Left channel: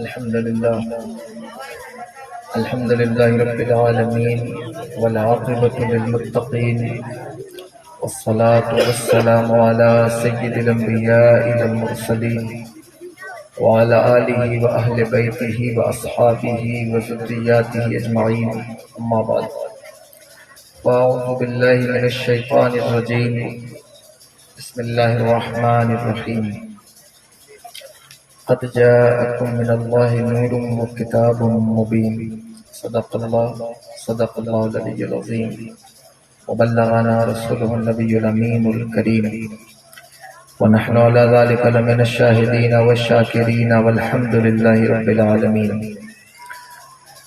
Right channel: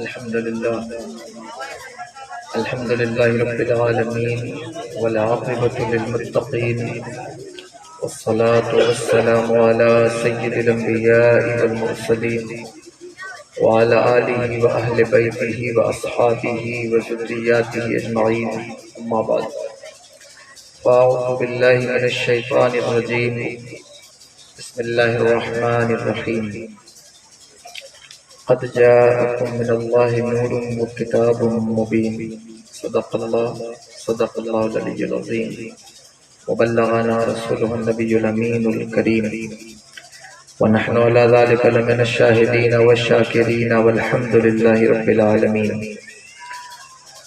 الحمد لله رب العالمين والعاقبة للمتقين والصلاة والسلام على سيد الأنبياء والمرسلين وعلى آله وأهل بيته وأصحابه وذرياته أجمعين أما بعد فأعوذ بالله من الشيطان الرجيم بسم الله الرحمن الرحيم قد جاءكم من الله نور وكتاب مبين صدق الله العلي العظيم وبلغنا رسوله النبي الأمين الكريم ونحن على ذلك لمن الشاهدين والشاكرين والحمد لله رب العالمين.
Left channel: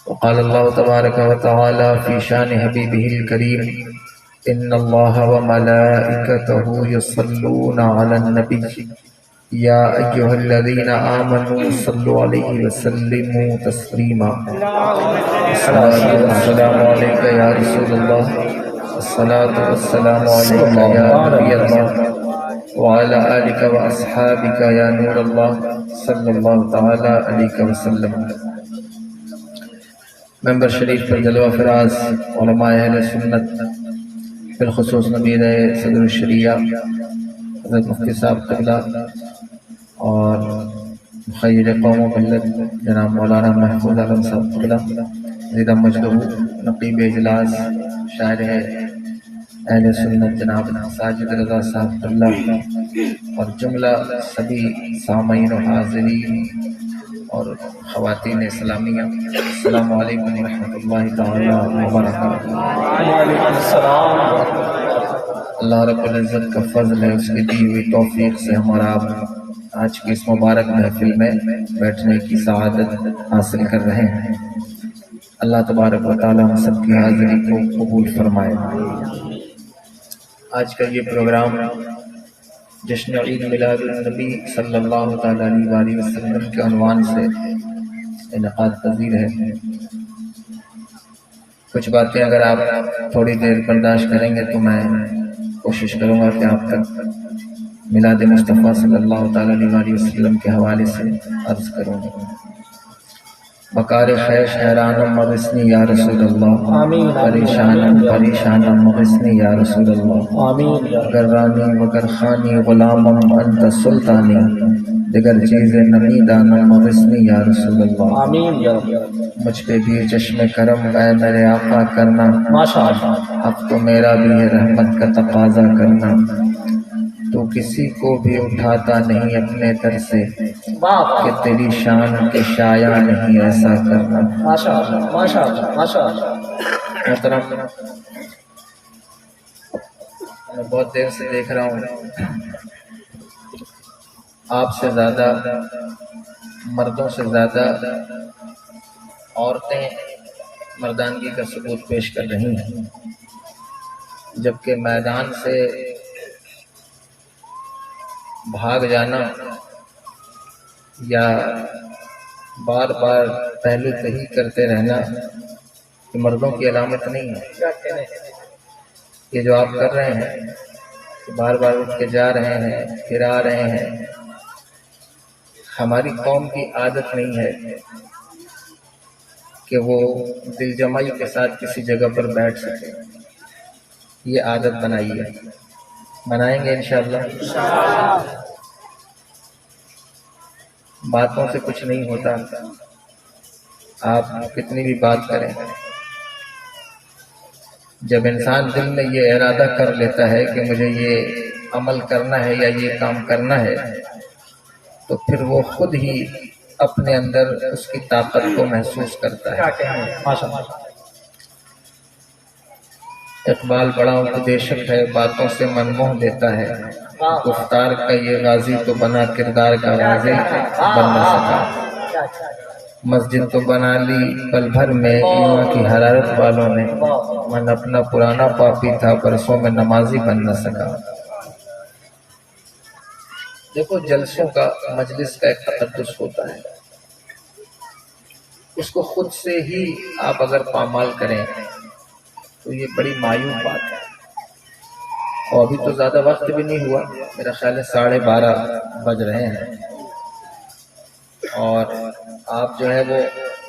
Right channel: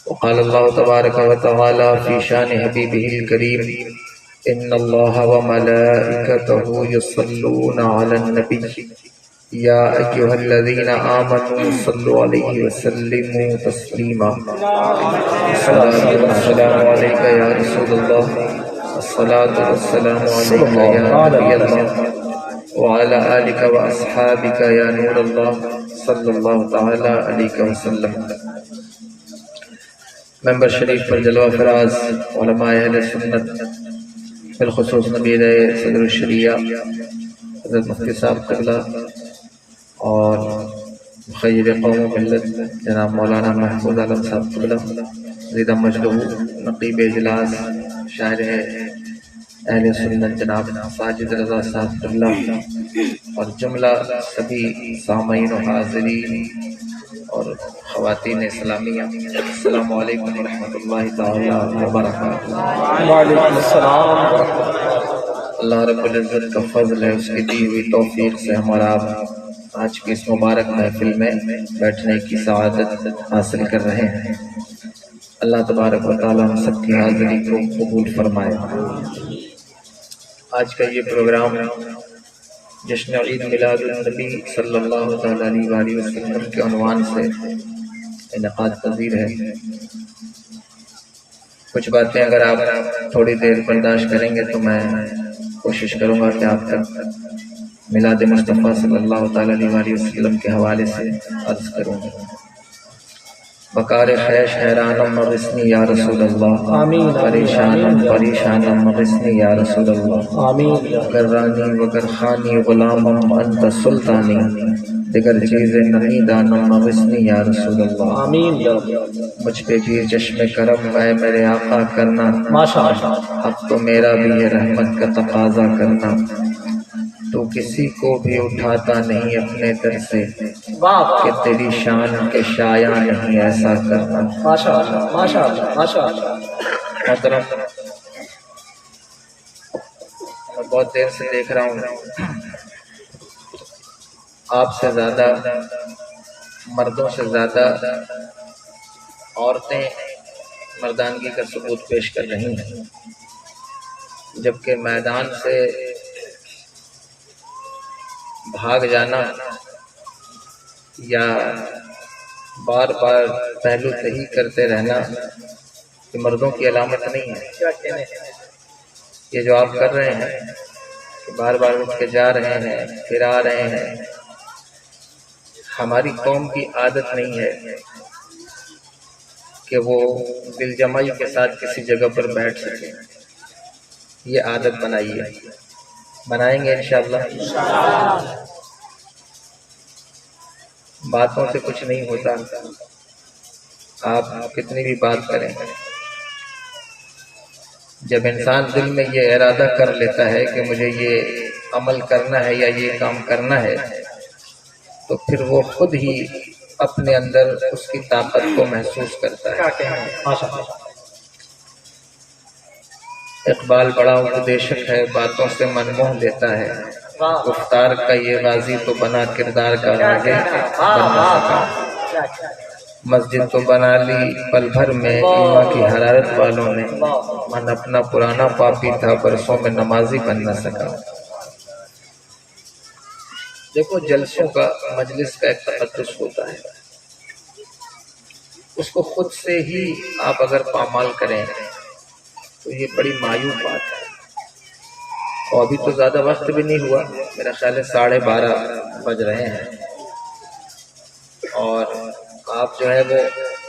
وقال الله تبارك وتعالى في شان حبيبه الكريم إن الله وملائكته يصلون على النبي يا أيها الذين آمنوا صلوا عليه وسلموا تسليما. الصلاة والسلام عليك يا رسول الله الصلاة والسلام عليك يا نبي الله وعلى آلك وأصحابك يا نور الله صلی اللہ تعالی علیہ وسلم. ممبر شریف پر جلوہ فراز علماء اہل سنت بالخصوص نبیر صدر الشریعہ حضرت مفتی صاحب قبلہ اور مخیر قوم و ملت جناب مولانا محفوظ عالم صاحب قبلہ زیدہ مجدہ نقیب اجلاس شاعر اہل سنت جناب ساجد رضا صاحب قبلہ اور جملہ سبھی سامعین و حاضرین اور خواتین اسلامیہ، السلام علیکم ورحمۃ اللہ تعالی وبرکاتہ. وعلیکم السلام. اللہ رب العزت کا فضل ہے، اس کی دی ہوئی توفیق سے ہمارا آج کی اس مبارک محفل میں بیٹھنے کی سعادت حاصل کر رہے ہیں. اللہ تبارک و تعالی ہم سب کی حاضری کو قبول فرمائے. آج کا یہ پروگرام جشن عید میلاد النبی صلی اللہ تعالی علیہ وآلہ وسلم کے عنوان سے انعقاد پذیر ہے. کچھ باتیں اگر آپ تھوڑی دیر برداشت کریں گے تو میں کوشش کروں گا کہ آپ تک میلاد مصطفیٰ صلی اللہ تعالی علیہ وآلہ وسلم کے حوالے سے عرض کروں گا. بکار خیش حیرانم مغثنی یا رسول اللہ، پریشانم پریشانم مغثنی یا رسول اللہ، گر رانی وگر خانی غلامم انت سلطانی، دیگر چیز نمی دانم مغثنی یا رسول اللہ. مجھ پہ بھی چشم کرم اے میرے آقا کرنا، اب تو میرا بھی ہے رحمت کا تقاضا کرنا. تو کسی کو بھی اٹھاتا نہیں اپنے در سے، کہ تیری شان کے شایع نہیں ایسا کرنا. محترم، میں بہت دیر سے دیکھ رہا ہوں آپ سے زیادہ، مردوں سے زیادہ عورتیں مردانگی کا ثبوت پیش کر رہی ہیں، جبکہ میدان سے بھاگ جانا یا بار بار پہلو تہی کرتے رہنا یہ مردوں کی علامت نہیں ہے. یہ جو آپ کر رہے ہیں کہ بار بار اٹھ کے جا رہے ہیں پھر آ رہے ہیں، ہماری قوم کی عادت نہیں ہے کہ وہ دل جمعی کے ساتھ کسی جگہ پر بیٹھ سکے. یہ عادت بنائی ہے، بنائیں گے انشاءاللہ. باتوں سے کچھ نہیں ہوتا، آپ کتنی بھی بات کریں، جب انسان دل میں یہ ارادہ کر لیتا ہے کہ مجھے یہ عمل کرنا ہے یا یہ کام کرنا ہے، تو پھر وہ خود ہی اپنے اندر اس کی طاقت کو محسوس کرتا ہے. اقبال بڑا اپدیشک ہے، باتوں سے من موہ لیتا ہے، گفتار کا یہ غازی تو بنا کردار کا غازی بن نہ سکا. مسجد تو بنا لی پل بھر میں ایمان کی حرارت والوں نے، من اپنا پرانا پاپی تھا برسوں میں نمازی بن نہ سکا. دیکھو، جلسوں کا مجلس کا ایک تقدس ہوتا ہے، اس کو خود سے ہی آپ اگر پامال کریں تو یہ بڑی مایوب بات ہے. اور ابھی تو زیادہ وقت بھی نہیں ہوا، میرا خیال ہے 12:30 بج رہے ہیں، اور آپ جو ہے وہ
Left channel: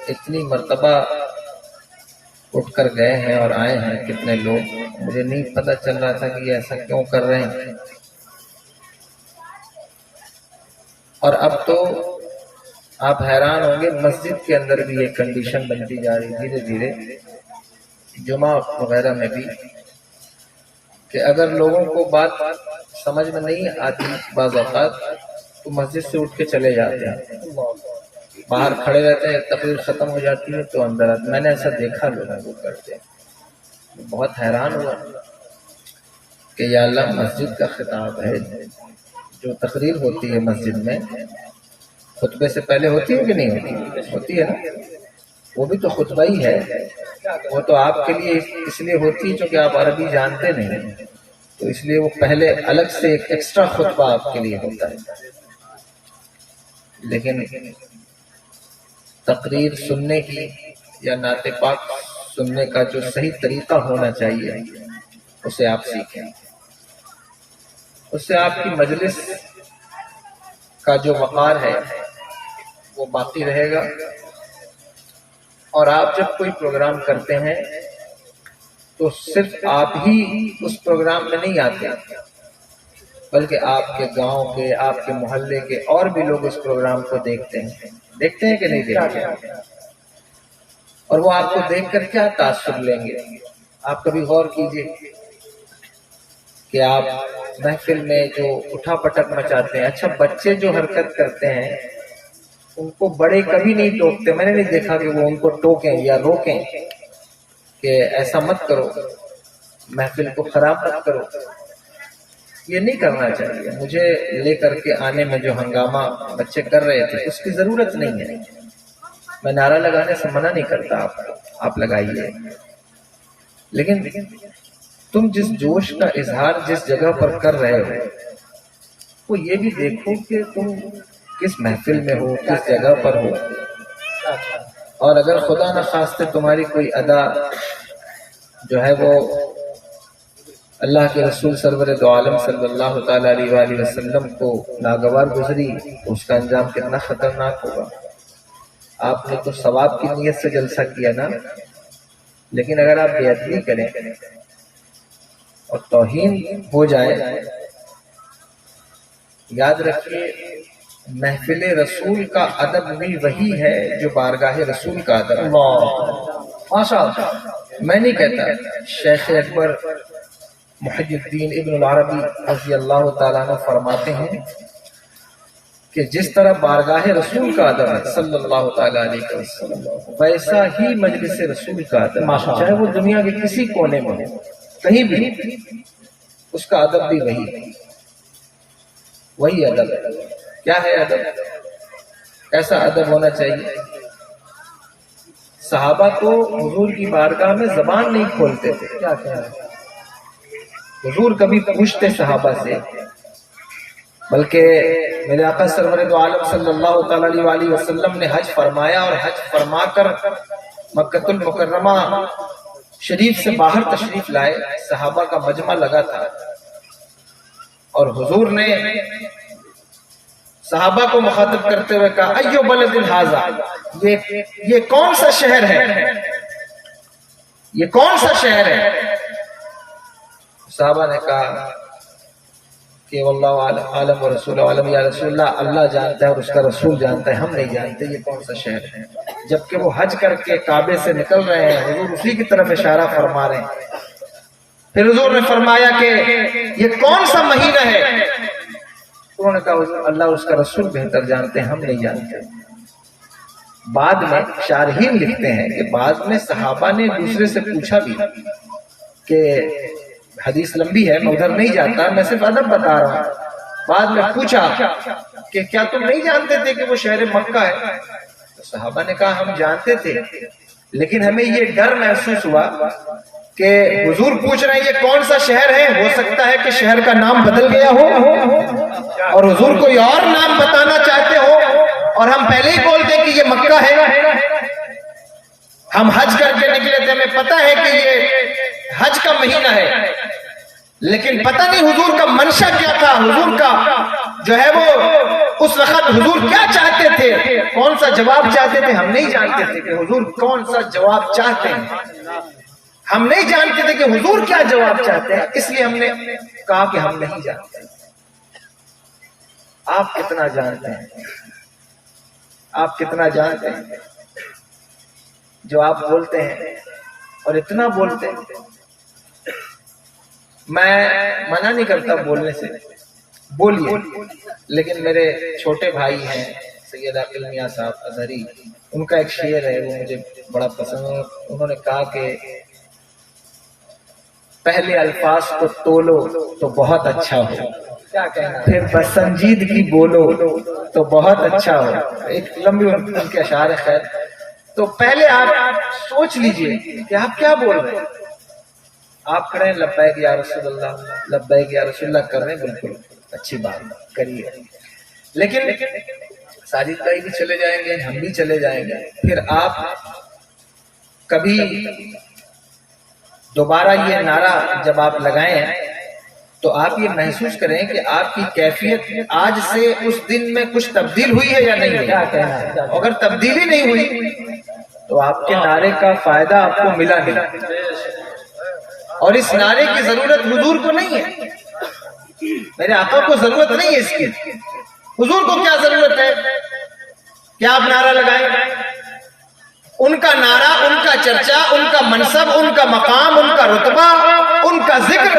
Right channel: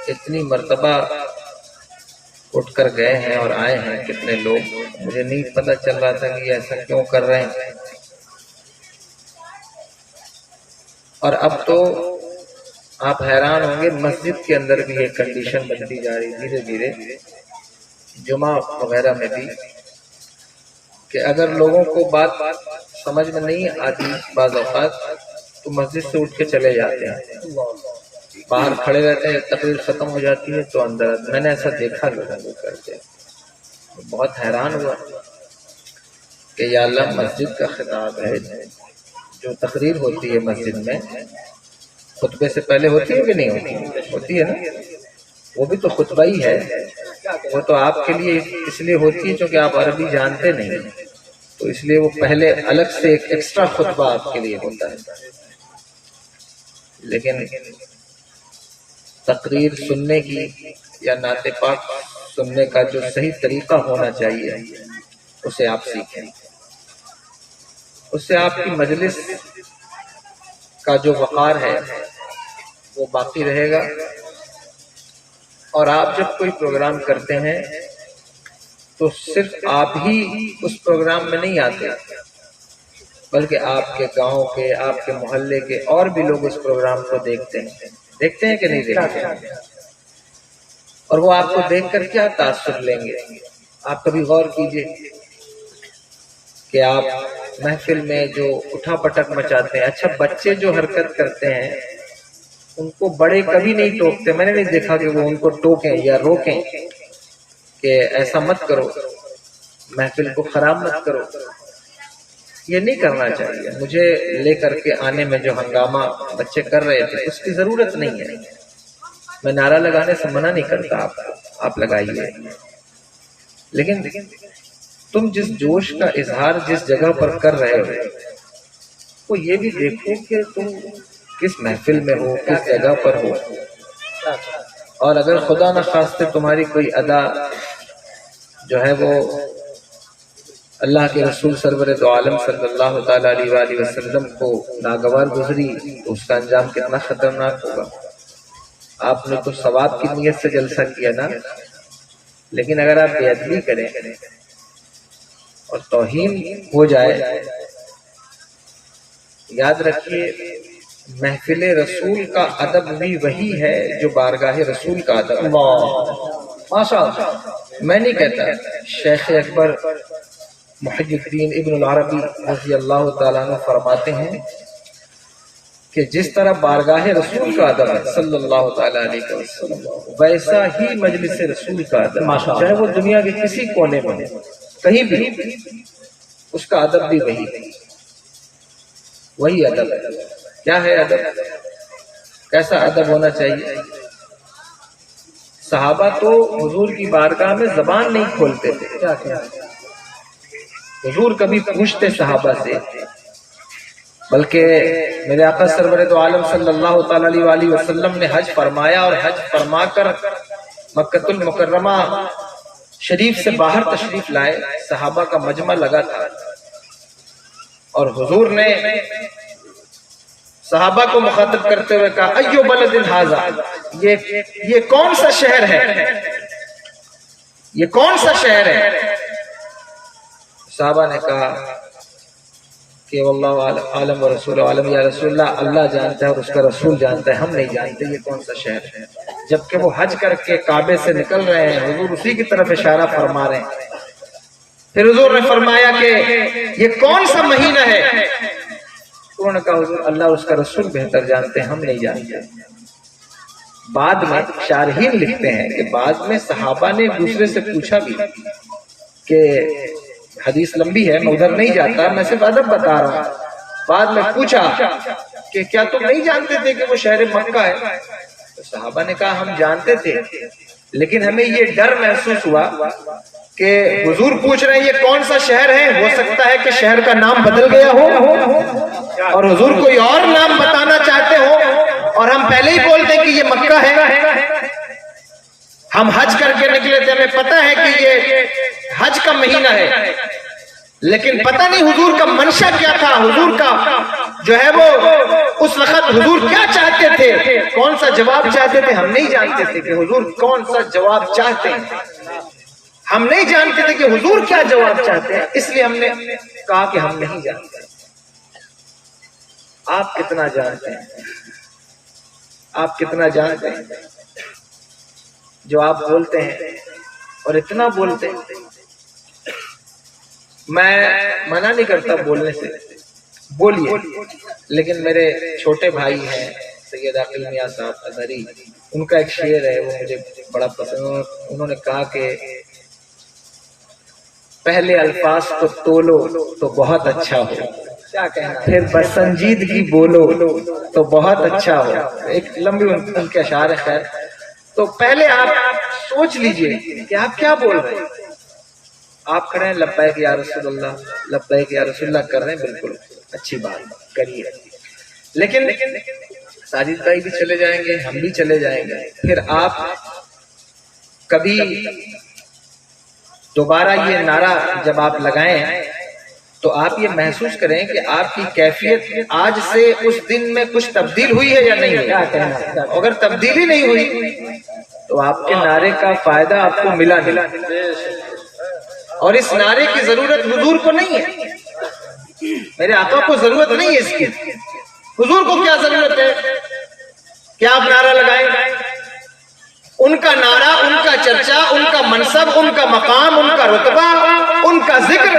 اتنی مرتبہ اٹھ کر گئے ہیں اور آئے ہیں کتنے لوگ، مجھے نہیں پتہ چل رہا تھا کہ یہ ایسا کیوں کر رہے ہیں۔ اور اب تو آپ حیران ہوں گے، مسجد کے اندر بھی یہ کنڈیشن بنتی جا رہی دھیرے دھیرے، جمعہ وغیرہ میں بھی، کہ اگر لوگوں کو بات سمجھ میں نہیں آتی بعض اوقات تو مسجد سے اٹھ کے چلے جاتے ہیں، باہر کھڑے رہتے ہیں، تقریر ختم ہو جاتی ہے تو اندر آتے۔ میں نے ایسا دیکھا لوگوں کو کرتے، بہت حیران ہوا کہ یا اللہ، مسجد کا خطاب ہے، جو تقریر ہوتی ہے مسجد میں خطبے سے پہلے ہوتی ہے کہ نہیں ہوتی؟ ہوتی ہے نا، وہ بھی تو خطبہ ہی ہے، وہ تو آپ کے لیے اس لیے ہوتی ہے چونکہ آپ عربی جانتے نہیں، تو اس لیے وہ پہلے الگ سے ایک ایکسٹرا خطبہ آپ کے لیے ہوتا ہے۔ لیکن تقریر سننے کی یا نعت پاک سننے کا جو صحیح طریقہ ہونا چاہیے اسے آپ سیکھیں، اس سے آپ کی مجلس کا جو وقار ہے وہ باقی رہے گا، اور آپ جب کوئی پروگرام کرتے ہیں تو صرف آپ ہی اس پروگرام میں نہیں آتے، بلکہ آپ کے گاؤں کے، آپ کے محلے کے اور بھی لوگ اس پروگرام کو دیکھتے ہیں کہ نہیں دیکھتے ہیں، اور وہ آپ کو دیکھ کر کیا تاثر لیں گے۔ آپ کبھی غور کیجئے کہ آپ محفل میں جو اٹھا پٹک مچاتے ہیں، اچھا بچے جو حرکت کرتے ہیں ان کو بڑے کبھی نہیں ٹوکتے، میں نے نہیں دیکھا کہ وہ ان کو ٹوکیں یا روکیں کہ ایسا مت کرو، محفل کو خراب مت کرو، یہ نہیں کرنا چاہیے۔ مجھے لے کر کے آنے میں جو ہنگامہ بچے کر رہے تھے اس کی ضرورت نہیں ہے، میں نعرہ لگانے سے منع نہیں کرتا آپ لگائیے، لیکن تم جس جوش کا اظہار جس جگہ پر کر رہے ہو وہ یہ بھی دیکھو کہ تم کس محفل میں ہو، کس جگہ پر ہو، اور اگر خدا نخواستہ تمہاری کوئی ادا جو ہے وہ اللہ کے رسول سرور دو عالم صلی اللہ تعالیٰ علیہ وآلہ وسلم کو ناگوار گزری تو اس کا انجام کتنا خطرناک ہوگا۔ آپ نے تو ثواب کی نیت سے جلسہ کیا نا، لیکن اگر آپ بے ادبی کریں اور توہین ہو جائے، یاد رکھیے محفل رسول کا ادب بھی وہی ہے جو بارگاہ رسول کا ادب ہے۔ ماشاء اللہ، میں نہیں کہتا، شیخ اکبر محی الدین ابن العربی رضی اللہ تعالیٰ عنہ فرماتے ہیں کہ جس طرح بارگاہ رسول کا ادب ہے صلی اللہ تعالیٰ علیہ وسلم، ویسا ہی مجلس رسول کا ادب، چاہے وہ دنیا کے کسی کونے میں ہو، کہیں بھی، اس کا ادب بھی وہی ادب ہے۔ کیا ہے ادب؟ کیسا ادب ہونا چاہیے؟ صحابہ تو حضور کی بارگاہ میں زبان نہیں کھولتے تھے، کیا حضور کبھی پوچھتے صحابہ سے، بلکہ میرے آقا سرور دو عالم صلی اللہ تعالیٰ علیہ وآلہ وسلم نے حج فرمایا اور حج فرما کر مکہ المکرمہ شریف سے باہر تشریف لائے، صحابہ کا مجمع لگا تھا، اور حضور نے صحابہ کو مخاطب کرتے ہوئے کہا ایو بلد ھذا، یہ کون سا شہر ہے، یہ کون سا شہر ہے؟ صحابہ نے کہا کہ واللہ عالم و رسول عالم، یا رسول اللہ، اللہ جانتا ہے اور اس کا رسول جانتا ہے، ہم نہیں جانتے یہ کون سا شہر ہے۔ جبکہ وہ حج کر کے کعبے سے نکل رہے ہیں، حضور اسی کی طرف اشارہ فرما رہے ہیں۔ پھر حضور نے فرمایا کہ یہ کون سا مہینہ ہے؟ انہوں نے کہا حضور اللہ اور اس کا رسول بہتر جانتے ہیں، ہم نہیں جانتے۔ بعد میں شارحین لکھتے ہیں کہ بعد میں صحابہ نے ایک دوسرے سے پوچھا بھی کہ حدیث لمبی ہے، میں ادھر نہیں جاتا، میں صرف ادب بتا رہا ہوں، بعد میں پوچھا کہ کیا تم نہیں جانتے تھے کہ وہ شہر مکہ ہے؟ تو صحابہ نے کہا ہم جانتے تھے، لیکن ہمیں یہ ڈر محسوس ہوا کہ حضور پوچھ رہے ہیں یہ کون سا شہر ہے، ہو سکتا ہے کہ شہر کا نام بدل گیا ہو اور حضور کوئی اور نام بتانا چاہتے ہو، اور ہم پہلے ہی بولتے کہ یہ مکہ ہے، ہم حج کر کے نکلے تھے، ہمیں پتہ ہے کہ یہ حج کا مہینہ ہے، لیکن پتہ نہیں حضور کا منشا کیا تھا، حضور کا جو ہے وہ اس وقت حضور کیا چاہتے تھے، کون سا جواب چاہتے تھے، ہم نہیں جانتے تھے کہ حضور کون سا جواب چاہتے ہیں، ہم نہیں جانتے تھے کہ حضور کیا جواب چاہتے ہیں، اس لیے ہم نے کہا کہ ہم نہیں جانتے۔ آپ کتنا جانتے ہیں، آپ کتنا جانتے ہیں جو آپ بولتے ہیں اور اتنا بولتے ہیں۔ میں منع نہیں کرتا بولنے سے، بولیے، لیکن میرے چھوٹے بھائی ہیں سید عاقل میاں صاحب اظہری، ان کا ایک شعر ہے وہ مجھے بڑا پسند ہے۔ انہوں نے کہا کہ پہلے الفاظ کو تولو تو بہت اچھا ہو، کیا کہنا، پھر بسنجیدگی بولو تو بہت اچھا ہو۔ ایک لمبی ان کے اشعار ہے، خیر، تو پہلے آپ سوچ لیجئے کہ آپ کیا بول رہے ہیں۔ آپ کھڑے ہیں لبیک یا رسول اللہ، لبیک یا رسول اللہ کر رہے ہیں، بالکل اچھی بات کریے، لیکن ساجد بھائی بھی چلے جائیں گے، ہم بھی چلے جائیں گے، پھر آپ کبھی دوبارہ یہ نعرہ جب آپ لگائیں تو آپ یہ محسوس کریں کہ آپ کی کیفیت آج سے اس دن میں کچھ تبدیل ہوئی ہے یا نہیں ہوئی۔ اگر تبدیلی نہیں ہوئی تو آپ کے نعرے کا فائدہ آپ کو ملا نہیں، اور اس نعرے کی ضرورت حضور کو نہیں ہے، میرے آقا کو ضرورت نہیں ہے اس کی، حضور کو کیا ضرورت ہے کہ آپ نعرہ لگائیں؟ ان کا نعرہ، ان کا چرچا، ان کا منصب، ان کا مقام، ان کا رتبہ، ان کا ذکر،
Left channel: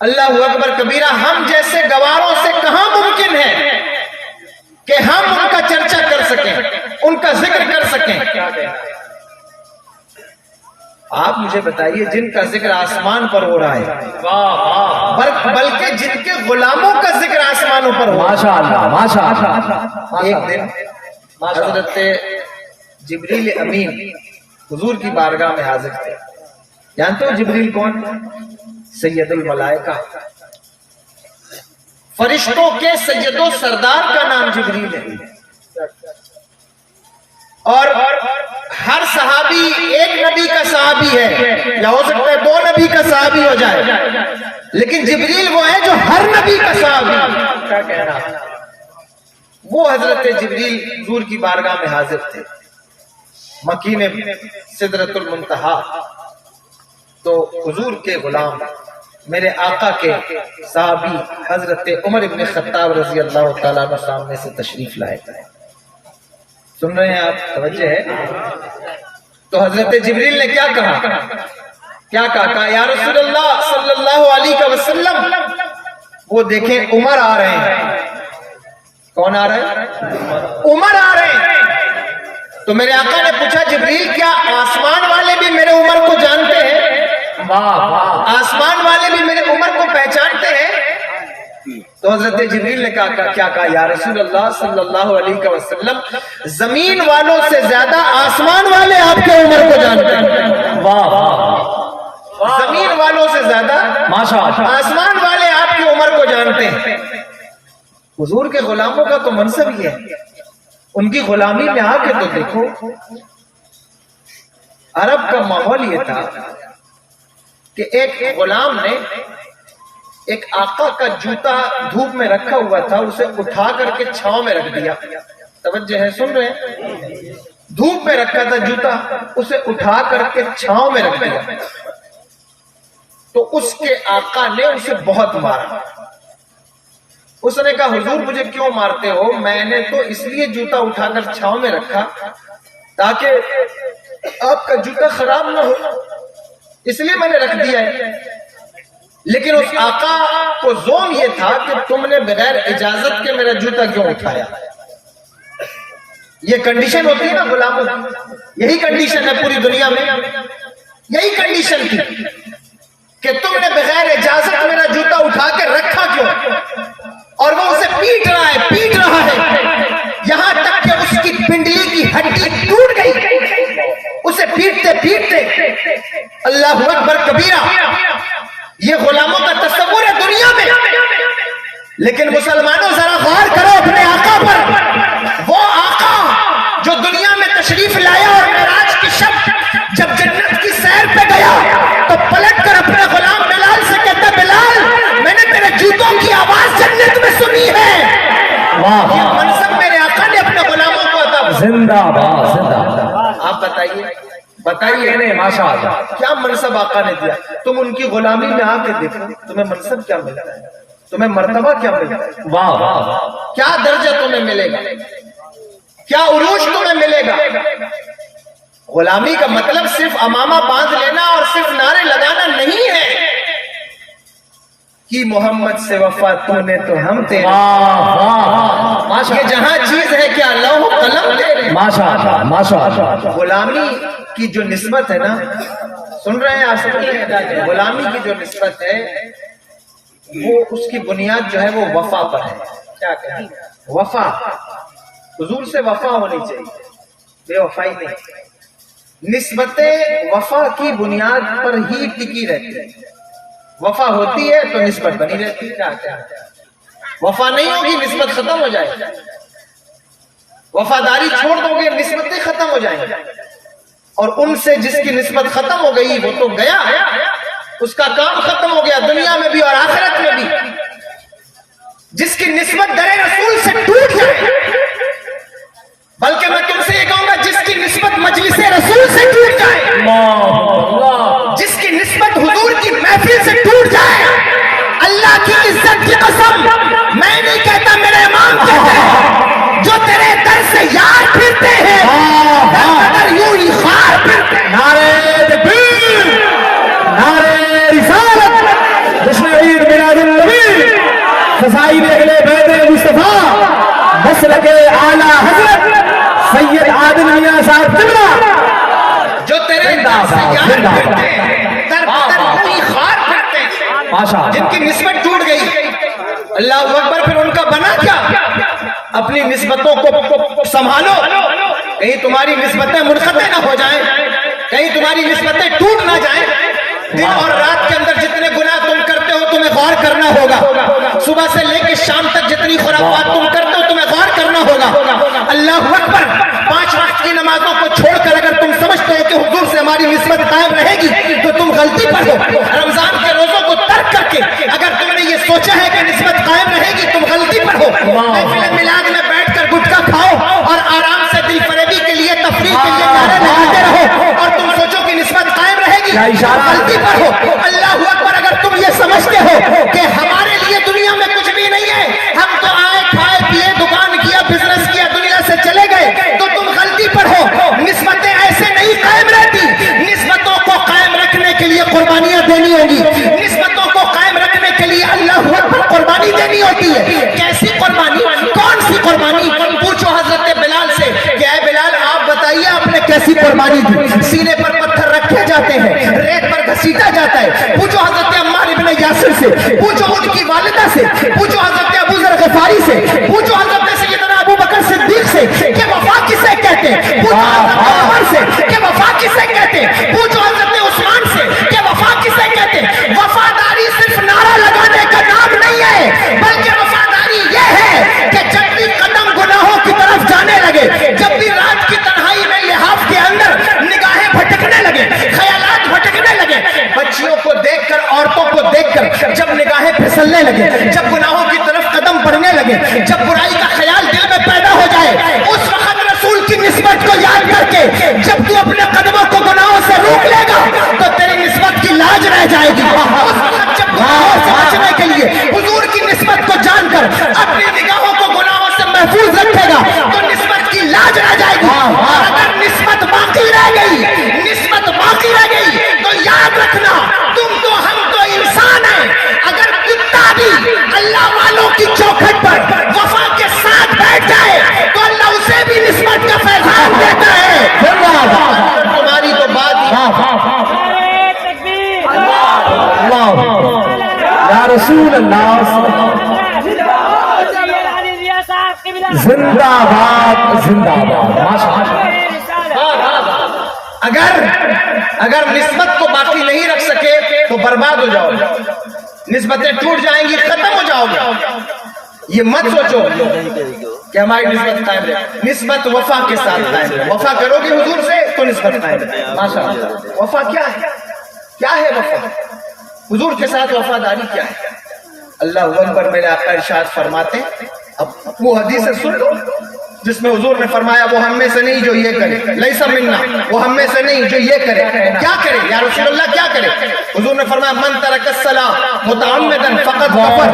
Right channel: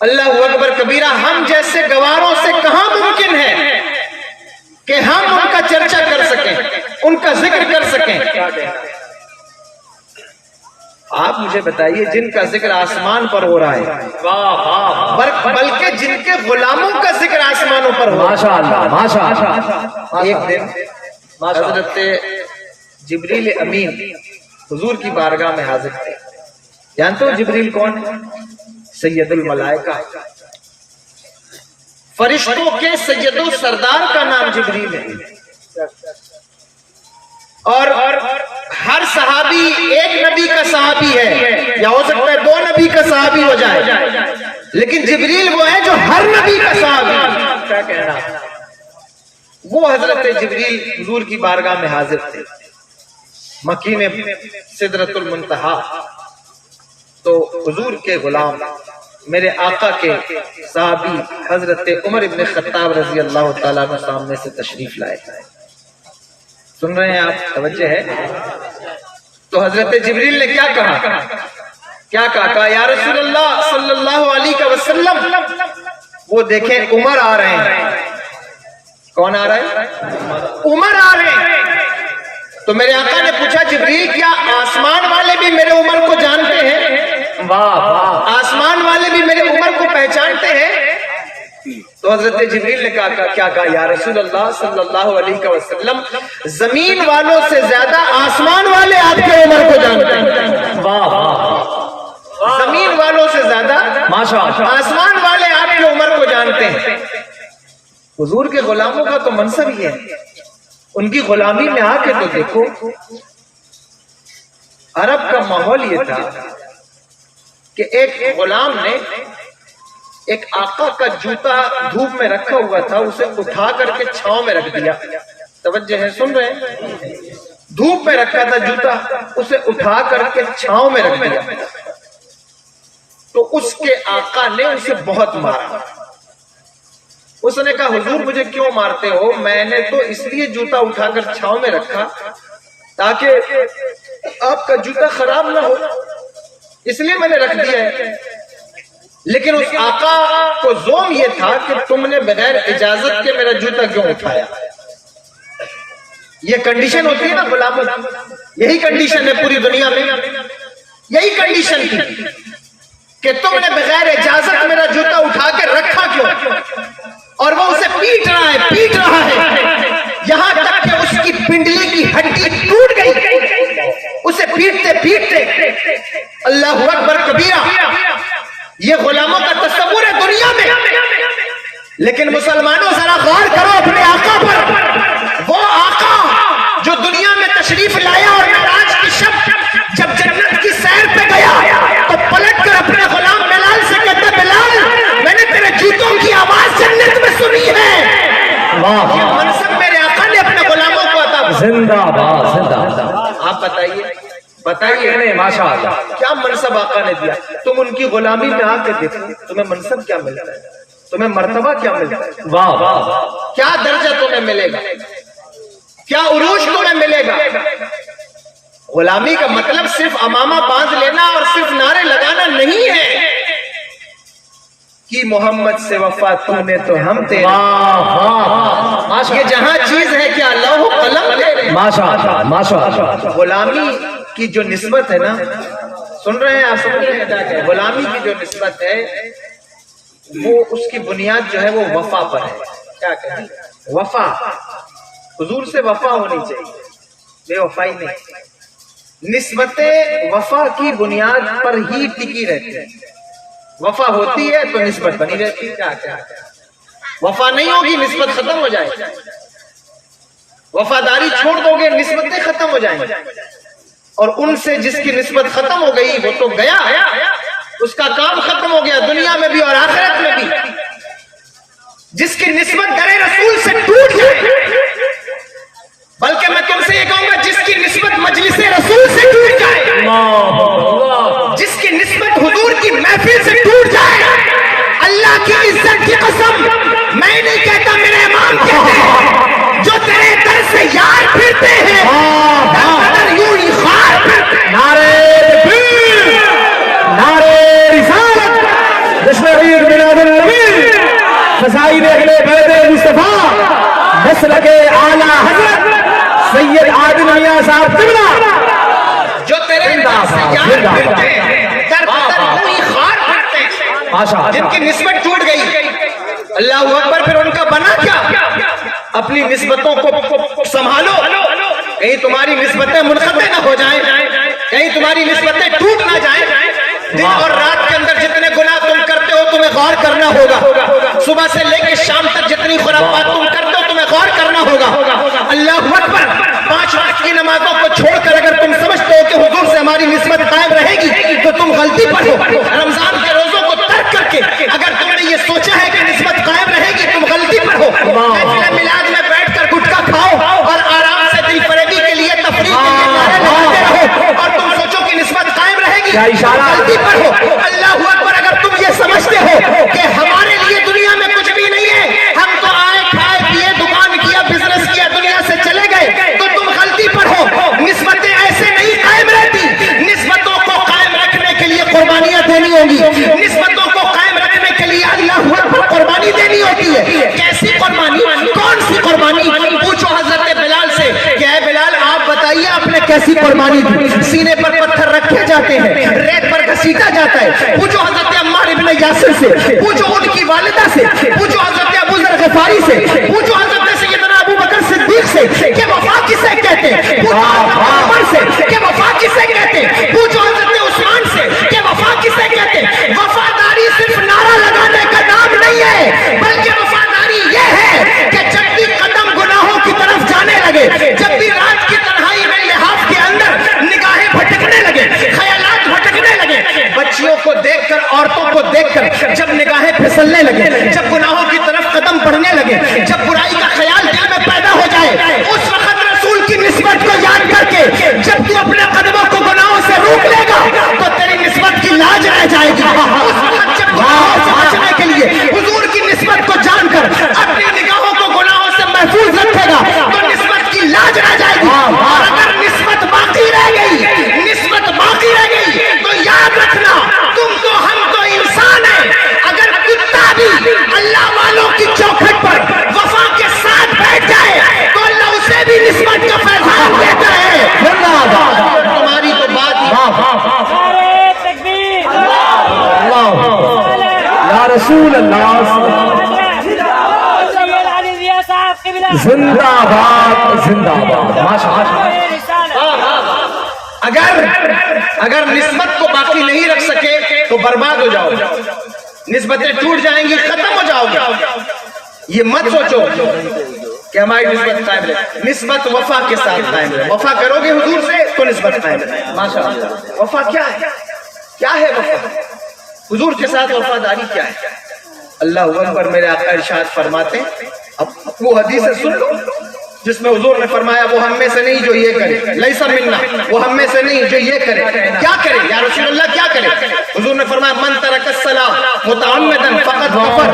اللہ اکبر کبیرہ، ہم جیسے گواروں سے کہاں ممکن ہے کہ ہم ان کا چرچا کر سکیں، ان کا ذکر کر سکیں۔ آپ مجھے بتائیے، جن کا ذکر آسمان پر ہو رہا ہے، بلکہ جن کے غلاموں کا ذکر آسمانوں پر ہو رہا ہے، ایک دن حضرت جبریل امین حضور کی بارگاہ میں حاضر تھے۔ جانتے ہو جبریل کون؟ سید الملائکہ، فرشتوں کے سید و سردار کا نام جبریل ہے، اور ہر صحابی ایک نبی کا صحابی ہے، یا ہو سکتا ہے دو نبی کا صحابی ہو جائے، لیکن جبریل وہ ہے جو ہر نبی کا صحابی، کیا کہنا، وہ حضرت جبریل حضور کی بارگاہ میں حاضر تھے، مکین سدرۃ المنتہا۔ تو حضور کے غلام، میرے آقا کے صحابی حضرت عمر ابن خطاب رضی اللہ تعالیٰ عنہ سامنے سے تشریف لائے، سن رہے ہیں آپ، توجہ ہے؟ تو حضرت جبریل نے کیا کہا، کہا یا رسول اللہ صلی اللہ علیہ وسلم، وہ دیکھیں عمر آ رہے ہیں۔ کون آ رہے ہیں؟ عمر آ رہے ہیں۔ تو میرے آقا نے پوچھا جبریل کیا آسمان والے بھی میرے عمر کو جانتے ہیں؟ آسمان والے بھی میرے عمر کو پہچانتے ہیں؟ تو حضرت جبریل نے کہا یا رسول اللہ صلی اللہ علیہ وسلم، زمین والوں سے زیادہ آسمان والے آپ کے عمر کو جانتے ہیں۔ زمین والوں سے زیادہ آسمان والے آپ کی عمر کو جانتے ہیں۔ حضور کے غلاموں کا تو منصب ہی ہے، ان کی غلامی میں آ کے تو دیکھو، عرب کا ماحول یہ تھا کہ ایک غلام نے ایک آقا کا جوتا دھوپ میں رکھا ہوا تھا، اسے اٹھا کر کے چھاؤں میں رکھ دیا، توجہ ہے، سن رہے ہیں؟ دھوپ میں رکھا تھا جوتا، اسے اٹھا کر کے چھاؤں میں رکھ دیا، تو اس کے آقا نے اسے بہت مارا۔ اس نے کہا حضور مجھے کیوں مارتے ہو؟ میں نے تو اس لیے جوتا اٹھا کر چھاؤں میں رکھا تاکہ آپ کا جوتا خراب نہ ہو، اس لیے میں نے رکھ دیا ہے۔ لیکن اس آقا کو زوم یہ تھا کہ تم نے بغیر اجازت کے میرا جوتا کیوں اٹھایا؟ یہ کنڈیشن ہوتی ہے نا غلاموں، یہی کنڈیشن ہے پوری دنیا میں، یہی کنڈیشن تھی کہ تم نے بغیر اجازت میرا جوتا اٹھا کے رکھا کیوں؟ اور وہ اسے پیٹ رہا ہے یہاں تک کہ اس کی پنڈلی کی ہڈی ٹوٹ گئی، اسے پیٹتے اللہ اکبر کبیرہ۔ یہ غلاموں کا تصور ہے دنیا میں، لیکن مسلمانوں ذرا غور کرو اپنے آقا پر، وہ آقا جو دنیا میں تشریف لایا اور معراج کی شب جب جنت کی سیر پہ گیا تو پلٹ کر اپنے غلام بلال سے واہ یہ منصب میرے آقا نے اپنے غلاموں کو عطا فرمایا. زندہ باد زندہ باد. آپ بتائیے نہیں ماشاء اللہ. کیا منصب آقا نے دیا؟ تم ان کی غلامی میں آ کے دیکھو تمہیں منصب کیا ملتا ہے, تمہیں مرتبہ کیا ملتا ہے, واہ واہ. کیا درجہ تمہیں ملے گا, کیا عروج تمہیں ملے گا. غلامی کا مطلب صرف امامہ باندھ لینا اور صرف نعرے لگانا نہیں ہے کہ محمد سے وفا تو نے تو ہم تیرے. واہ واہ. یہ جہاں چیز ہے کیا لوح و قلم تیرے. ماشاء اللہ ماشاء اللہ. غلامی کی جو نسبت ہے نا, سن رہے ہیں آپ سن رہے ہیں, غلامی کی جو نسبت ہے وہ اس کی بنیاد جو ہے وہ وفا پر ہے. کیا کہیں وفا, حضور سے وفا ہونی چاہیے, بے وفائی نہیں. نسبت وفا کی بنیاد پر ہی ٹکی رہتی ہے. وفا ہوتی ہے تو نسبت بنی رہتی ہے. کیا وفا نہیں ہوگی نسبت ختم ہو جائے گی. وفاداری چھوڑ دو گے نسبتیں ختم ہو جائیں گی. اور ان سے جس کی نسبت ختم ہو گئی وہ تو گیا, اس کا کام ختم ہو گیا دنیا میں بھی اور آخرت میں بھی. جس کی نسبت در رسول سے ٹوٹ جائے, بلکہ میں تم سے یہ کہوں گا جس کی نسبت مجلس رسول سے ٹوٹ جائے, جس کی نسبت حضور کی محفل سے ٹوٹ جائے, اللہ کی عزت کی قسم میں نہیں کہتا میرے امام کہتے ہیں, جو تیرے در سے یار پھرتے ہیں در بدر یوں ہی خار پھرتے ہیں. نعرے تکبیر, نعرے رسالت, جشن عید میلاد النبی, فضائی دیکھنے بیت مصطفیٰ, مسلک اعلیٰ حضرت سید عادل میاں صاحب قبلہ, جو تیرے در سے یار پھرتے ہیں در بدر یوں ہی خار پھرتے ہیں. ماشاء جن اللہ. کی نسبت ٹوٹ گئی, اللہ اکبر, پھر ان کا بنا کیا؟ اپنی نسبتوں کو سنبھالو, کہیں تمہاری نسبتیں منقطع نہ ہو جائیں, کہیں تمہاری نسبتیں ٹوٹ نہ جائیں. دن اور رات کے اندر جتنے گناہ تم کرتے ہو تمہیں غور کرنا ہوگا. صبح سے لے کے شام تک جتنی خرافات تم کرتے ہو تمہیں غور کرنا ہوگا. اللہ اکبر. 5 وقت کی نمازوں کو چھوڑ کر اگر تم سمجھتے ہو کہ حضور سے ہماری نسبت قائم رہے گی تو تم غلطی پر ہو. رمضان کے روزوں کو ترک کر کے اگر تم نے یہ سوچا ہے کہ نسبت قائم رہے گی تم غلطی پر ہو. محفل میلاد میں بیٹھ کر گٹکا کھاؤ اور آرام سے دل فریبی کے لیے تفریح کے لیے نعرے لگاتے رہو اور تم سوچو کہ نسبت قائم رہے گی, غلطی پر ہو. اللہ اکبر. اگر تم یہ سمجھتے ہو کہ ہمارے لیے دنیا میں کچھ بھی نہیں ہے, ہم تو آئے کھائے پیے دکان کیا بزنس کیا دنیا سے چلے گئے, تو تم غلطی پر ہو. نسبتیں ایسے نہیں قائم رہتی. نسبتوں کو قائم رکھنے کے لیے قربانیاں دینی ہوگی. نسبتوں کو قائم رکھنے کے لیے اللہ اکبر قربانی دینی ہوتی ہے. کیسی قربانی, کون سی قربانی؟ پوچھو حضرت بلال سے کہ اے بلال آپ بتائیے آپ نے کیسی قربانی دی. سینے پر پتھر رکھے جاتے ہیں, ریت پر گھسیٹا جاتا ہے. پوچھو حضرت عمار ابن یاسر سے, پوچھو ان کی والدہ سے, پوچھو حضرت ابو ذر غفاری سے, پوچھو حضرت سیدنا ابو بکر صدیق سے کہ وفا کسے کہتے ہیں. پوچھو حضرت عمر سے کہ وفا کسے کہتے ہیں. پوچھو حضرت عثمان سے کہ وفا کسے کہتے ہیں. وفاداری صرف نعرہ لگانے کا نام نہیں ہے, بلکہ وفاداری یہ ہے کہ جب بھی قدم گناہوں کی طرف جانے لگے, جب بھی رات کی تنہائی میں لحاف کے اندر نگاہیں بھٹکنے لگے, خیالات بھٹکنے لگے, بچیوں کو دیکھ کر عورتوں کو دیکھ کر جب نگاہیں پھسلنے لگے, جب گناہوں کی طرف قدم بڑھنے لگے, جب برائی کا خیال دل میں پیدا ہو جائے, اس وقت رسول کی نسبت کو یاد کر کے جب تو اپنے قدموں کو گناہوں سے روک لے گا تو تیری نسبت کی لاج رہ جائے گی. اس وقت جب گناہوں سے بچنے کے لیے حضور کی نسبت کو جان کر اپنی نگاہوں کو گناہوں سے محفوظ رکھے گا تو نسبت کی لاج رہ جائے گی. اور اگر نسبت باقی رہ گئی, نسبت باقی رہ گئی تو یاد رکھنا تم تو ہم تو انسان ہیں. اگر کتا بھی اللہ والوں کی چوکھٹ پر وفا کے ساتھ بیٹھ جائے تو اللہ اسے بھی نسبت کا پیغام دیتا ہے. تمہاری تو بات یا رسول اللہ, زندہ باد زندہ باد. ماشاء اللہ. اگر نسبت کو باقی نہیں رکھ سکے تو برباد ہو جاؤ گے, نسبتیں ٹوٹ جائیں گی, ختم ہو جاؤ گے. یہ مت سوچو کہ ہماری نسبت قائم رہے. نسبت وفا کے ساتھ قائم رہے. وفا کرو گے حضور سے تو نسبت قائم رہے. ماشاء اللہ. وفا کیا ہے, کیا ہے وفا؟ حضور کے ساتھ وفاداری کیا ہے؟ اللہ اکبر. میرے آقا ارشاد فرماتے اب وہ حدیث سن لو جس میں حضور نے فرمایا وہ ہم میں سے نہیں جو یہ کرے، لیسا منا، وہ ہم میں سے نہیں جو یہ کرے، کیا کرے یا رسول اللہ کیا کرے؟ حضور نے فرمایا من ترک الصلاۃ متعمدا فقد کفر،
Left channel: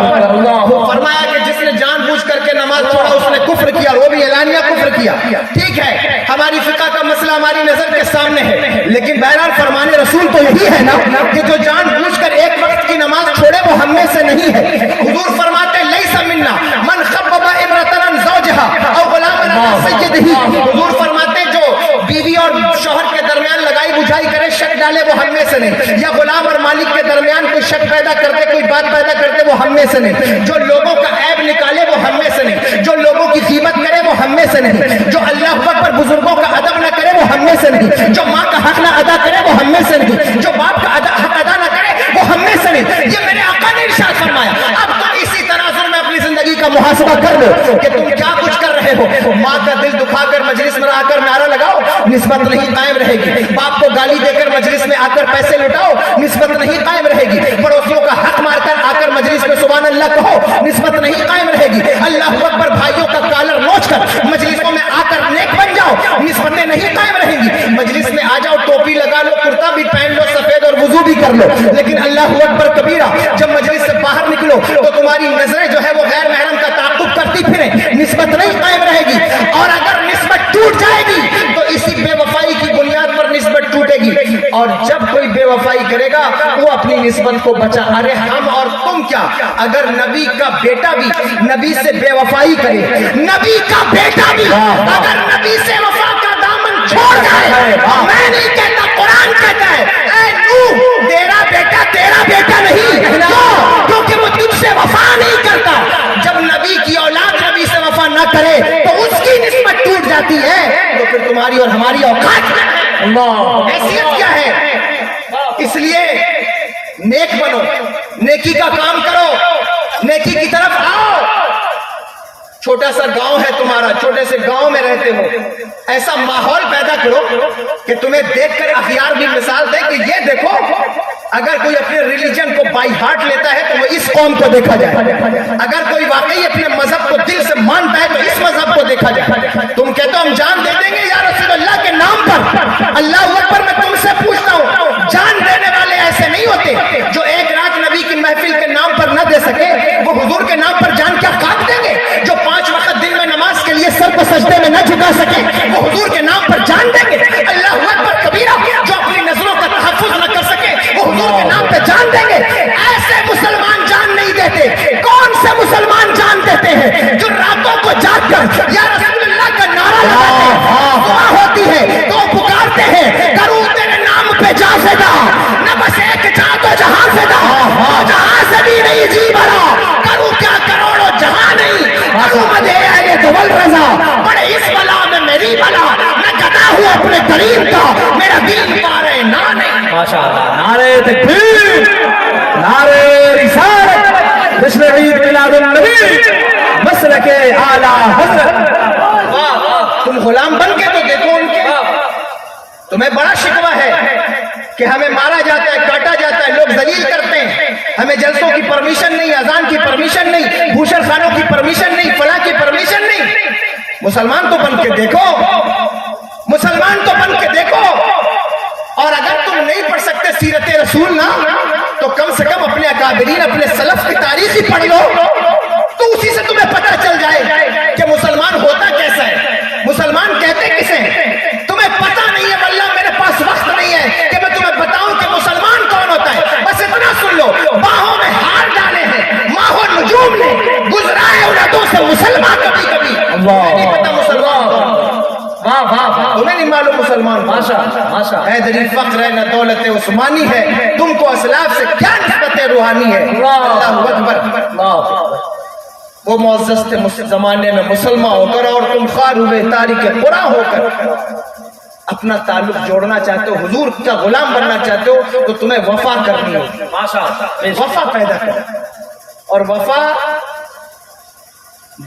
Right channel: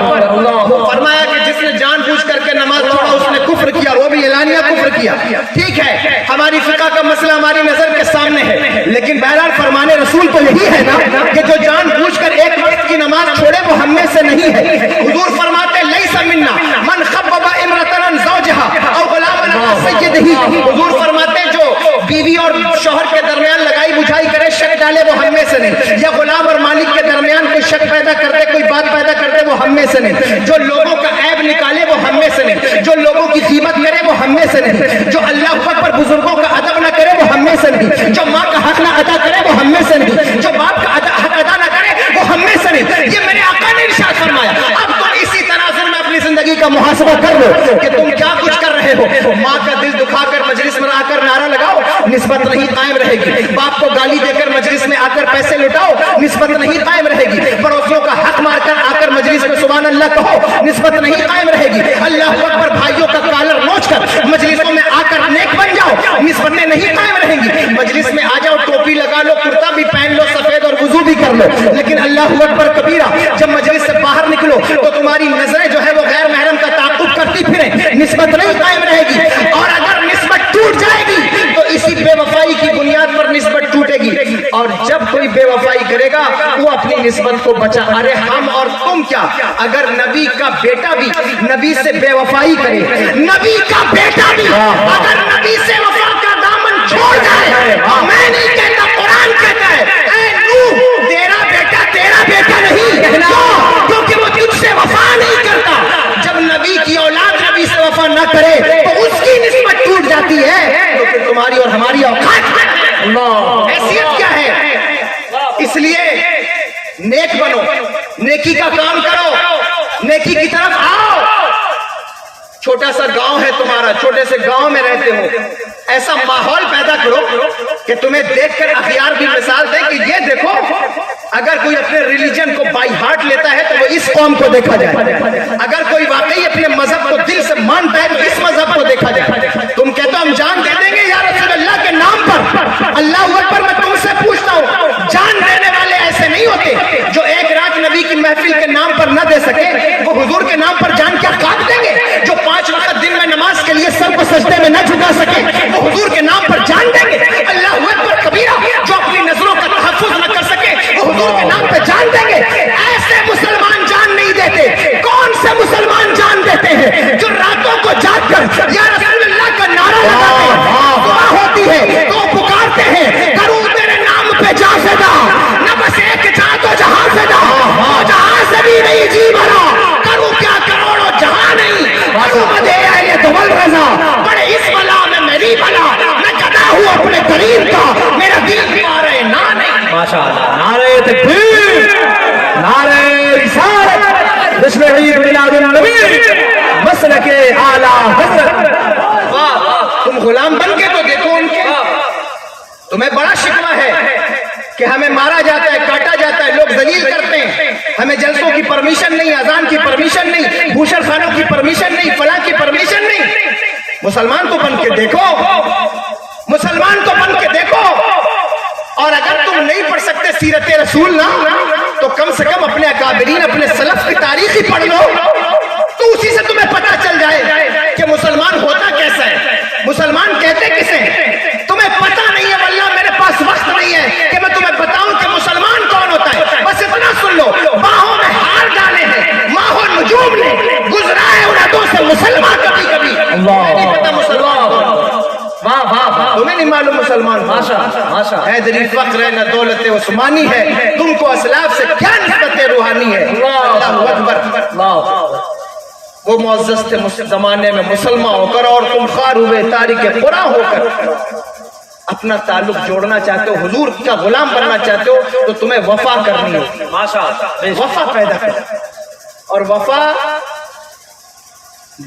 فرمایا کہ جس نے جان بوجھ کر کے نماز چھوڑا اس نے کفر کیا، وہ بھی اعلانیہ کفر کیا۔ ٹھیک ہے، ہماری فقہ کا مسئلہ ہماری نظر کے سامنے ہے، لیکن بہرحال فرمان رسول تو یہی ہے نا کہ جو جان بوجھ کر ایک وقت کی نماز چھوڑے وہ ہم میں سے نہیں ہے۔ حضور فرماتے لیسا منا من خبب امرأة عن زوجها او غلام عن سیدہ، حضور فرماتے جو بیوی اور شوہر کے درمیان لگائی بجھائی کرے، شک ڈالے، وہ ہم میں سے نہیں، یا غلام اور مالک کے درمیان کوئی شک پیدا کرتے، کوئی بات پیدا کرتے، وہ ہم میں سے نہیں، جو لوگوں کا عیب نکالے وہ ہم میں سے نہیں، جو لوگوں کی قیمت کرے وہ ہم میں سے نہیں، جو اللہ اکبر بزرگوں کا ادب نہ کرے وہ ہم میں سے نہیں، جو ماں کا حق نہ ادا کرے وہ ہم میں سے نہیں، جو باپ کا حق ادا نہ کرے وہ ہم میں سے نہیں۔ یہ میرے آقا نے ارشاد فرمایا۔ اب تو اسی تناظر میں اپنی زندگی کا محاسبہ کر لو کہ تم کیا کچھ کر رہے ہو۔ ماں کا دل دکھا کر مجلس میں آ کر نعرہ لگاؤ، نسبت نہیں قائم رہے گی۔ باپ کو گالی دے کر مجلس میں آ کر پیسے لٹاؤ، نسبت نہیں قائم رہے گی۔ پڑوسیوں کا حق مار کر آ کر مجلس میں سبحان اللہ کہو، نسبت نہیں قائم رہے گی۔ اللہ اکبر بھائیوں کا کالر نوچ کر مجلسوں میں آ کر نیک بن جاؤ، نسبتیں نہیں قائم رہیں گی۔ مجلس میں آ جاؤ، ٹوپی لگا لو، کرتا بھی پہن لو سفید اور وضو بھی کر لو، لیکن اللہ اکبر کبیرہ جب مجلس سے باہر نکلو تو تمہاری نظریں جو ہے وہ غیر محرم کا تعاقب کرتی پھریں، نسبت نہیں قائم رہے گی۔ اور اگر نسبت ٹوٹ جائے گی تو اسی بے وفائی کی بنیاد پر نسبت ٹوٹے گی، اور جب کوئی بے وفائی کرے گا وہ اپنی نسبت کو بچا۔ ارے ہم اور تم کیا، اگر نبی کا بیٹا بھی نبی سے بے وفائی کرے، نبی کا بیٹا بھی اگر نبی سے وفا کا دامن چھوڑ جائے، میں نہیں کہتا، قرآن کہتا ہے اے نوح تیرا بیٹا نہیں، کیونکہ وہ تجھ سے وفا نہیں کرتا۔ جب نبی کی اولاد نبی سے وفا نہ کرے تو اس کی نسبت ٹوٹ جاتی ہے، تو پھر تمہاری اور ہماری اوقات حیثیت کیا ہے؟ اس لیے نیک بنو، نیکی کا کام کرو، نیکی کی طرف آؤ۔ چھوٹا سا گاؤں ہے تمہارا، چھوٹے سے گاؤں میں رہتے ہو، ایسا ماحول پیدا کرو کہ تمہیں دیکھ کر اخیار بھی مثال دے کہ یہ دیکھو، اگر کوئی اپنے ریلیجن کو بائی ہارٹ لیتا ہے تو وہ اس قوم کو دیکھا جائے، اگر کوئی واقعی اپنے مذہب کو دل سے مانتا ہے تو اس مذہب کو دیکھا جائے۔ تم کہتے ہو ہم جان دے دیں گے یا رسول اللہ کے نام پر، اللہ اکبر، میں تم سے پوچھتا ہوں، جان دینے والے ایسے نہیں ہوتے جو ایک رات نبی کی محفل کے نام پر نہ دے سکے، وہ حضور کے نام پر جان کیا کاٹ دیں گے؟ جو 5 وقت دن میں نماز کے لیے سر کو سجدے میں نہ جھکا سکے وہ حضور کے نام پر جان دیں گے؟ اللہ اکبر کبیرہ، جو اپنی نظروں کا تحفظ نہ کر سکے وہ حضور کے نام پہ جان دیں گے؟ ایسے مسلمان جان نہیں دیتے۔ کون سے مسلمان جان دیتے ہیں؟ جو راتوں کو جاگ کر یا رسول اللہ کا نعرہ لگاتے ہیں، دعا ہوتی ہے تو پکارتے ہیں کروں تیرے نام پہ جا فدا، نہ بس ایک جا تو جہاں فدا، جہاں سے بھی نہیں جی بھرا، کروں کیا کروڑوں جہاں نہیں، کروں مدے اہل دول رضا، بڑے اس بلا میں میری بلا، میں گدا ہوں اپنے کریم کا، میرا دل پارے نہ نہیں۔ ماشاءاللہ، نعرہ تکبیر، نعرہ رسالت، جشن عید میلاد النبی، مسلک اعلیٰ حضرت۔ تم غلام بن کے تو دیکھو ان کے، تمہیں بڑا شکوہ ہے کہ ہمیں مارا جاتا ہے، کاٹا جاتا ہے، لوگ ذلیل کرتے ہیں، ہمیں جلسوں کی پرمیشن نہیں، اذان کی پرمیشن نہیں، بھوشن خانوں کی پرمیشن نہیں، فلاں کی پرمیشن نہیں۔ مسلمان تو بن کے دیکھو، مسلمان تو بن کے دیکھو۔ اور اگر تم نہیں پڑھ سکتے سیرت رسول نا، تو کم سے کم اپنے اکابرین، اپنے سلف کی تاریخ ہی پڑھ لو، تو اسی سے تمہیں پتہ چل جائے کہ مسلمان ہوتا کیسا ہے، مسلمان کہتے کسے ہیں۔ تمہیں پتہ نہیں ہے، واللہ میرے پاس وقت نہیں ہے کہ میں تمہیں بتاؤں کہ مسلمان کون ہوتا ہے، بس اتنا سن لو، باہوں میں ہار ڈالے ہیں ماہ و نجوم نے، گزرا ہے ان عدوں سے مسلمان کبھی کبھی، تمہیں نہیں پتا مسلمان کون، تمہیں نہیں معلوم مسلمان، حیدری فخر ہے نہ دولت عثمانی ہے، تم کو اسلاف سے کیا نسبت روحانی ہے۔ اللہ اکبر، وہ معزز تھے زمانے میں مسلمان ہو کر، اور تم خوار ہوئے تاریخ قرآن ہو کر اپنا تعلق جوڑنا چاہتے ہو، حضور کا غلام بننا چاہتے ہو، تو تمہیں وفا کرنی ہے، وفا پیدا کر، اور وفا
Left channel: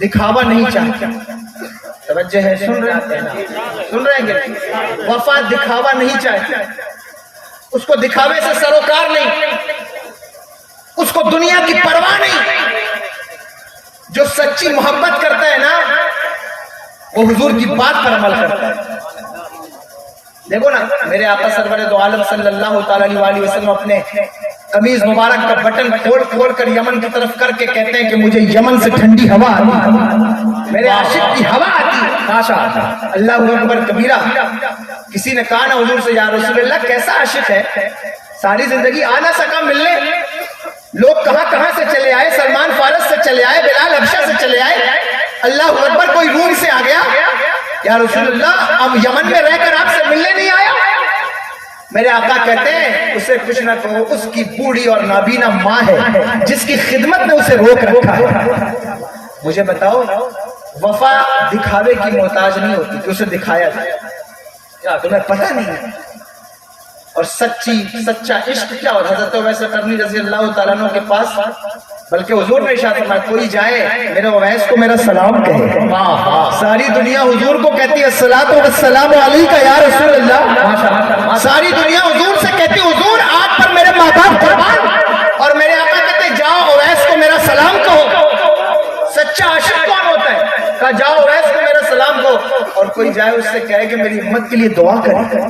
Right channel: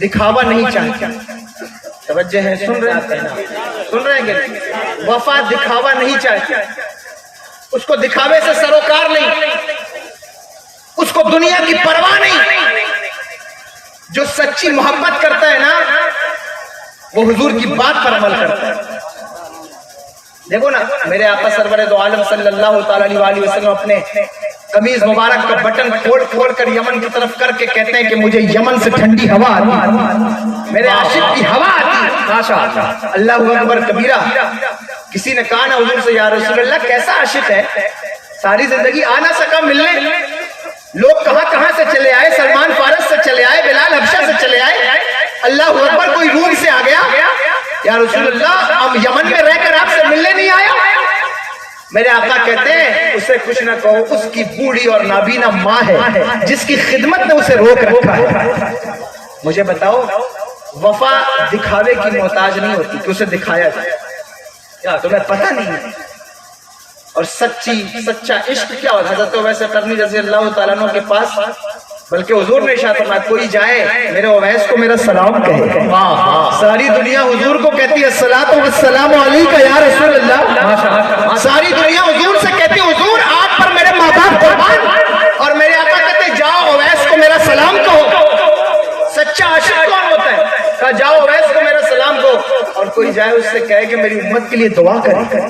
دکھاوا نہیں چاہتا۔ توجہ ہے، سن رہے ہیں کہ وفا دکھاوا نہیں چاہتا، اس کو دکھاوے سے سروکار نہیں، اس کو دنیا کی پرواہ نہیں، جو سچی محبت کرتا ہے نا وہ حضور کی بات پر عمل کرتا ہے. دیکھو نا میرے آقا سرور دو عالم صلی اللہ تعالی علیہ وسلم اپنے قمیض مبارک کا بٹن کھول کر یمن کی طرف کر کے کہتے ہیں کہ مجھے یمن سے ٹھنڈی ہوا آتی، میرے عاشق کی ہوا آتی. اللہ اکبر کبیرہ. کسی نے کہا نا حضور سے یا رسول اللہ کیسا عاشق ہے، ساری زندگی آ نہ سکا ملنے، لوگ کہاں سے چلے آئے، سلمان فارس سے چلے آئے، بلال حبشہ سے چلے آئے، اللہ اکبر کوئی روم سے آ گیا، یا رسول اللہ ہم یمن میں رہ کر آپ سے ملنے نہیں آیا. میرے آقا کہتے ہیں اسے کچھ نہ کہو، اس کی بوڑھی اور نابینا ماں ہے جس کی خدمت نے اسے روک رکھا ہے. مجھے بتاؤ وفا دکھاوے کی محتاج نہیں ہوتی کہ اسے دکھایا جائے، کیا تمہیں پتہ نہیں ہے؟ اور سچا عشق کیا ہوتا ہے؟ حضرت اویس قرنی رضی اللہ تعالیٰ عنہ کے پاس بلکہ حضور نے ارشاد فرمایا کوئی جائے میرے اویس کو میرا سلام کہے. ساری دنیا حضور کو کہتی ہے الصلاۃ والسلام علیک یا رسول اللہ. ساری دنیا حضور سے کہتی ہے حضور آپ پر میرے ماں باپ قربان، اور میرے آقا کہتے جاؤ اویس کو میرا سلام کہو. سچا عاشق کون ہوتا ہے؟ کہا جاؤ اویس کو میرا سلام کہو. اور کوئی جائے اس سے کہے کہ میری امت کے لیے دعا کرے،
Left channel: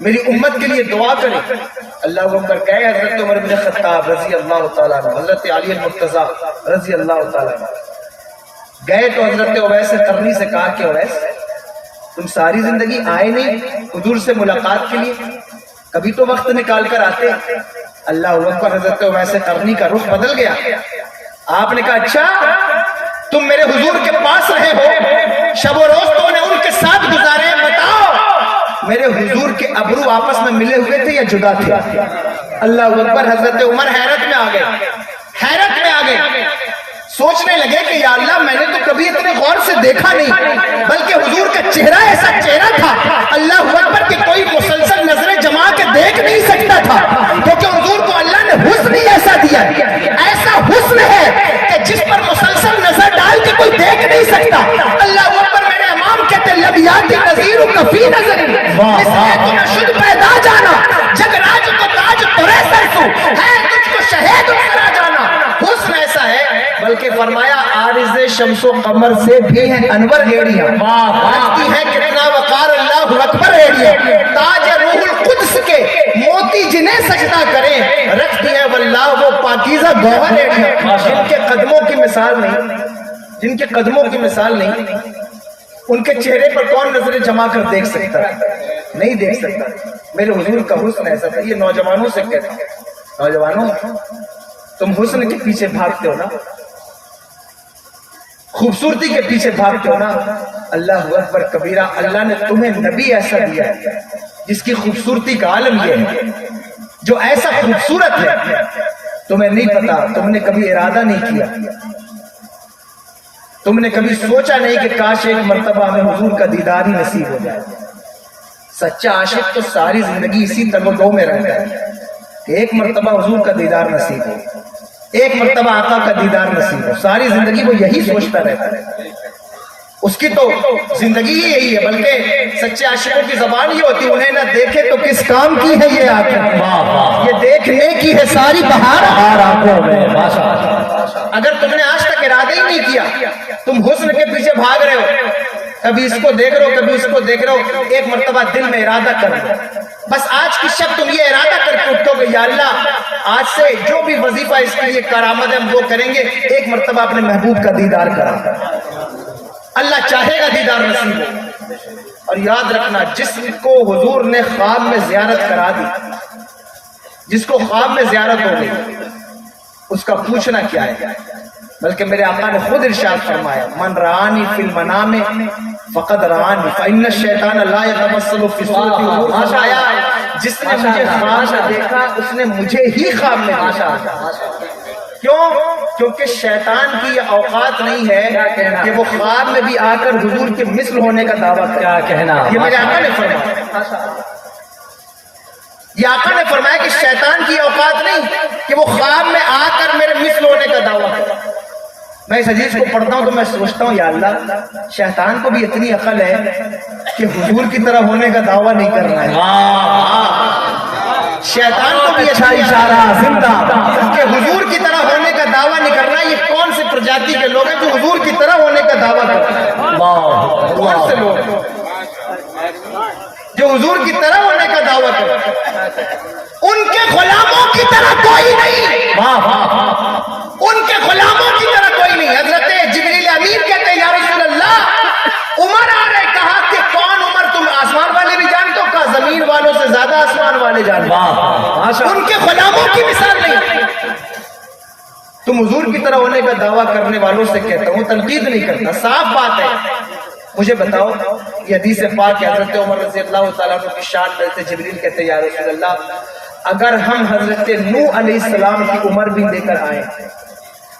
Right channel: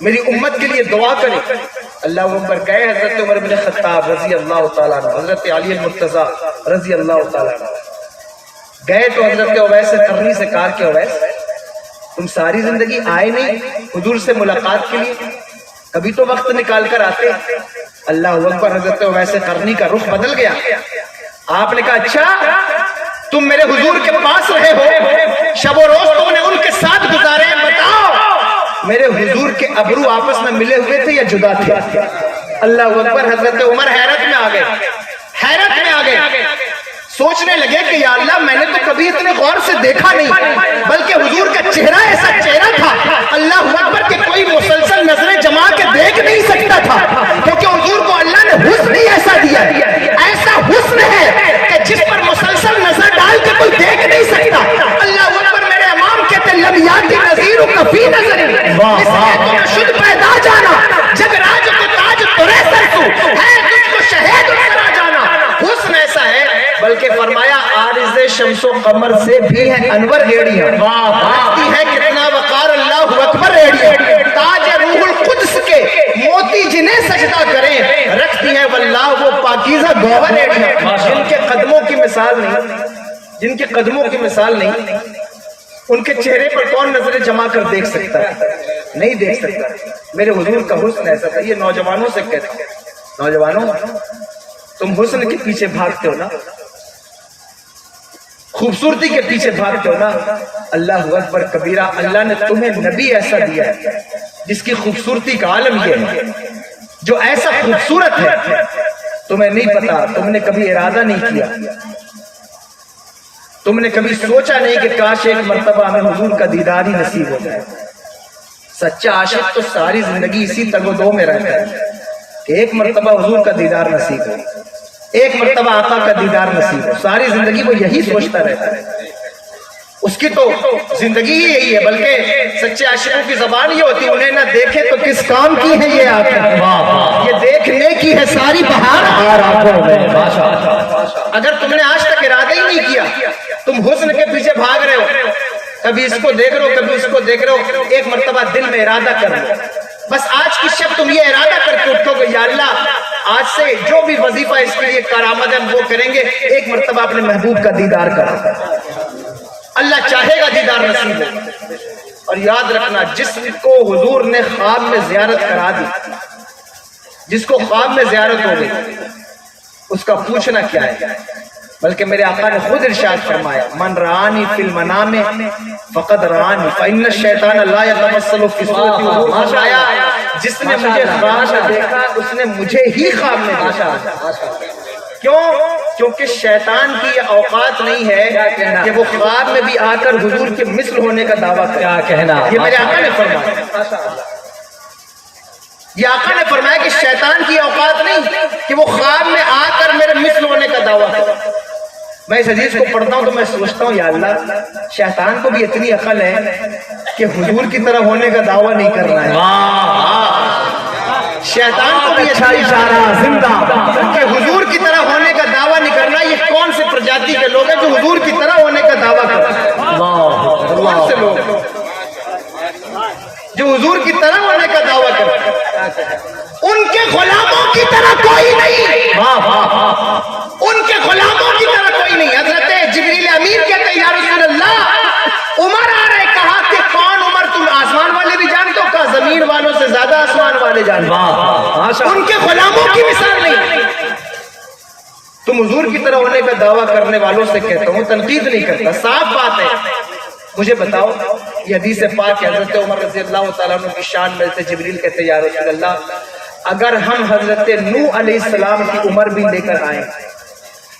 میری امت کے لیے دعا کرے. اللہ اکبر. کہے حضرت عمر بن خطاب رضی اللہ تعالیٰ عنہ، حضرت علی المرتضیٰ رضی اللہ تعالیٰ عنہ گئے تو حضرت اویس قرنی سے کہا کہ اویس تم ساری زندگی آئے نہیں حضور سے ملاقات کے لیے، کبھی تو وقت نکال کر آتے. اللہ اکبر. حضرت اویس قرنی کا رخ بدل گیا. آپ نے کہا اچھا تم میرے حضور کے پاس رہے ہو، شب و روز تم نے ان کے ساتھ گزارے، بتاؤ میرے حضور کے ابرو آپس میں ملے ہوئے تھے یا جدا تھے؟ اللہ اکبر. حضرت عمر حیرت میں آ گئے، سوچنے لگے کہ یا اللہ میں نے تو کبھی اتنے غور سے دیکھا نہیں، بلکہ حضور کا چہرہ ایسا چہرہ تھا اللہ اکبر کہ کوئی مسلسل نظریں جما کے دیکھ نہیں سکتا تھا، کیونکہ حضور کو اللہ نے حسن ہی ایسا دیا ہے، ایسا حسن ہے کہ جس پر مسلسل نظر ڈال کے کوئی دیکھ نہیں سکتا. اللہ اکبر. میرے امام کہتے لم یاتی نظیر کفی نظر شد پیدا جانا جگ راج کو تاج ترے سرسو ہے تجھ کو شہید کرا جانا. حسن ایسا ہے بلکہ فرمایا عارض شمس و قمر سے بھی ہے انور ایڑیاں، رکھتی ہے کتنا وقار اللہ اکبر ایڑیاں. تاج روح القدس کے موتی جنہیں سجدہ کریں رکھتی ہے واللہ وہ پاکیزہ گوہر ایڑیاں. جن کے قدموں کی مثال نہیں، جن کے قدموں کی مثال نہیں، ان کے چہرے پر کون نظریں جما کر دیکھ سکتا ہے؟ نہیں دیکھ سکتا. میرے حضور کا حسن ایسا تھا. یہ نوجوانوں سے کہتا ہوں، نوجوانوں تم حسن کے پیچھے بھاگتے ہو نا، خوبصورتی کے پیچھے بھاگتے ہو نا، اللہ اکبر کبیرہ. اللہ نے تمہیں نبی ایسا دیا ہے جس کی خوبصورتی کا عالم یہ ہے، جو ایسا خوبصورت ہے تمہیں نہیں پتا، تم نے کبھی ارادہ نہیں کیا، تم نے کبھی سوچا نہیں کہ کاش ایک مرتبہ ہمیں حضور کا دیدار ہی نصیب ہو جائے. سچا عاشق تو ساری زندگی اسی تگودو میں رہتا ہے کہ ایک مرتبہ حضور کا دیدار نصیب ہو، ایک مرتبہ آقا کا دیدار نصیب ہو. ساری زندگی وہ یہی سوچتا رہتا ہے. اس کی تو زندگی ہی یہی ہے. بلکہ سچے عاشقوں کی زبان یہ ہوتی ہے انہیں نہ دیکھے تو کس کام کی ہے یہ آنکھ، یہ دیکھنے کی ہے ساری بہار آنکھوں میں. اگر تم نے آج تک ارادہ ہی نہیں کیا، تم حسن کے پیچھے بھاگ رہے ہو، کبھی اس کو دیکھ رہے ہو کبھی اس کو دیکھ رہے ہو، ایک مرتبہ دل میں ارادہ کر لو. بس آج کی شب تم یہ ارادہ کر کے اٹھو گے یا اللہ آج سے جو بھی وظیفہ اس کے لیے کارآمد ہے وہ کریں گے، ایک مرتبہ اپنے محبوب کا دیدار کرا. اللہ چاہے گا دیدار نصیب ہو. اور یاد رکھنا جس کو حضور نے خواب میں زیارت کرا دی، جس کو خواب میں زیارت ہو گئی، اس کا پوچھنا کیا ہے. بلکہ میرے آقا نے خود ارشاد فرمایا من رآنی فی المنام فقد رآنی فإن الشیطان لا یتمثل فی صورتی. فرمایا جس نے مجھے خواب میں دیکھا اس نے مجھے ہی خواب میں دیکھا. کیوں؟ کیونکہ شیطان کی یہ اوقات نہیں ہے کہ وہ خواب میں بھی آ کر حضور کے مثل ہونے کا دعویٰ کرے. کیا کہنا، یہ میرے آقا نے فرمایا. یہ آقا نے فرمایا کہ شیطان کی اوقات نہیں کہ وہ خواب میں آ کر میرے مثل ہونے کا دعویٰ کرے. میں اس حدیث کو پڑھتا ہوں تو میں سوچتا ہوں یا اللہ شیطان کو بھی اتنی عقل ہے کہ حضور کی طرح ہونے کا دعویٰ نہیں کر رہا ہے. شیطان کو بھی اچھا اشارہ زندہ کہ حضور کی طرح ہونے کا دعویٰ نہیں کرنا. یہ کون سے پرجاتی کے لوگ ہیں جو حضور کی طرح ہونے کا دعویٰ کرتے ہیں؟ کون سے لوگ ہیں جو حضور کی طرح ہونے کا دعویٰ کرتے ہیں؟ ان کے غلاموں کی طرح کوئی نہیں، ان کے غلاموں کی طرح کوئی نہیں۔ حضرت جبریل امین کہتے ہیں یا رسول اللہ، عمر آ رہے، کہا کہ کون عمر؟ تم آسمان والے بھی جانتے ہو؟ کہا زمین والوں سے زیادہ آسمان والے جانتے ہو۔ ان کے غلاموں کی مثال نہیں۔ تم حضور کی طرح ہونے کا دعویٰ کرنے والوں سے کہتا ہوں، تنقید نہیں کرتا، صاف بات ہے۔ مجھے بتاؤ، یہ حدیث پاک ہے، حضرت عمر رضی اللہ تعالیٰ عنہ کی شان میں سے جبریل کہتے ہیں یا رسول اللہ، اگر ہم حضرت نوح علیہ السلام کی عمر بھی لے کر آئیں،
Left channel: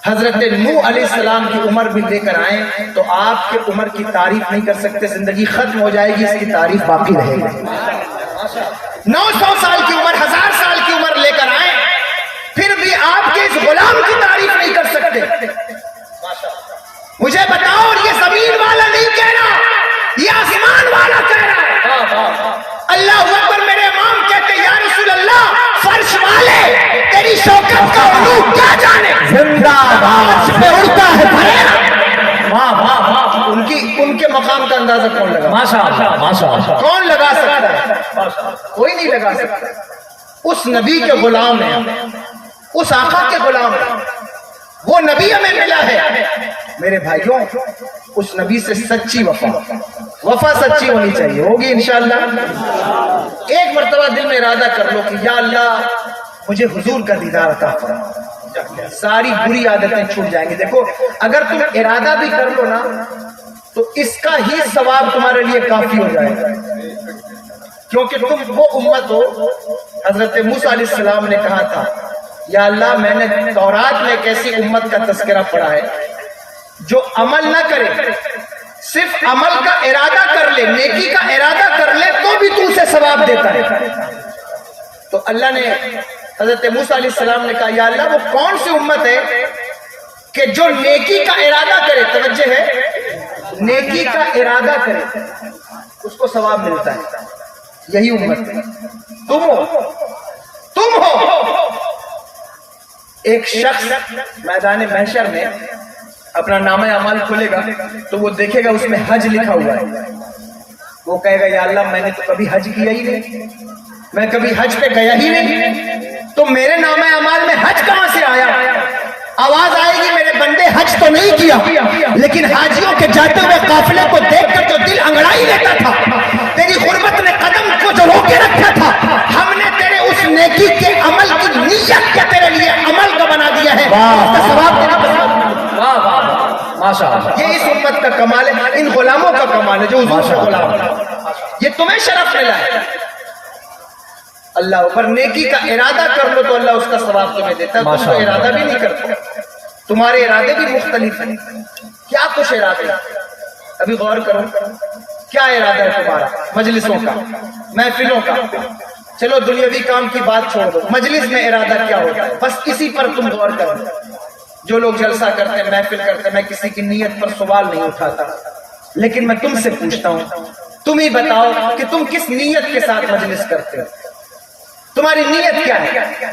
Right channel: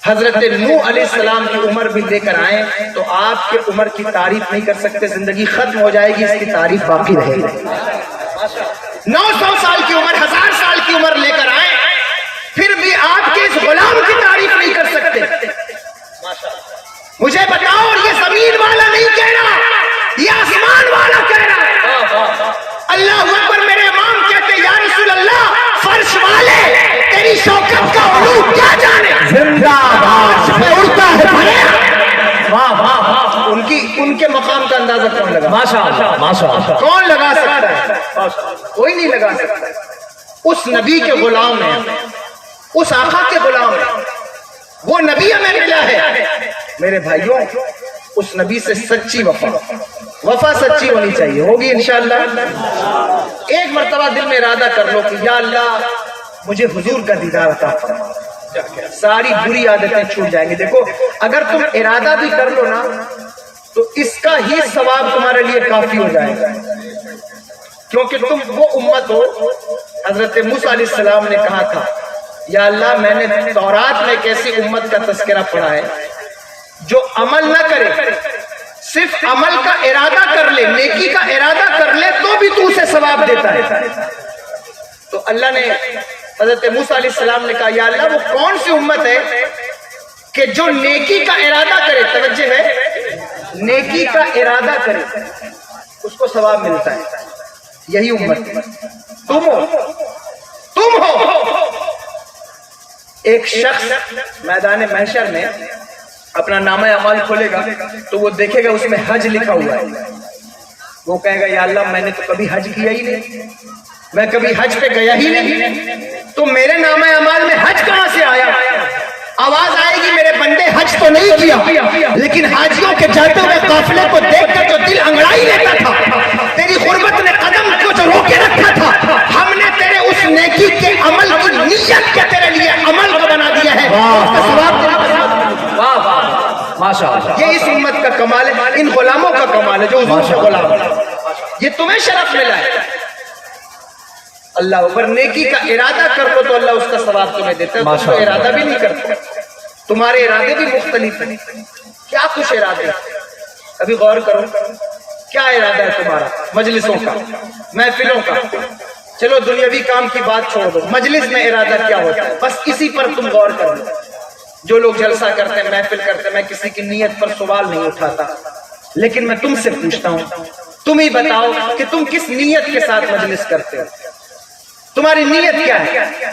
حضرت نوح علیہ السلام کی عمر بھی لے کر آئیں تو آپ کے عمر کی تعریف نہیں کر سکتے، زندگی ختم ہو جائے گی، اس کی تعریف باقی رہے گی۔ 900 سال کی عمر، 1000 سال کی عمر لے کر آئیں، پھر بھی آپ کے اس غلام کی تعریف نہیں کر سکتے۔ مجھے بتاؤ، اور یہ زمین والا نہیں کہہ رہا، یہ آسمان والا کہہ رہا ہے۔ اللہ اکبر، میرے امام کہتے ہیں یا رسول اللہ، فرش والے تیری شوکت کا علو کیا جانے، زندہ باد میں اڑتا ہے۔ ان کے مقام کا اندازہ کون لگا؟ کون لگا سکتا ہے؟ کوئی نہیں لگا سکتا۔ اس نبی کے غلام ہیں، اس آقا کے غلام ہیں، وہ نبی ہمیں ملا ہے۔ میرے بھائیوں، اس نبی سے سچی وفا سچی ہونی چاہیے، ہوگی انشاءاللہ۔ ایک مرتبہ دل میں ارادہ کر لو کہ یا اللہ مجھے حضور کا دیدار عطا فرما، ساری بری عادتیں چھوٹ جائیں گی۔ دیکھو، اگر تم ارادہ بھی کر لو نا تو اس کا ہی ثواب تمہارے لیے کافی ہو جائے گا، کیونکہ تم وہ امت ہو۔ حضرت موسیٰ علیہ السلام نے کہا تھا یا اللہ میں نے تورات میں ایک ایسی امت کا تذکرہ پڑھا ہے جو عمل نہ کرے، صرف عمل کا ارادہ کر لے، نیکی کا ارادہ کر لے تو بھی تو اسے ثواب دیتا ہے۔ تو اللہ نے حضرت موسیٰ علیہ السلام نے کہا یا اللہ وہ کون سی امت ہے کہ جو نیکی کا ارادہ کرے، توجہ ہے، نیکی کا ارادہ کرے اس کو ثواب ملتا ہے، یہی امت ہے، تم ہو۔ ایک شخص میدان محشر میں اپنا نامہ اعمال کھولے گا تو وہ دیکھے گا اس میں حج لکھا ہوا ہے، وہ کہے گا یا اللہ میں نے تو کبھی حج کیا ہی نہیں، میں کبھی حج پہ گیا ہی نہیں، تو میرے نامہ اعمال میں حج کہاں سے آیا؟ آواز آئے گی میرے بندے حج تو نہیں کیا، لیکن حاجیوں کے جاتے ہوئے قافلے کو دیکھ کر تو دل انگڑائی لیتا تھا، تیری غربت نے قدم کو جو روکے رکھا تھا، ہم نے تیرے اس نیکی کے عمل کی نیت کے تیرے لیے عمل کا بنا دیا ہے، اس کا ثواب دینا۔ یہ اس امت کا کمال ہے، ان غلاموں کا کمال ہے جو حضور سے غلام ہے، یہ تمہیں شرف ملا ہے۔ اللہ اوپر نیکی کا ارادہ کر لو تو اللہ اس کا ثواب تمہیں دیتا ہے، تم تو ارادہ بھی نہیں کرتے، تمہارے ارادے بھی مختلف ہیں۔ کیا کچھ ارادے، ابھی غور کرو، کیا ارادہ ہے تمہارا؟ مجلسوں کا، محفلوں کا، چلو دنیاوی کام کی بات چھوڑ دو، مجلس میں ارادہ کیا ہوتا ہے؟ بس اسی پر تم غور کرو۔ جو لوگ جلسہ کرتے ہیں، محفل کرتے ہیں، میں کسی کی نیت پر سوال نہیں اٹھاتا، لیکن میں تم سے پوچھتا ہوں، تم ہی بتاؤ کہ تم کس نیت کے ساتھ مجلس کرتے ہو؟ تمہاری نیت کیا ہے؟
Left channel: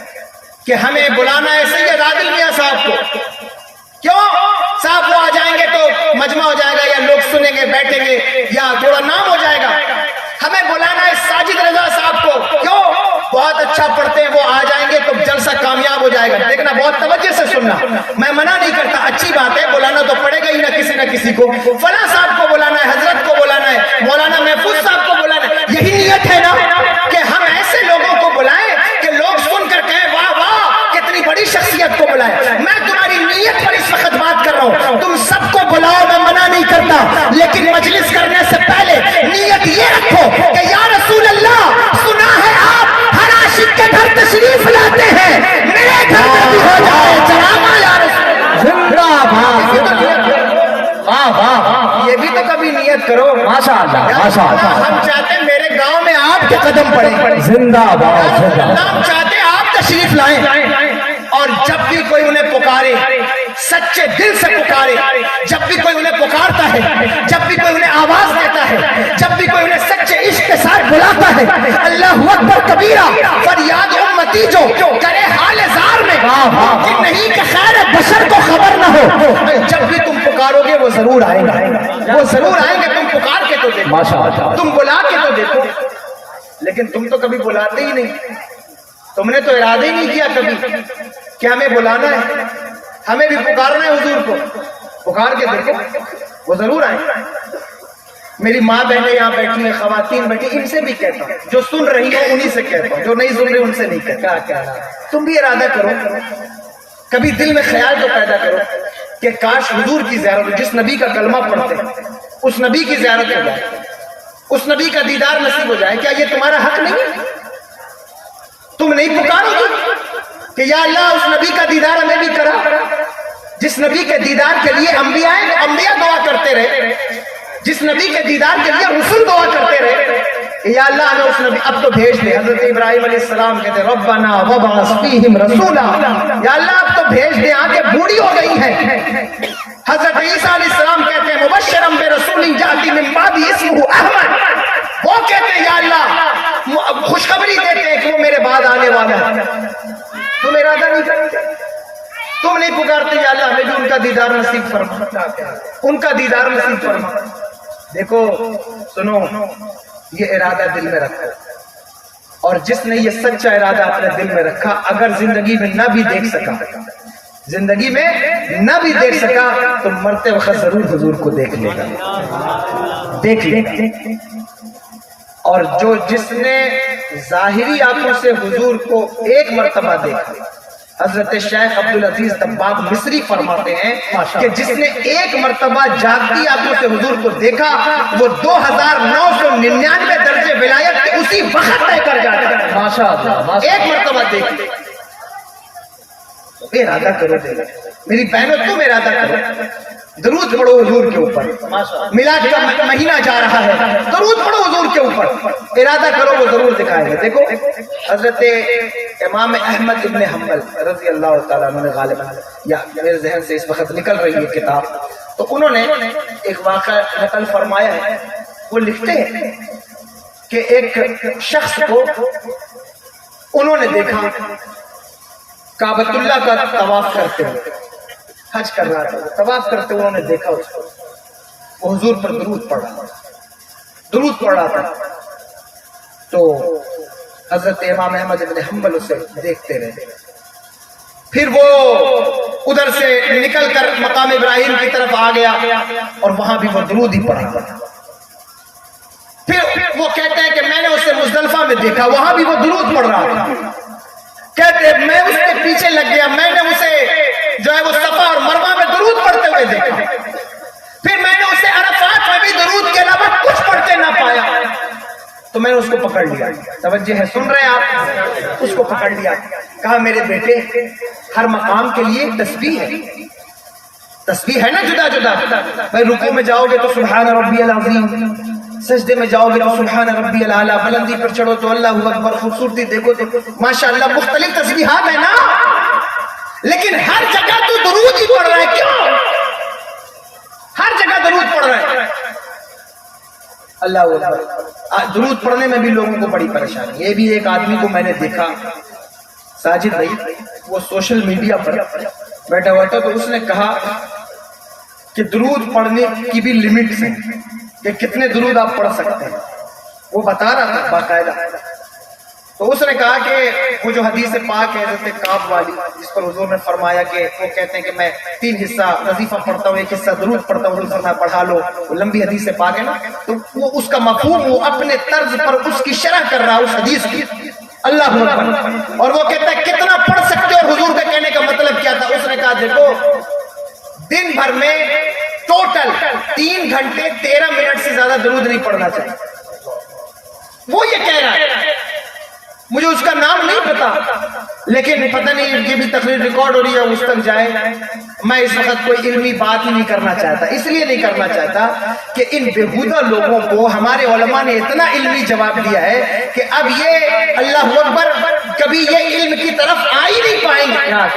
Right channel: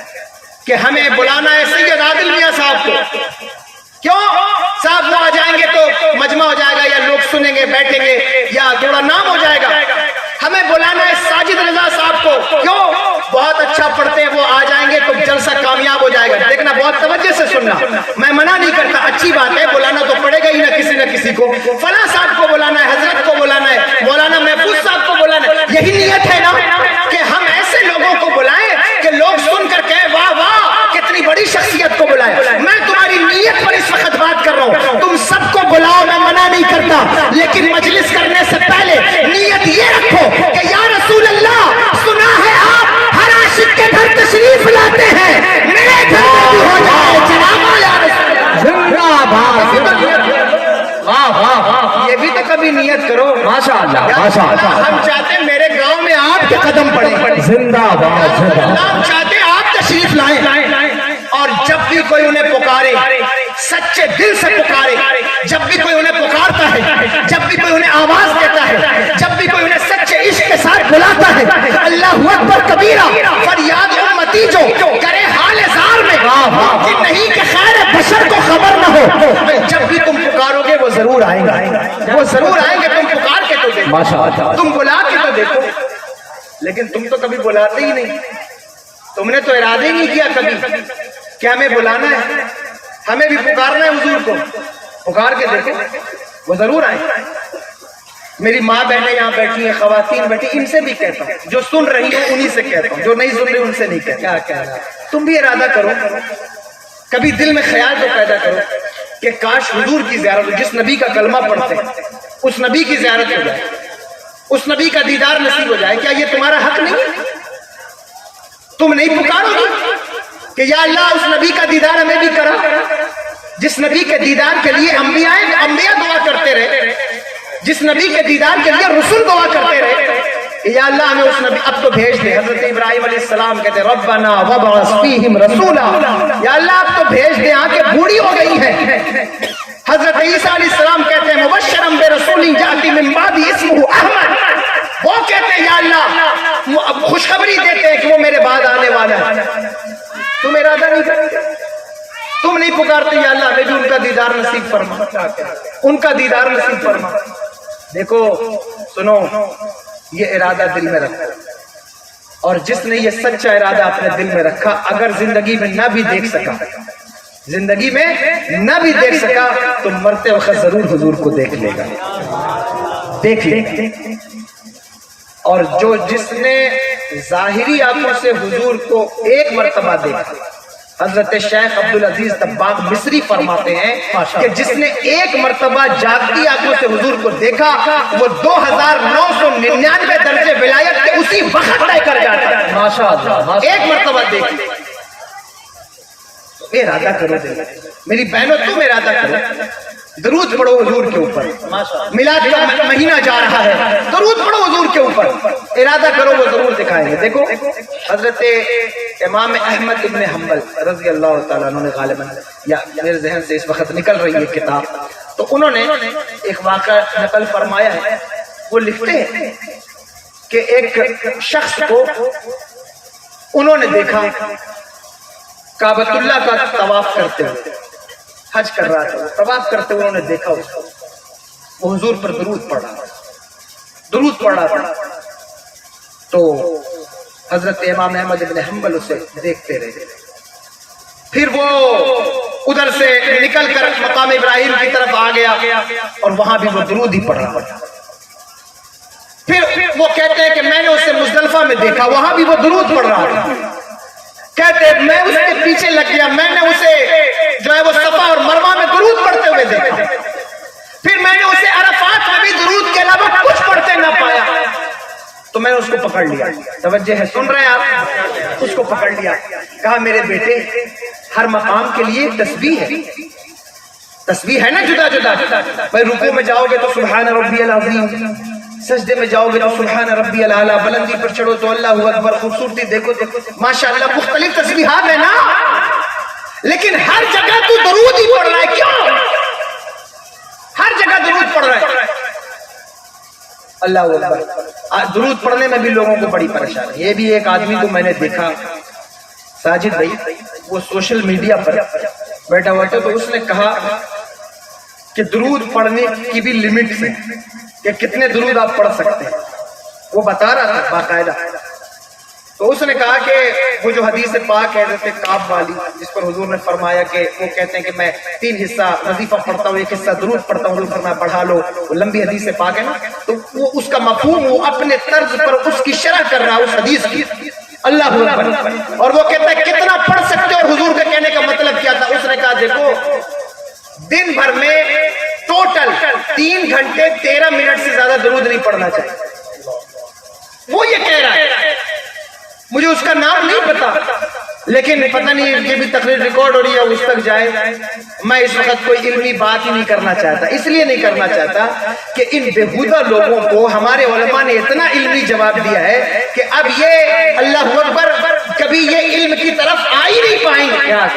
کہ ہمیں بلانا ہے سید عادل میاں صاحب کو، کیوں صاحب وہ آ جائیں گے تو مجمع ہو جائے گا، یا لوگ سنیں گے بیٹھیں گے، یا تھوڑا نام ہو جائے گا۔ ہمیں بلانا ہے ساجد رضا صاحب کو، کیوں بہت اچھا پڑھتے ہیں، وہ آ جائیں گے تو جلسہ کامیاب ہو جائے گا۔ دیکھنا بہت توجہ سے سننا، میں منع نہیں کرتا، اچھی بات ہے، بلانا تو پڑے گا ہی نہ کسی کو، فلاں صاحب کو بلانا ہے، حضرت کو بلانا ہے، مولانا محفوظ صاحب کو بلانا ہے، یہی نیت ہے نا کہ ہم ایسے لوگوں کو بلائیں کہ لوگ سن کر کہیں واہ واہ کتنی بڑی شخصیت کو بلائیں۔ میں تمہاری نیت پر اس وقت بات کر رہا ہوں، تم سب کو بلاؤ، میں منع نہیں کرتا، لیکن مجلس کرنے سے پہلے نیت یہ رکھو کہ یا رسول اللہ، سنا ہے آپ ہر عاشق کے گھر تشریف لاتے ہیں، میرے گھر میں بھی ہو جائے جناب یا رسول اللہ۔ یہ بھی تو کبھی نیت کرو، ماشاءاللہ ہم چاہتے ہیں میرے گاؤں میں آپ کے قدم پڑیں، زندہ باد، ہم چاہتے ہیں آپ تشریف لائیں، اور جب بھی کوئی انہیں پکارے سچے دل سے پکارے، جب بھی کوئی انہیں پکارتا ہے، جب بھی کوئی انہیں آواز دیتا ہے، جب بھی کوئی انہیں سچے عشق کے ساتھ بلاتا ہے، اللہ اکبر کبیرہ، فریاد امتی جو کرے حال زار میں، ممکن نہیں کہ خیر بشر کو خبر نہ جب بھی تم پکارو گے وہ ضرور آئیں گے، وہ ضرور آئیں گے، تم پکار کے تو دیکھو، ماشاءاللہ، تم بلا کے تو دیکھو، لیکن تم تو کبھی بلاتے ہی نہیں، تم نے تو ارادہ ہی نہیں کیا کبھی کہ ہمیں بلانا ہے، ہمیں بھی پکارنا ہے حضور کو، پکار کے دیکھو وہ ضرور آئیں گے۔ میری ماں بہنیں یہاں بیٹھی ہیں، خواتین بیٹھی، ان سے بھی کہتا ہوں، جو سن رہی ہوں انہی سے کہتا ہوں، جو نہیں سن رہی ان سے نہیں کہتا، تم بھی ارادہ کرو، کبھی دل میں خیال تو پیدا کرو کہ کاش حضور کی زیارت ہو، جس نبی کا کلمہ پڑھتے ہیں اس نبی کی زیارت ہو جائے، اس نبی کا دیدار نصیب ہو جائے۔ کیا یہ تمہارا حق نہیں ہے؟ تم نہیں پکارو گے کہ یا اللہ اس نبی کا دیدار ہمیں بھی کرا، جس نبی کے دیدار کے لیے انبیاء دعا کرتے رہے، جس نبی کے دیدار کے لیے رسول دعا کرتے رہے کہ یا اللہ ہمیں اس نبی اب تو بھیج دے۔ حضرت ابراہیم علیہ السلام کہتے ربنا وابعث فیہم رسولا، یا اللہ اب تو بھیج دے، آنکھیں بوڑھی ہو گئی ہیں۔ حضرت عیسیٰ علیہ السلام کہتے ہیں مبشرا برسول یأتی من بعد اسمہ احمد، وہ کہتے ہیں یا اللہ خوشخبری دیتے ہیں کہ وہ میرے بعد آنے والا ہے۔ تم ارادہ نہیں کرتے، تم نہیں پکارتے یا اللہ ہمیں بھی ان کا دیدار نصیب فرما، ان کا دیدار نصیب فرما۔ دیکھو سنو، یہ ارادہ دل میں رکھو، اور جس نے یہ سچا ارادہ اپنے دل میں رکھا، اگر زندگی میں نہ بھی دیکھ سکا، زندگی میں نہ بھی دیکھ سکا تو مرتے وقت ضرور حضور کو دیکھ لے گا، دیکھ لے گا۔ اور جس نے ظاہری آنکھوں سے حضور کو ایک مرتبہ دیکھا، حضرت شیخ عبدالعزیز دباغ مصری فرماتے ہیں کہ جس نے ایک مرتبہ جاگتی آنکھوں سے حضور کو دیکھا وہ 2999 درجے ولایت کے اسی وقت طے کر جاتا ہے۔ ماشاءاللہ، ایک مرتبہ دیکھ، ارادہ کرو دل، میری بہنوں تم ارادہ کرو، درود پڑھو حضور کے اوپر، میلاد کا مہینہ جا رہا ہے، درود پڑھو حضور کے اوپر، ارادہ کرو وہ ضرور دکھائیں گے۔ دیکھو حضرت امام احمد ابن حنبل رضی اللہ تعالیٰ عنہ نے غالباً، یا میرے ذہن سے اس وقت نکل رہی ہے کتاب، تو انہوں نے ایک واقعہ نقل فرمایا ہے، وہ لکھتے ہیں کہ ایک شخص کو انہوں نے دیکھا کعبۃ اللہ کا طواف کرتے ہوئے، حج کر رہا تھا، طواف کرتے ہوئے انہوں نے دیکھا اس کو، وہ حضور پر درود پڑھ رہا تھا، تو حضرت امام احمد بن حنبل اسے دیکھتے رہے، پھر وہ ادھر سے نکل کر مقام ابراہیم کی طرف آ گیا اور وہاں بھی وہ درود ہی پڑھ رہا تھا۔ پھر وہ کہتے ہیں کہ میں نے اسے مزدلفہ میں دیکھا، وہاں بھی وہ درود پڑھ رہا تھا، کہتے ہیں میں اس کے پیچھے لگ گیا، میں نے اسے جو ہے وہ صفا اور مروہ میں درود پڑھتے ہوئے دیکھا، پھر میں نے اسے عرفات میں بھی درود کے علاوہ کچھ پڑھتے نہ پایا، تو میں نے اس کو پکڑ لیا، توجہ ہے، سن رہے ہیں آپ، اس کو پکڑ لیا، کہا میرے بیٹے ہر مقام کے لیے تسبیح ہے، تسبیح ہے نا جدا جدا، بھائی رکوع میں جاؤ گے تو سبحان ربی العظیم، سجدے میں جاؤ گے تو سبحان ربی الاعلیٰ، بلندی پر چڑھو تو اللہ اکبر، خوبصورتی دیکھو تو ماشاءاللہ، مختلف تسبیحات ہیں نا، لیکن ہر جگہ تو درود ہی پڑھ رہا ہے، کیوں؟ ہر جگہ درود پڑھ رہا ہے، اللہ اکبر۔ درود پڑھنے میں بھی لوگوں کو بڑی پریشانی، یہ بھی ایک آدمی کو میں نے دیکھا، ساجد بھائی، وہ سوشل میڈیا پر بیٹھا ہوا تھا، تو اس نے کہا کہ درود پڑھنے کی بھی لمٹس ہیں کہ کتنے درود آپ پڑھ سکتے ہیں، وہ بتا رہا تھا باقاعدہ، تو اس نے کہا کہ وہ جو حدیث پاک ہے حضرت کعب والی، جس پر حضور نے فرمایا کہ وہ کہتے ہیں کہ میں 3 حصہ وظیفہ پڑھتا ہوں، 1 حصہ درود پڑھتا ہوں، فرمایا پڑھا لو، وہ لمبی حدیث پاک ہے نا، تو وہ اس کا مفہوم وہ اپنے طرز پر اس کی شرح کر رہا ہے اس حدیث کی، اللہ اکبر، اور وہ کہتا ہے کتنا پڑھ سکتے ہو، حضور کا کہنے کا مطلب کیا تھا؟ اس نے کہا دیکھو دن بھر میں ٹوٹل 3 گھنٹے 13 منٹ سے زیادہ درود نہیں پڑھنا چاہیے، وہ یہ کہہ رہا ہے، مجھے اس کا نام نہیں پتا، لیکن پتہ نہیں یہ بھی تقریر ریکارڈ ہو رہی ہے، اس تک جائے، میں اس وقت کوئی علمی بات ہی نہیں کرنا چاہتا، اس لیے نہیں کرنا چاہتا کہ ان بےہودہ لوگوں کو ہمارے علماء نے اتنا علمی جواب دیا ہے کہ اب یہ اللہ اکبر کبھی یہ علم کی طرف آ ہی نہیں پائیں گے، کیا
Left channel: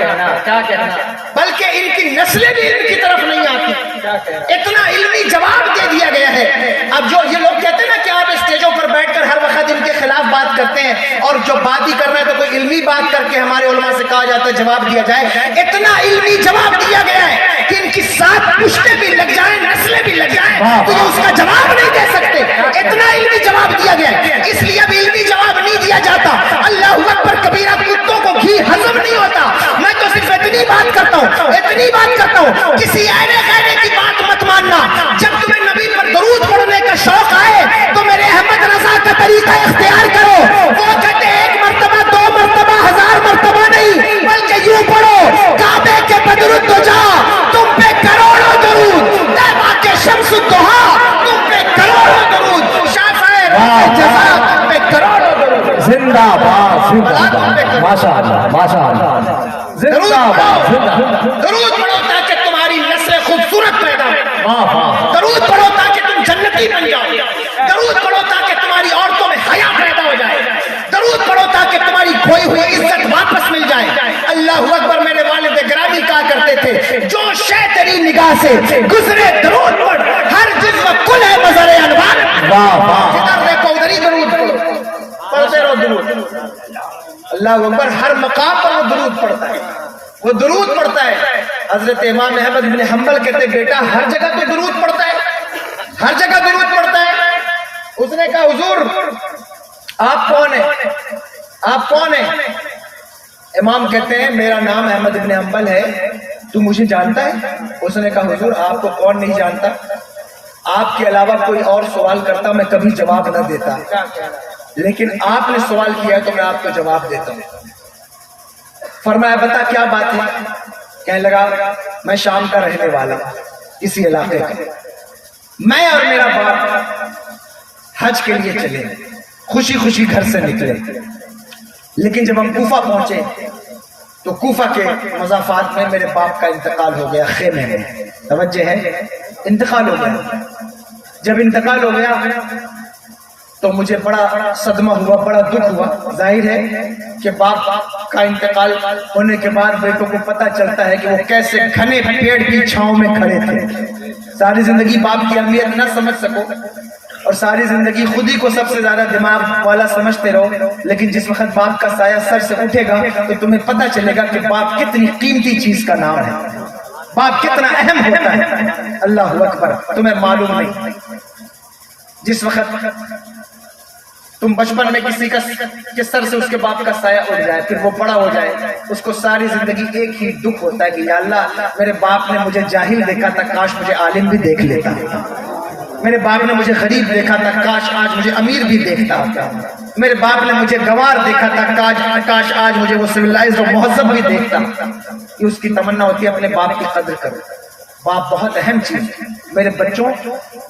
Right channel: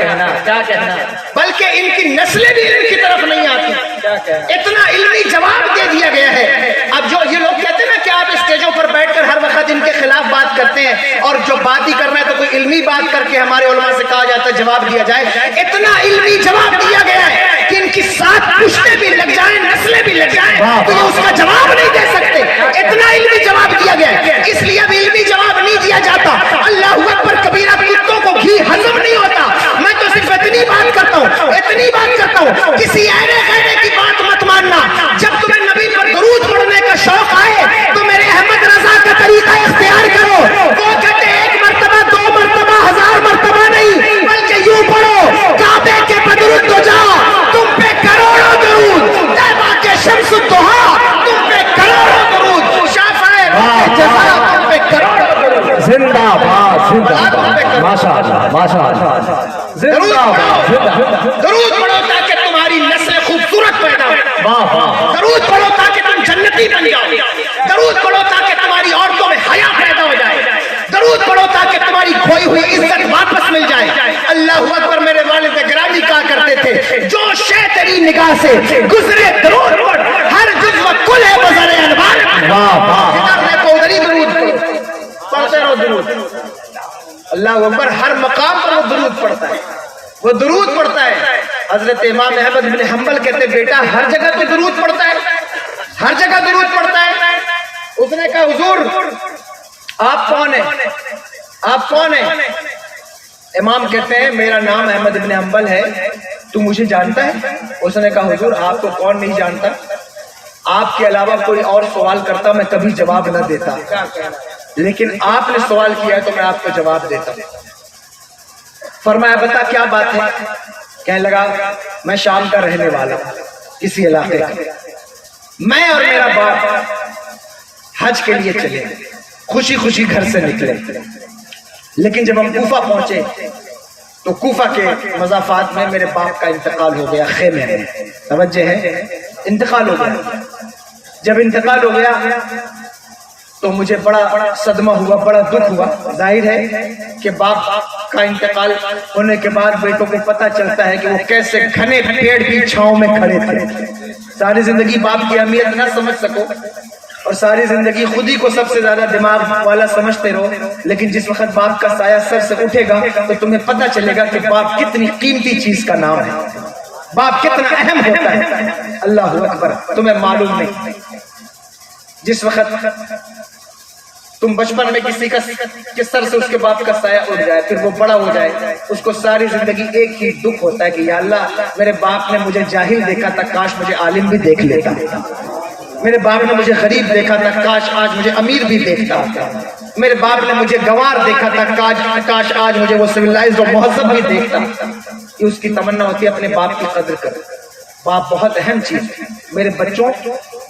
کہنا، بلکہ ان کی نسلیں بھی علم کی طرف نہیں آتی، اتنا علمی جواب دے دیا گیا ہے۔ اب جو یہ لوگ کہتے ہیں نا کہ آپ اسٹیجوں پر بیٹھ کر ہر وقت ان کے خلاف بات کرتے ہیں، اور جو بات ہی کرنا ہے تو کوئی علمی بات کر کے ہمارے علماء سے کہا جاتا ہے جواب دیا جائے، اتنا علمی جواب دیا گیا ہے کہ ان کی 7 پشتیں بھی لگ جائیں، نسلیں بھی لگ جائیں تو یہ اس کا جواب نہیں دے سکتے. اتنا علمی جواب دیا گیا ہے. اس لیے اب علمی جواب نہیں دیا جاتا. اللہ اکبر کبیرہ، کتوں کو گھی ہضم نہیں ہوتا. میں تو صرف اتنی بات کرتا ہوں کسی اینے خیرے کی بات مت ماننا. جب تمہیں نبی پر درود پڑھنے کا شوق آئے تو میرے احمد رضا کا طریقہ اختیار کرو. وہ کہتے ہیں 1 مرتبہ 2 مرتبہ 1000 مرتبہ نہیں، بلکہ یوں پڑھو کعبے کے بدرود تو جا، تم پہ کروڑوں درود، طیبہ کے شمس الضحیٰ تم پہ کروڑوں درود، شافعی جزا تم پہ کروڑوں درود. زندہ باد، زندہ باد، ماشاء اللہ، ماشاء اللہ. زندہ باد، درود پڑھو تاکہ تمہاری نسل خوبصورت پیدا ہو. درود پڑھو تاکہ تم جنتی بن جاؤ. درود پڑھو تاکہ تمہاری عورتوں میں حیا پیدا ہو جائے. درود پڑھو تاکہ تمہاری کھوئی ہوئی عزت واپس مل جائے. اللہ اکبر. میرے والد گرامی کہا کرتے تھے جو شے تیری نگاہ سے گزرے درود پڑھ، ہر جزو کل ہے بزر انوار. جدھر دیکھو ادھر ہی درود پڑھو، پڑھتے رہو درود. اللہ اکبر. ہر مقام پر وہ درود پڑھتا ہے، وہ درود پڑھتا ہے. حضرت امام احمد بن حنبل کہتے بیٹا ہر جگہ تو درود پڑھتا ہے، ہر جگہ درود پڑھتا ہے. اس نے کہا حضور آپ کون ہیں؟ آپ کون ہیں؟ امام کہتے ہیں میرا نام احمد بن حنبل ہے، تو مجھے جانتا ہے؟ اس نے کہا حضور آپ کو کون نہیں جانتا، آپ کے علاوہ کوئی اور سوال کرتا میں کبھی جواب نہ دیتا، لیکن آپ نے سوال کیا ہے تو میں آپ کو جواب دیتا ہوں. فرمایا بتا کیا بات ہے؟ کہنے لگا میں شام کا رہنے والا ہوں، اسی علاقے کا. میں اور میرا باپ حج کے لیے چلے، خوشی خوشی گھر سے نکلے، لیکن جب ہم کوفہ پہنچے تو کوفہ کے مضافات میں میرے باپ کا انتقال ہو گیا. خیمے میں توجہ ہے، انتقال ہو گیا. جب انتقال ہو گیا تو مجھے بڑا صدمہ ہوا، بڑا دکھ ہوا. ظاہر ہے کہ باپ کا انتقال ہونے کے بعد بیٹوں کو پتہ چلتا ہے کہ وہ کیسے گھنے پیڑ کی چھاؤں میں کھڑے تھے. ساری زندگی باپ کی اہمیت نہ سمجھ سکو اور ساری زندگی خود ہی کو سب سے زیادہ دماغ والا سمجھتے رہو، لیکن جس وقت باپ کا سایہ سر سے اٹھے گا تو تمہیں پتہ چلے گا کہ باپ کتنی قیمتی چیز کا نام ہے، باپ کتنا اہم ہوتا ہے. اللہ اکبر. تمہیں معلوم نہیں جس وقت تم بچپن میں کسی کا سر سے اس کے باپ کا سایہ اٹھ جائے، پھر وہ بڑا ہو جائے، اس کو ساری زندگی ایک ہی دکھ ہوتا ہے کہ یا اللہ میرے باپ نے مجھے جاہل دیکھا تھا، کاش مجھے عالم بھی دیکھ لیتا. میرے باپ نے مجھے غریب دیکھا تھا، کاش آج مجھے امیر بھی دیکھتا. میرے باپ نے مجھے گوار دیکھا تھا، کاش آج مجھے وہ سویلائزڈ اور مہذب بھی دیکھتا. یہ اس کی تمنا ہوتی ہے اپنے باپ کی قدر کرو. باپ بہت اہم چیز ہے. میرے بچوں،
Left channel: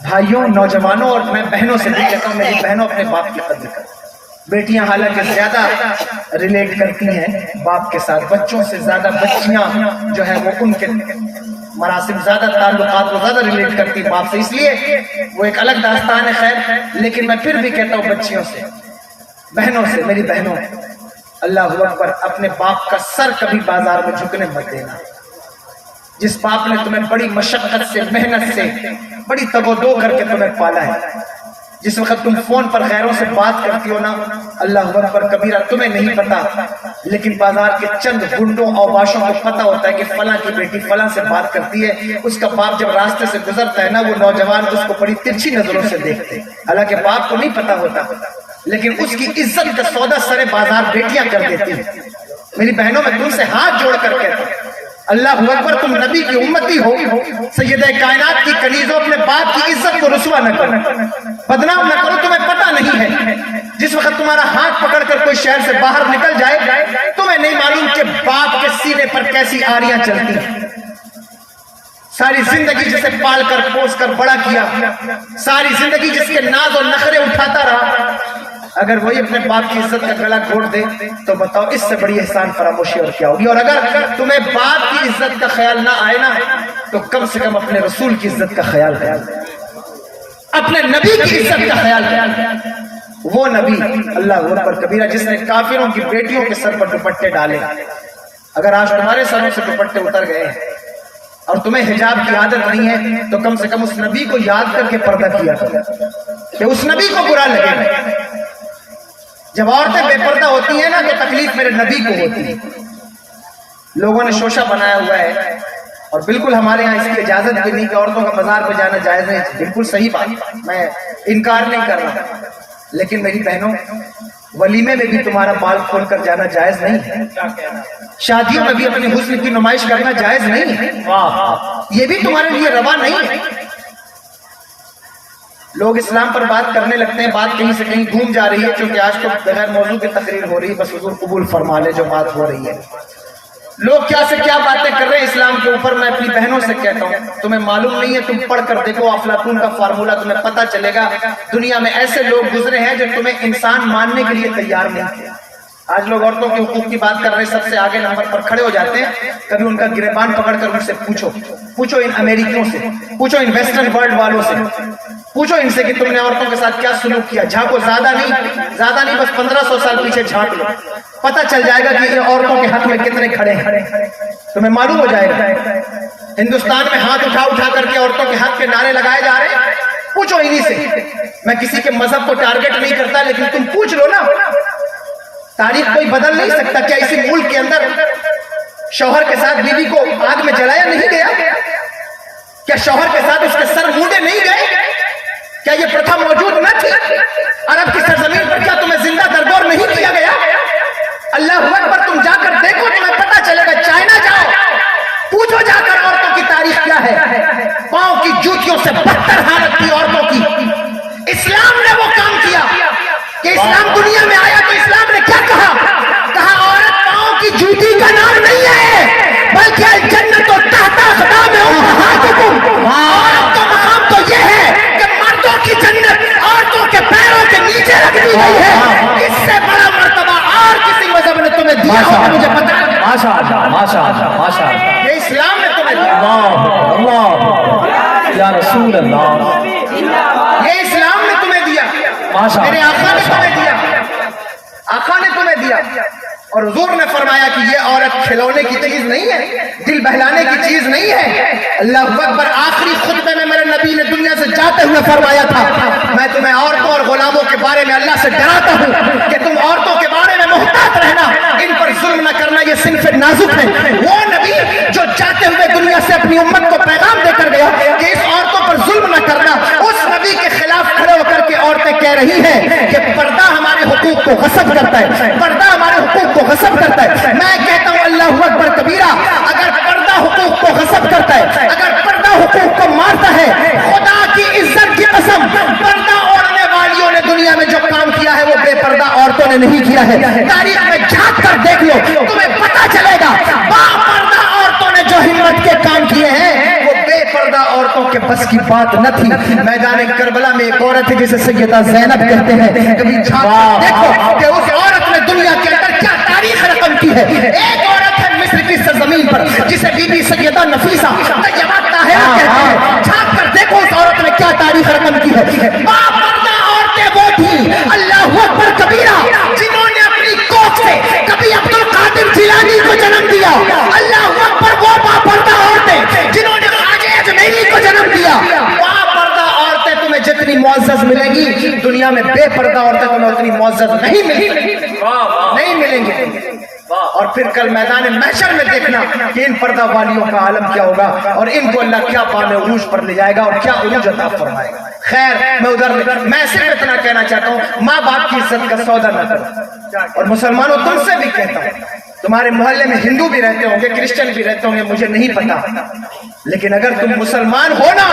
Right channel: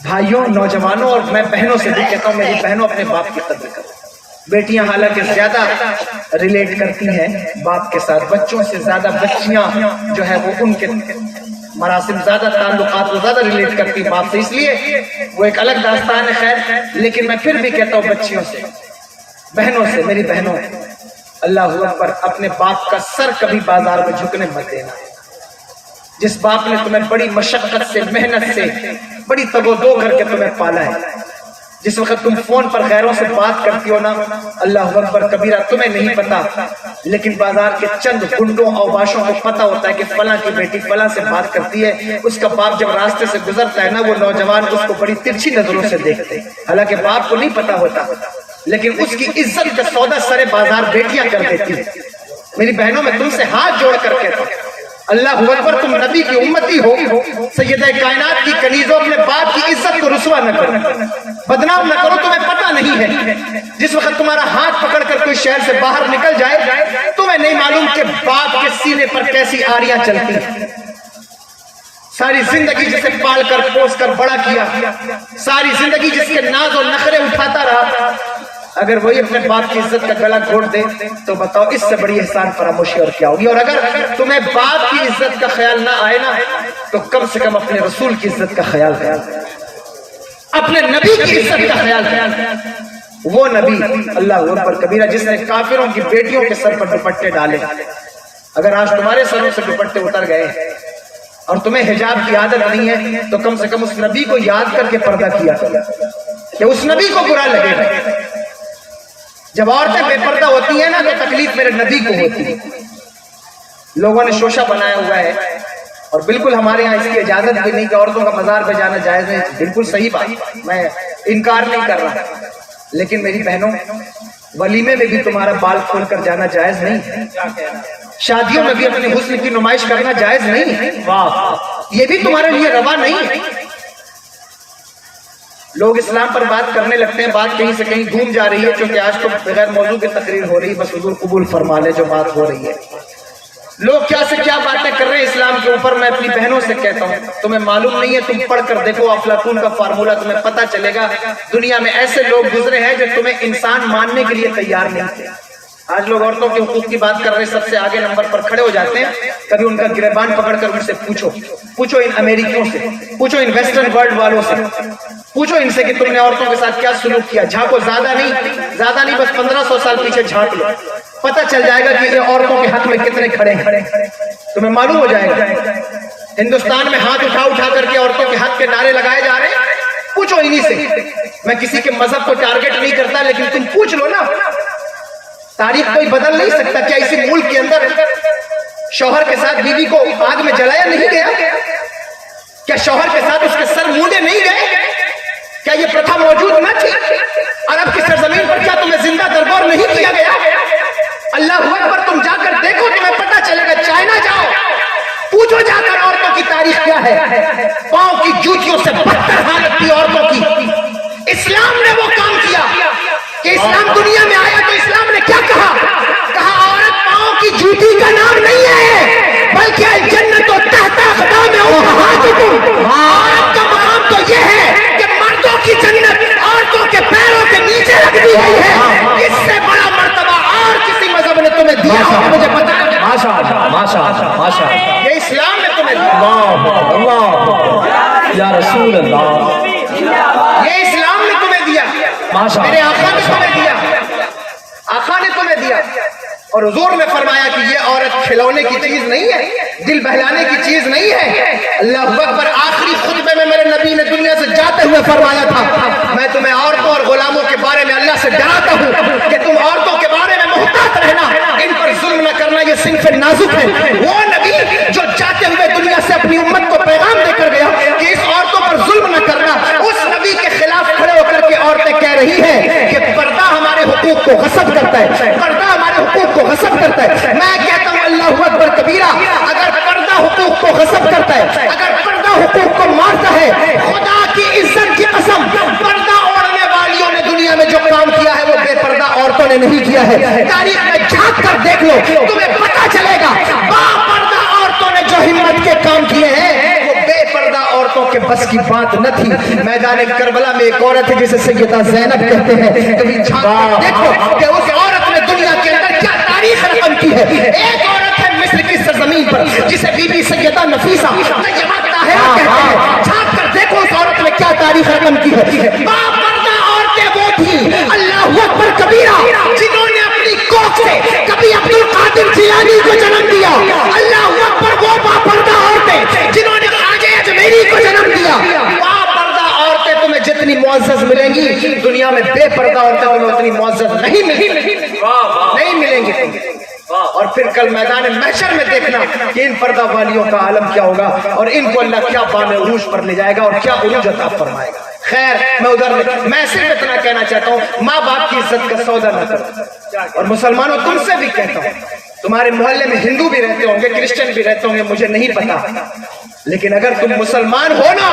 بھائیوں، نوجوانوں اور میں بہنوں سے بھی کہتا ہوں میری بہنوں اپنے باپ کی قدر کرو. بیٹیاں حالانکہ زیادہ ریلیٹ کرتی ہیں باپ کے ساتھ، بچوں سے زیادہ بچیاں جو ہے وہ ان کے مراسم زیادہ تعلقات وہ زیادہ ریلیٹ کرتی باپ سے، اس لیے وہ ایک الگ داستان ہے. خیر، لیکن میں پھر بھی کہتا ہوں بچیوں سے، بہنوں سے، میری بہنوں، اللہ اکبر، اپنے باپ کا سر کبھی بازار میں جھکنے مت دینا. جس باپ نے تمہیں بڑی مشقت سے، محنت سے، بڑی تگ و دو کر کے تمہیں پالا ہے، جس وقت تم فون پر غیروں سے بات کرتی ہو نا، اللہ اکبر کبیرہ تمہیں نہیں پتا، لیکن بازار کے چند گنڈوں اور باشوں کو پتا ہوتا ہے کہ فلاں کی بیٹی فلاں سے بات کرتی ہے. اس کا باپ جب راستے سے گزرتا ہے نا، وہ نوجوان اس کو بڑی ترچھی نظروں سے دیکھتے، حالانکہ باپ کو نہیں پتا ہوتا، لیکن اس کی عزت کا سودا سرے بازار بیٹیاں کر دیتی ہیں. میری بہنوں میں تم سے ہاتھ جوڑ کر کہتا ہوں اللہ اکبر، تم نبی کی امتی ہو، سیدہ کائنات کی کنیزوں، اپنے باپ کی عزت کو رسوا نہ کرو، بدنام نہ کرو. تمہیں پتہ نہیں ہے جس وقت تمہارا ہاتھ پکڑ کر کوئی شہر سے باہر نکل جائے، تمہیں نہیں معلوم کہ باپ کے سینے پر کیسی آریاں چلتی ہیں. ساری زندگی جسے پال کر پوس کر بڑا کیا، ساری زندگی جس کے ناز اور نخرے اٹھاتا رہا، اگر وہی اپنے باپ کی عزت کا گلا گھونٹ دے تو بتاؤ اس سے بڑی احسان فراموشی اور کیا ہوگی. اور اگر تمہیں باپ کی عزت کا خیال نہ آئے نا تو کم سے کم اپنے رسول کی عزت کا خیال کرو، اپنے نبی کی عزت کا خیال کرو. وہ نبی اللہ اکبر کبیرہ جس نے کافروں کی بیٹیوں کے سر پر دوپٹے ڈالے. اگر آج تمہارے سروں سے دوپٹے اتر گئے اور تمہیں حجاب کی عادت نہیں ہے تو کم سے کم اس نبی کو یاد کر کے پردہ کیا کرو کہ اس نبی کو برا لگے گا. جب عورتیں بے پردہ ہوتی ہیں نا تو تکلیف میرے نبی کو ہوتی ہے. لوگوں نے شوشہ بنایا ہوا ہے اور بالکل ہمارے یہاں اس کی اجازت بھی نہیں کہ عورتوں کا مزار پہ جانا جائز ہے، بالکل صحیح بات، میں انکار نہیں کر رہا، لیکن میری بہنوں ولیمے میں بھی تمہارا بال کھول کر جانا جائز نہیں ہے، شادیوں میں بھی اپنے حسن کی نمائش کرنا جائز نہیں ہے، یہ بھی تمہارے لیے روا نہیں ہے۔ لوگ اسلام پر بات کرنے لگتے ہیں، بات کہیں سے کہیں گھوم جا رہی ہے، کیونکہ آج تو بغیر موضوع کی تقریر ہو رہی ہے، بس حضور قبول فرما لے جو بات ہو رہی ہے۔ لوگ کیا سے کیا باتیں کر رہے ہیں اسلام کے اوپر، میں اپنی بہنوں سے کہتا ہوں تمہیں معلوم نہیں ہے، تم پڑھ کر دیکھو افلاطون کا فارمولہ، تمہیں پتہ چلے گا دنیا میں ایسے لوگ گزرے ہیں جو تمہیں انسان ماننے کے لیے تیار نہیں تھے۔ آج لوگ عورتوں کے حقوق کی بات کر رہے ہیں، سب سے آگے نمبر پر کھڑے ہو جاتے ہیں، کبھی ان کا گریبان پکڑ کر ان سے پوچھو ان امریکیوں سے، پوچھو ان ویسٹرن ورلڈ والوں سے، پوچھو ان سے کہ تم نے عورتوں کے ساتھ کیا سلوک کیا، جھانکو، زیادہ نہیں بس 1500 سال پیچھے جھانک لو، پتہ چل جائے گا کہ یہ عورتوں کے حق میں کتنے کھڑے ہیں، تمہیں معلوم ہو جائے گا۔ ہندوستان میں ہاتھ اٹھا کر کے عورتوں کے حق کے نعرے لگائے جا رہے ہیں، پوچھو انہی سے۔ میں کسی کے مذہب کو ٹارگٹ نہیں کرتا، لیکن تم پوچھ لو نا، تاریخ کوئی بدل نہیں سکتا۔ کیا اسی ملک کے اندر شوہر کے ساتھ بیوی کو آگ میں جلایا نہیں گیا؟ کیا شوہر کے ساتھ اس کے سر مونڈے نہیں گئے؟ کیا یہ پرتھا موجود نہ تھی؟ عرب کی سرزمین پر کیا تمہیں زندہ درگور نہیں کیا گیا؟ اللہ اکبر، تم جا کر دیکھو، تمہیں پتہ چلے گا۔ چائنا جاؤ، پوچھو جا کر عورتوں کی تاریخ کیا ہے، پاؤں کی جوتیوں سے بدتر حالت تھی عورتوں کی۔ اسلام نے وہ کام کیا کہ اسلام دنیا میں آیا تو اسلام نے کیا کہا عورت پاؤں کی جوتی کا نام نہیں ہے، بلکہ الجنت تحت اقدام امہاتکم، عورت کا مقام تو یہ ہے کہ مردوں کی جنت عورتوں کے پیروں کے نیچے رکھ دی گئی ہے۔ اس سے بڑا مرتبہ اور کسی مذہب نے تمہیں دیا ہو مجھے پتا ہے؟ ماشاءاللہ یہ اسلام نے تمہیں دیا، اللہ یا رسول اللہ، یہ اسلام نے تمہیں دیا، میرے آقا نے تمہیں دیا، آقا نے تمہیں دیا۔ اور حضور نے فرمایا کہ یہ عورت کھلونے کی چیز نہیں ہے، دل بہلانے کی چیز نہیں ہے۔ اللہ اکبر، آخری خطبے میں میرے نبی نے دنیا سے جاتے ہوئے فرمایا تھا، میں تمہیں عورتوں اور غلاموں کے بارے میں اللہ سے ڈراتا ہوں کہ تم عورتوں کے بارے میں محتاط رہنا، ان پر ظلم نہ کرنا، یہ صنف نازک ہے۔ وہ نبی جو جاتے ہوئے دنیا سے اپنی امت کو پیغام دے کر گیا کہ اس عورتوں پر ظلم نہ کرنا، اس نبی کے خلاف کھڑے ہو کر کے عورتیں کہہ رہی ہیں کہ پردہ ہمارے حقوق کو غصب کرتا ہے، پردہ ہمارے حقوق کو غصب کرتا ہے۔ میں کہتا ہوں اللہ اکبر کبیرہ، اگر پردہ حقوق کو غصب کرتا ہے، اگر پردہ حقوق کو مارتا ہے، خدا کی عزت کی قسم، پردہ اوڑھنے والیوں نے دنیا میں جو کام کیا ہے وہ بے پردہ عورتوں نے نہیں کیا ہے۔ تاریخ میں جھانک کر دیکھ لو، تمہیں پتہ چلے گا با پردہ عورتوں نے جو ہمت کے کام کیے ہیں وہ بے پردہ عورتوں کے بس کی بات نہ تھی۔ میدان کربلا میں ایک عورت ہے جسے سیدہ زینب کہتے ہیں، کبھی جھانک کر دیکھو کہ اس عورت نے دنیا کے اندر کیا تاریخ رقم کی ہے۔ ایک عورت ہے مصر کی سرزمین پر جسے بی بی سیدہ نفیسہ طیبہ طاہرہ کہتے ہیں، جھانک کر دیکھو اس عورت نے کیا تاریخ رقم کی ہے۔ با پردہ عورتیں وہ تھی، اللہ اکبر کبیرہ، جنہوں نے اپنی کوکھ سے کبھی عبد القادر جیلانی کو جنم دیا، اللہ اکبر، وہ با پردہ عورتیں جنہوں نے خواجہ اجمیری کو جنم دیا۔ با پردہ عورتیں تمہیں جتنی معزز ملیں گی دنیا میں بے پردہ عورتیں تمہیں اتنی معزز نہیں ملیں گی۔ اور پھر کل میدان محشر میں دیکھنا کہ ان پردہ والیوں کا عالم کیا ہوگا اور ان کو اللہ کیا بام عروج پر لے جائے گا اور کیا عروج عطا فرمائے گا۔ خیر، میں صرف اتنا کہنا چاہتا ہوں، ماں باپ کی عزت کا سودا نہ کرو۔ اور مسلمانوں تم سے بھی کہتا ہوں، تمہارے محلے میں ہندو بھی رہتے ہوں گے، کرسچن بھی رہتے ہوں گے، مجھے نہیں پتا، لیکن اگر تم مسلمان ہو نا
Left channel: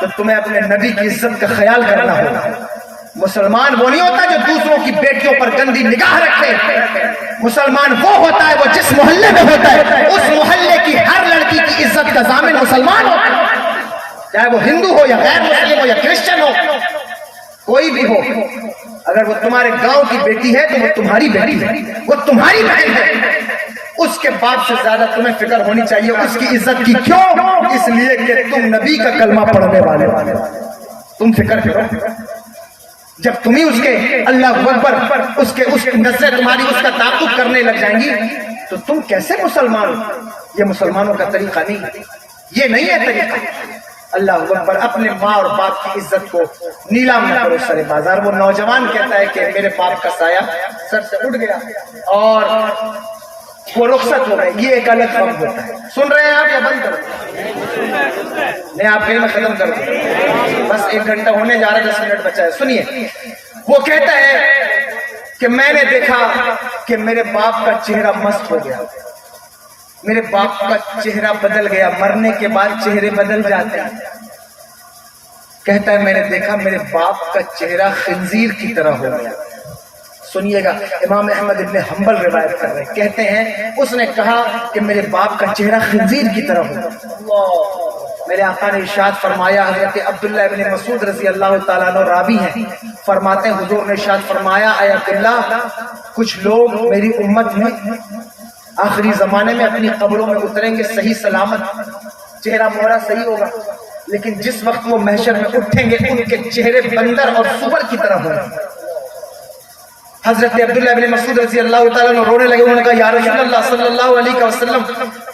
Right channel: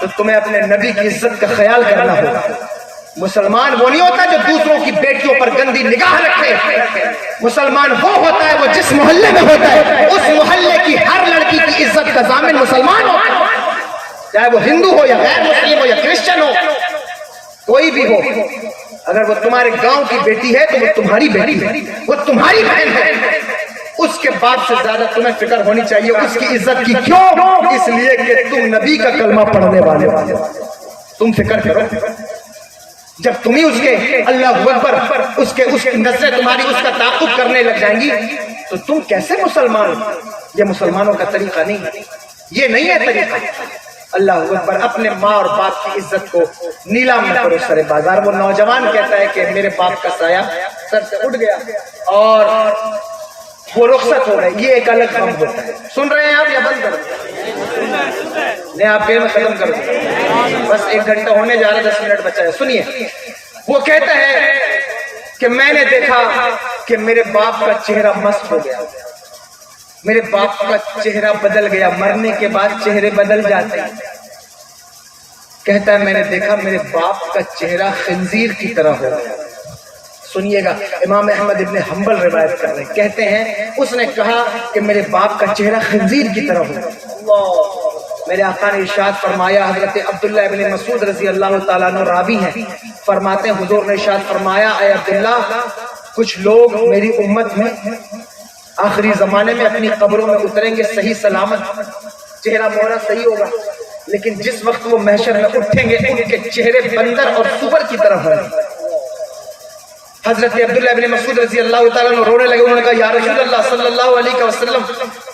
تو تمہیں اپنے نبی کی عزت کا خیال کرنا ہوگا۔ مسلمان وہ نہیں ہوتا جو دوسروں کی بیٹیوں پر گندی نگاہ رکھے، مسلمان وہ ہوتا ہے وہ جس محلے میں ہوتا ہے اس محلے کی ہر لڑکی کی عزت کا ضامن مسلمان ہوتا ہے، چاہے وہ ہندو ہو یا غیر مسلم ہو یا کرسچن ہو، کوئی بھی ہو۔ اگر وہ تمہارے گاؤں کی بیٹی ہے تو وہ تمہاری بیٹی ہے، وہ تمہاری بہن ہے، اس کے باپ سے زیادہ تمہیں فکر ہونی چاہیے اس کی عزت کی۔ کیوں؟ اس لیے کہ تم نبی کا کلمہ پڑھنے والے ہو، تم فکر کرو۔ جب تم ہی اس کے اللہ اکبر اس کی نظریں تمہاری اس کا تعاقب کرنے لگ جائیں گی تو تم کیسے مسلمان ہو؟ یہ مسلمانوں کا طریقہ نہیں، یہ نہیں ہے طریقہ۔ اللہ اکبر، اپنے ماں اور باپ کی عزت کو نیلام نہ کرو سر بازار۔ وہ نوجوان کہتا ہے کہ میرے باپ کا سایہ سر سے اٹھ گیا اور وہ رخصت ہو گئے، یہ ایک الگ غم ہوتا ہے. سن رہے ہیں آپ یا بند کرو؟ نہیں آپ میں ختم کر دوں، بس 1 گھنٹہ ہونے جا رہا ہے، 10 منٹ بچا ہے. سنیے، وہ کہتا ہے کہ میں نے دیکھا کہ میرے باپ کا چہرہ مست ہو گیا، میرے باپ کا چہرہ بدل گیا. مرنے کے بعد چہرے بدل جاتے ہیں. کہتا ہے میں نے دیکھا میرے باپ کا چہرہ خنزیر کی طرح ہو گیا. سنیے گا، امام احمد ابن حنبل روایت کر رہے ہیں، کہتے ہیں اس نے کہا کہ میرے باپ کا چہرہ خنزیر کی طرح ہو گیا. میرے آقا نے ارشاد فرمایا، حضرت عبداللہ ابن مسعود رضی اللہ تعالیٰ عنہ راوی ہیں، فرماتے ہیں حضور نے ارشاد فرمایا، اے عبداللہ کچھ لوگ میری امت میں آخری زمانے میں اپنی قبروں میں اتریں گے صحیح سلامت، چہرہ مہرہ صحیح ہوگا، لیکن جس وقت وہ محشر میں اٹھیں گے ان کے چہرے بندر اور سور کی طرح ہوں گے. حضرت عبداللہ ابن مسعود رضی اللہ تعالیٰ عنہ رونے لگے. انہوں نے کہا یا رسول اللہ صلی اللہ علیہ وسلم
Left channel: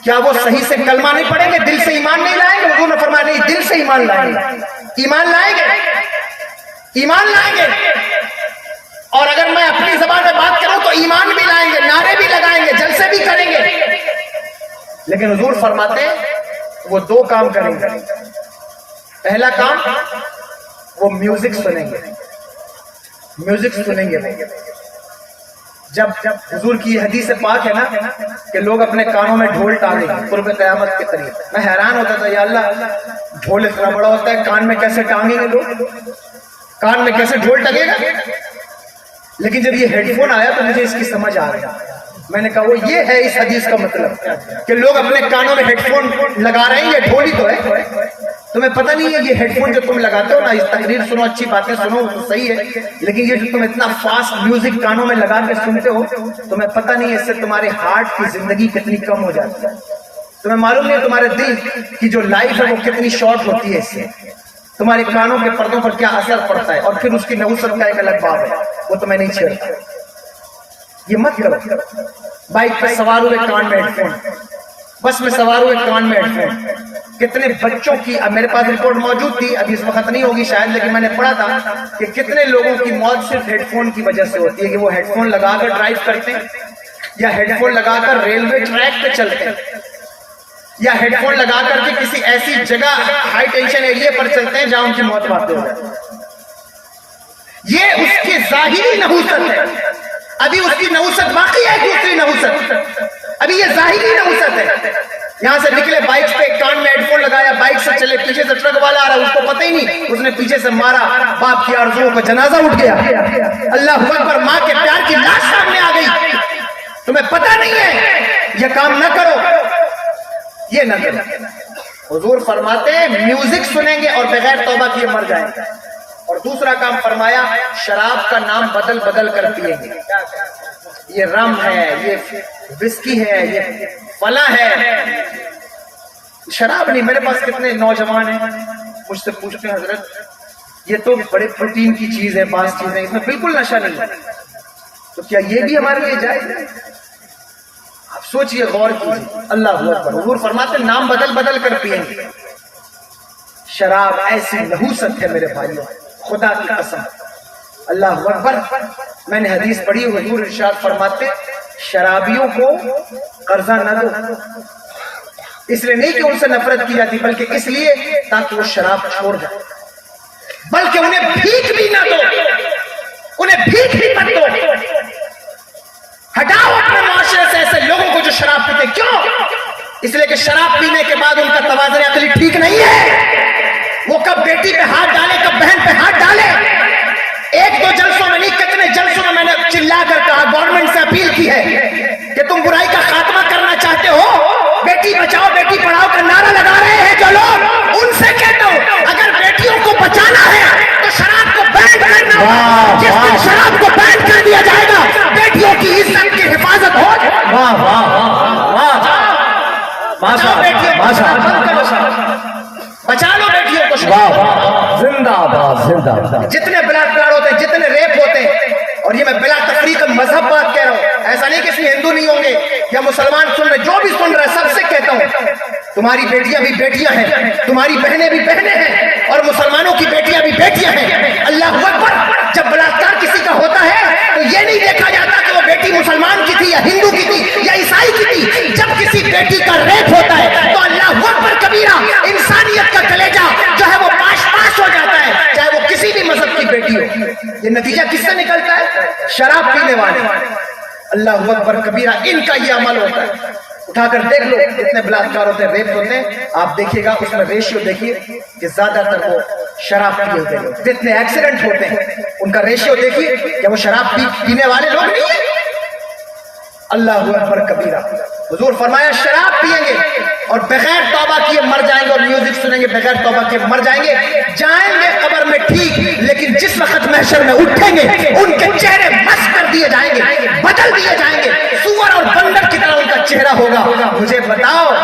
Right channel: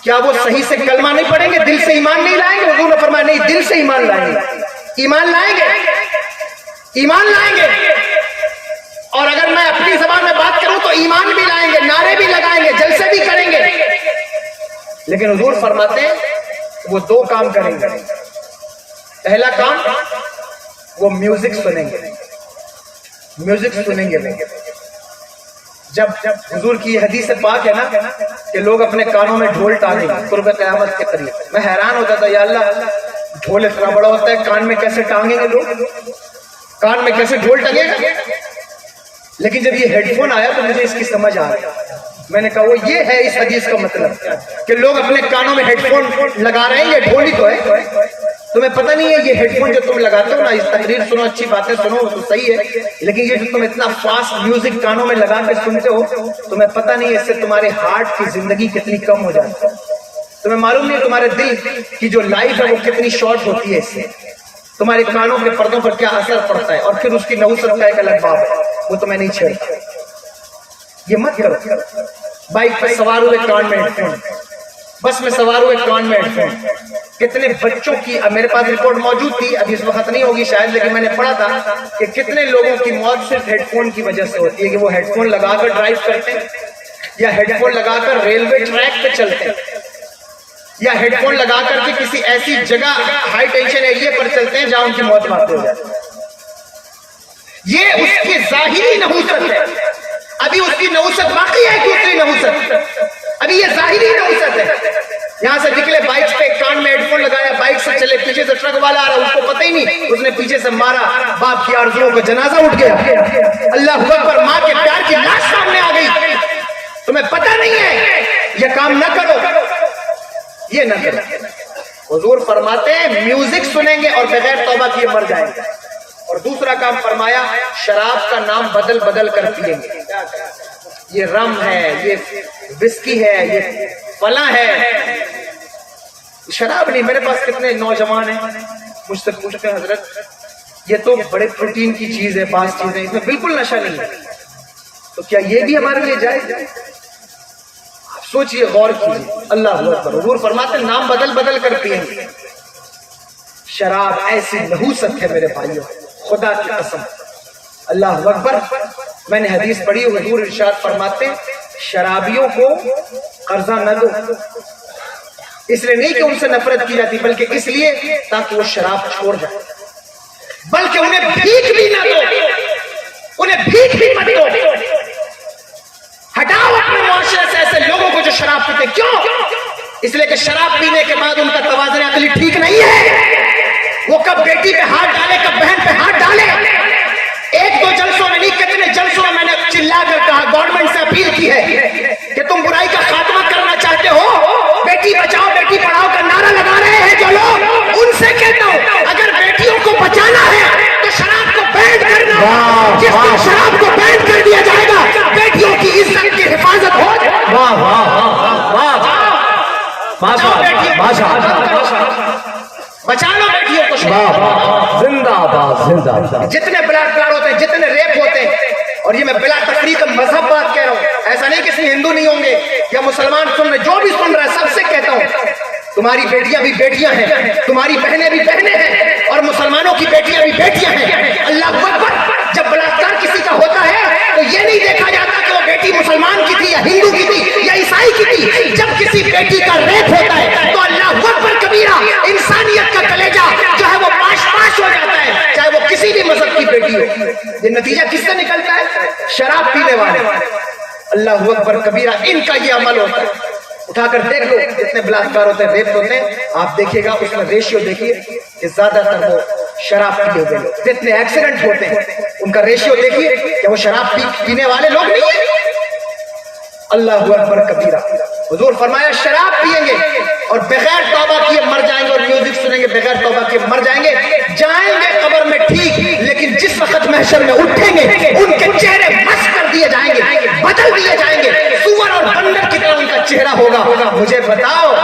کیا وہ صحیح سے کلمہ نہیں پڑھیں گے، دل سے ایمان نہیں لائیں گے؟ حضور نے فرمایا نہیں، دل سے ایمان لائیں گے. ایمان لائیں گے، ایمان لائیں گے. اور اگر میں اپنی زبان میں بات کروں تو ایمان بھی لائیں گے، نعرے بھی لگائیں گے، جلسے بھی کریں گے. لیکن حضور فرماتے ہیں وہ 2 کام کریں گے. پہلا کام وہ میوزک سنیں گے، میوزک سنیں گے. جب حضور کی یہ حدیث پاک ہے نا کہ لوگ اپنے کانوں میں ڈھول ٹانگیں گے قرب قیامت کے قریب، میں حیران ہوتا تھا یا اللہ ڈھول اتنا بڑا ہوتا ہے، کان میں کیسے ٹانگیں گے لوگ، کان میں کیسے ڈھول ٹنگے گا؟ لیکن جب یہ ہیڈ فون آیا تو مجھے اس کی سمجھ آ گئی. میں نے کہا وہ یہ ہے اس حدیث کا مطلب کہ لوگ اپنے کانوں میں ہیڈ فون لگا رہے ہیں. یہ ڈھول ہی تو ہے، تمہیں پتہ نہیں ہے یہ ہیڈ فون جو تم لگاتے ہو نا، اس تقریر سنو، اچھی باتیں سنو تو صحیح ہے، لیکن یہ جو تم اتنا فاسٹ میوزک کانوں میں لگا کے سنتے ہو، تمہیں پتہ نہیں ہے اس سے تمہارے ہارٹ کی زندگی کتنی کم ہو جاتی ہے. تمہیں معلوم نہیں تمہارے دل کی جو لائف ہے وہ کتنی شارٹ ہوتی ہے اس سے. تمہارے کانوں کے پردوں پر کیا اثر پڑتا ہے، اور پھر اس کی نحوست کا ایک الگ باب ہے، وہ تو میں نہیں چھیڑتا. یہ مت کرو. بائک پہ سوار ہوئے کان میں ہیڈ فون، بس میں سوار ہوئے کان میں ہیڈ فون. کتنے بچوں کی، میرے پاس رپورٹ موجود تھی، ابھی اس وقت نہیں ہوگی شاید، لیکن میں نے پڑھا تھا کہ کتنے لوگوں کی موت صرف ہیڈ فون کی وجہ سے ہوتی ہے کہ وہ ہیڈ فون لگا کر ڈرائیو کرتے ہیں، یا ہیڈ فون لگا کر ریلوے ٹریک پہ چلتے ہیں، یا ہیڈ فون لگا کر کے کسی ایسی جگہ ہائی ٹینشن ایریا پر چلتے ہیں جہاں ان کی موت واقع ہو جاتی ہے. یہ اس کی ظاہری نحوست ہے. ابھی اس کی نحوست باقی ہے، دوسری نحوست. ابھی یہ ظاہری نحوست ہے. یہاں سے نکلے بائک پہ، کان میں ہیڈ فون لگایا، بائک سے چلے، پیچھے سے ٹرک والا آ رہا، اس کو پتہ ہی نہیں، اس نے پیچھے سے مارا، باپ کی آرزوؤں کا جنازہ اٹھ گیا. اللہ اکبر، ماں کے پیار کی لاش سامنے آ گئی. تمہیں پتہ نہیں ہے، یہ کام نہ کرو، یہ نہ کرو. حضور فرماتے ہیں میوزک سنیں گے اور بغیر توبہ کیے مر جائیں گے. اور دوسرا کام فرمایا، شراب کا نام بدل بدل کر پیئیں گے. یہ رم ہے، یہ وسکی ہے، یہ فلاں ہے. شراب نہیں. میرے پاس کتنے نوجوان ہیں مجھ سے پوچھتے ہیں حضرت یہ تو بڑے پروٹین کی چیز ہے، بعض چیزیں اس میں بالکل نشہ نہیں ہے، تو کیا یہ بھی ہمارے لیے جائز ہے؟ آپ سوچئے، غور کیجیے. اللہ اکبر. حضور فرماتے ہیں نام بدل بدل کر پیئیں گے. شراب ایسی نحوست ہے میرے بھائیوں، خدا کی قسم. اللہ اکبر. میں نے حدیث پڑھی، حضور ارشاد فرماتے شرابیوں کو قرضہ نہ دو. اس لیے نہیں کہ ان سے نفرت کی جاتی، بلکہ اس لیے تاکہ وہ شراب چھوڑ جائے. بلکہ انہیں بھیک بھی نہ دو، انہیں بھیک بھی مت دو. ہٹاؤ اپنے معاشرے سے ایسے لوگوں کو جو شراب پیتے. کیوں؟ اس لیے کہ شراب پینے کے بعد ان کا توازن عقلی ٹھیک نہیں ہے. وہ کب بیٹی پہ ہاتھ ڈالے، کب بہن پہ ہاتھ ڈالے. 1-2 جلسوں میں نہیں، کتنے جلسوں میں نے چلا کر کہا، گورنمنٹ سے اپیل کی ہے کہ تم برائی کا خاتمہ کرنا چاہتے ہو، بیٹی بچاؤ بیٹی پڑھاؤ کا نعرہ لگا رہے ہیں جو لوگ، ان سے کہتا ہوں اگر بیٹیوں کو بچانا ہے تو شراب کو بین کرنا ہوگا. جس دن شراب کو بین کر دیا جائے گا، بیٹیوں کی عزت کی حفاظت ہو جائے. واہ واہ واہ، بچا لو بیٹیوں کو. زندہ باد زندہ باد. جتنے بلاکار ہوتے ہیں، جتنے ریپ ہوتے ہیں، اور یہ میں بلا تفریق مذہب بات کہہ رہا ہوں، ایسا نہیں کہ اس میں ہندو نہیں ہوں گے یا مسلمان سن رہے، جو بھی سن رہے سب سے کہتا ہوں تمہاری بیٹیاں بھی بیٹیاں ہیں، تمہاری بہنیں بھی بہنیں ہیں، اور مسلمانوں کی بیٹیاں بھی بیٹیاں ہیں. اللہ اکبر. جب بلاکار کسی کا ہوتا ہے تو یہ نہیں دیکھا جاتا کہ وہ بیٹی مسلمان کی تھی یا ہندو کی تھی یا عیسائی کی تھی. جب کسی بیٹی کا ریپ ہوتا ہے تو اللہ اکبر کبیرہ انسانیت کا کلیجہ جو ہے وہ پاش پاش ہو جاتا ہے, چاہے وہ کسی بھی مذہب کی بیٹی ہو. یہ نتیجہ کس سے نکلتا ہے؟ شراب پینے والے. اللہ اکبر کبیرہ ان کا یہ عمل ہوتا ہے. اٹھا کر دیکھ لو جتنے بلاکار ہوتے ہیں, ریپ ہوتے ہیں, آپ دیکھیے گا اس میں ریشیو دیکھیے کہ زیادہ تر وہ شراب پیے ہوئے لوگ. جتنے ایکسیڈنٹ ہوتے ہیں ان کا ریشیو دیکھیے کہ وہ شراب پینے والے لوگ نہیں ہیں. اللہ اکبر کبیرہ. حضور فرمایا شراب پیئیں گے اور بغیر توبہ کیے مر جائیں گے, اور میوزک سنیں گے بغیر توبہ کیے مر جائیں گے. جائیں گے قبر میں ٹھیک, لیکن جس وقت محشر میں اٹھیں گے ان کے چہرے مسخ کر دیے جائیں گے, بدل دیے جائیں گے, سور اور بندر کی طرح ان کا چہرہ ہوگا. مجھے بتاؤ,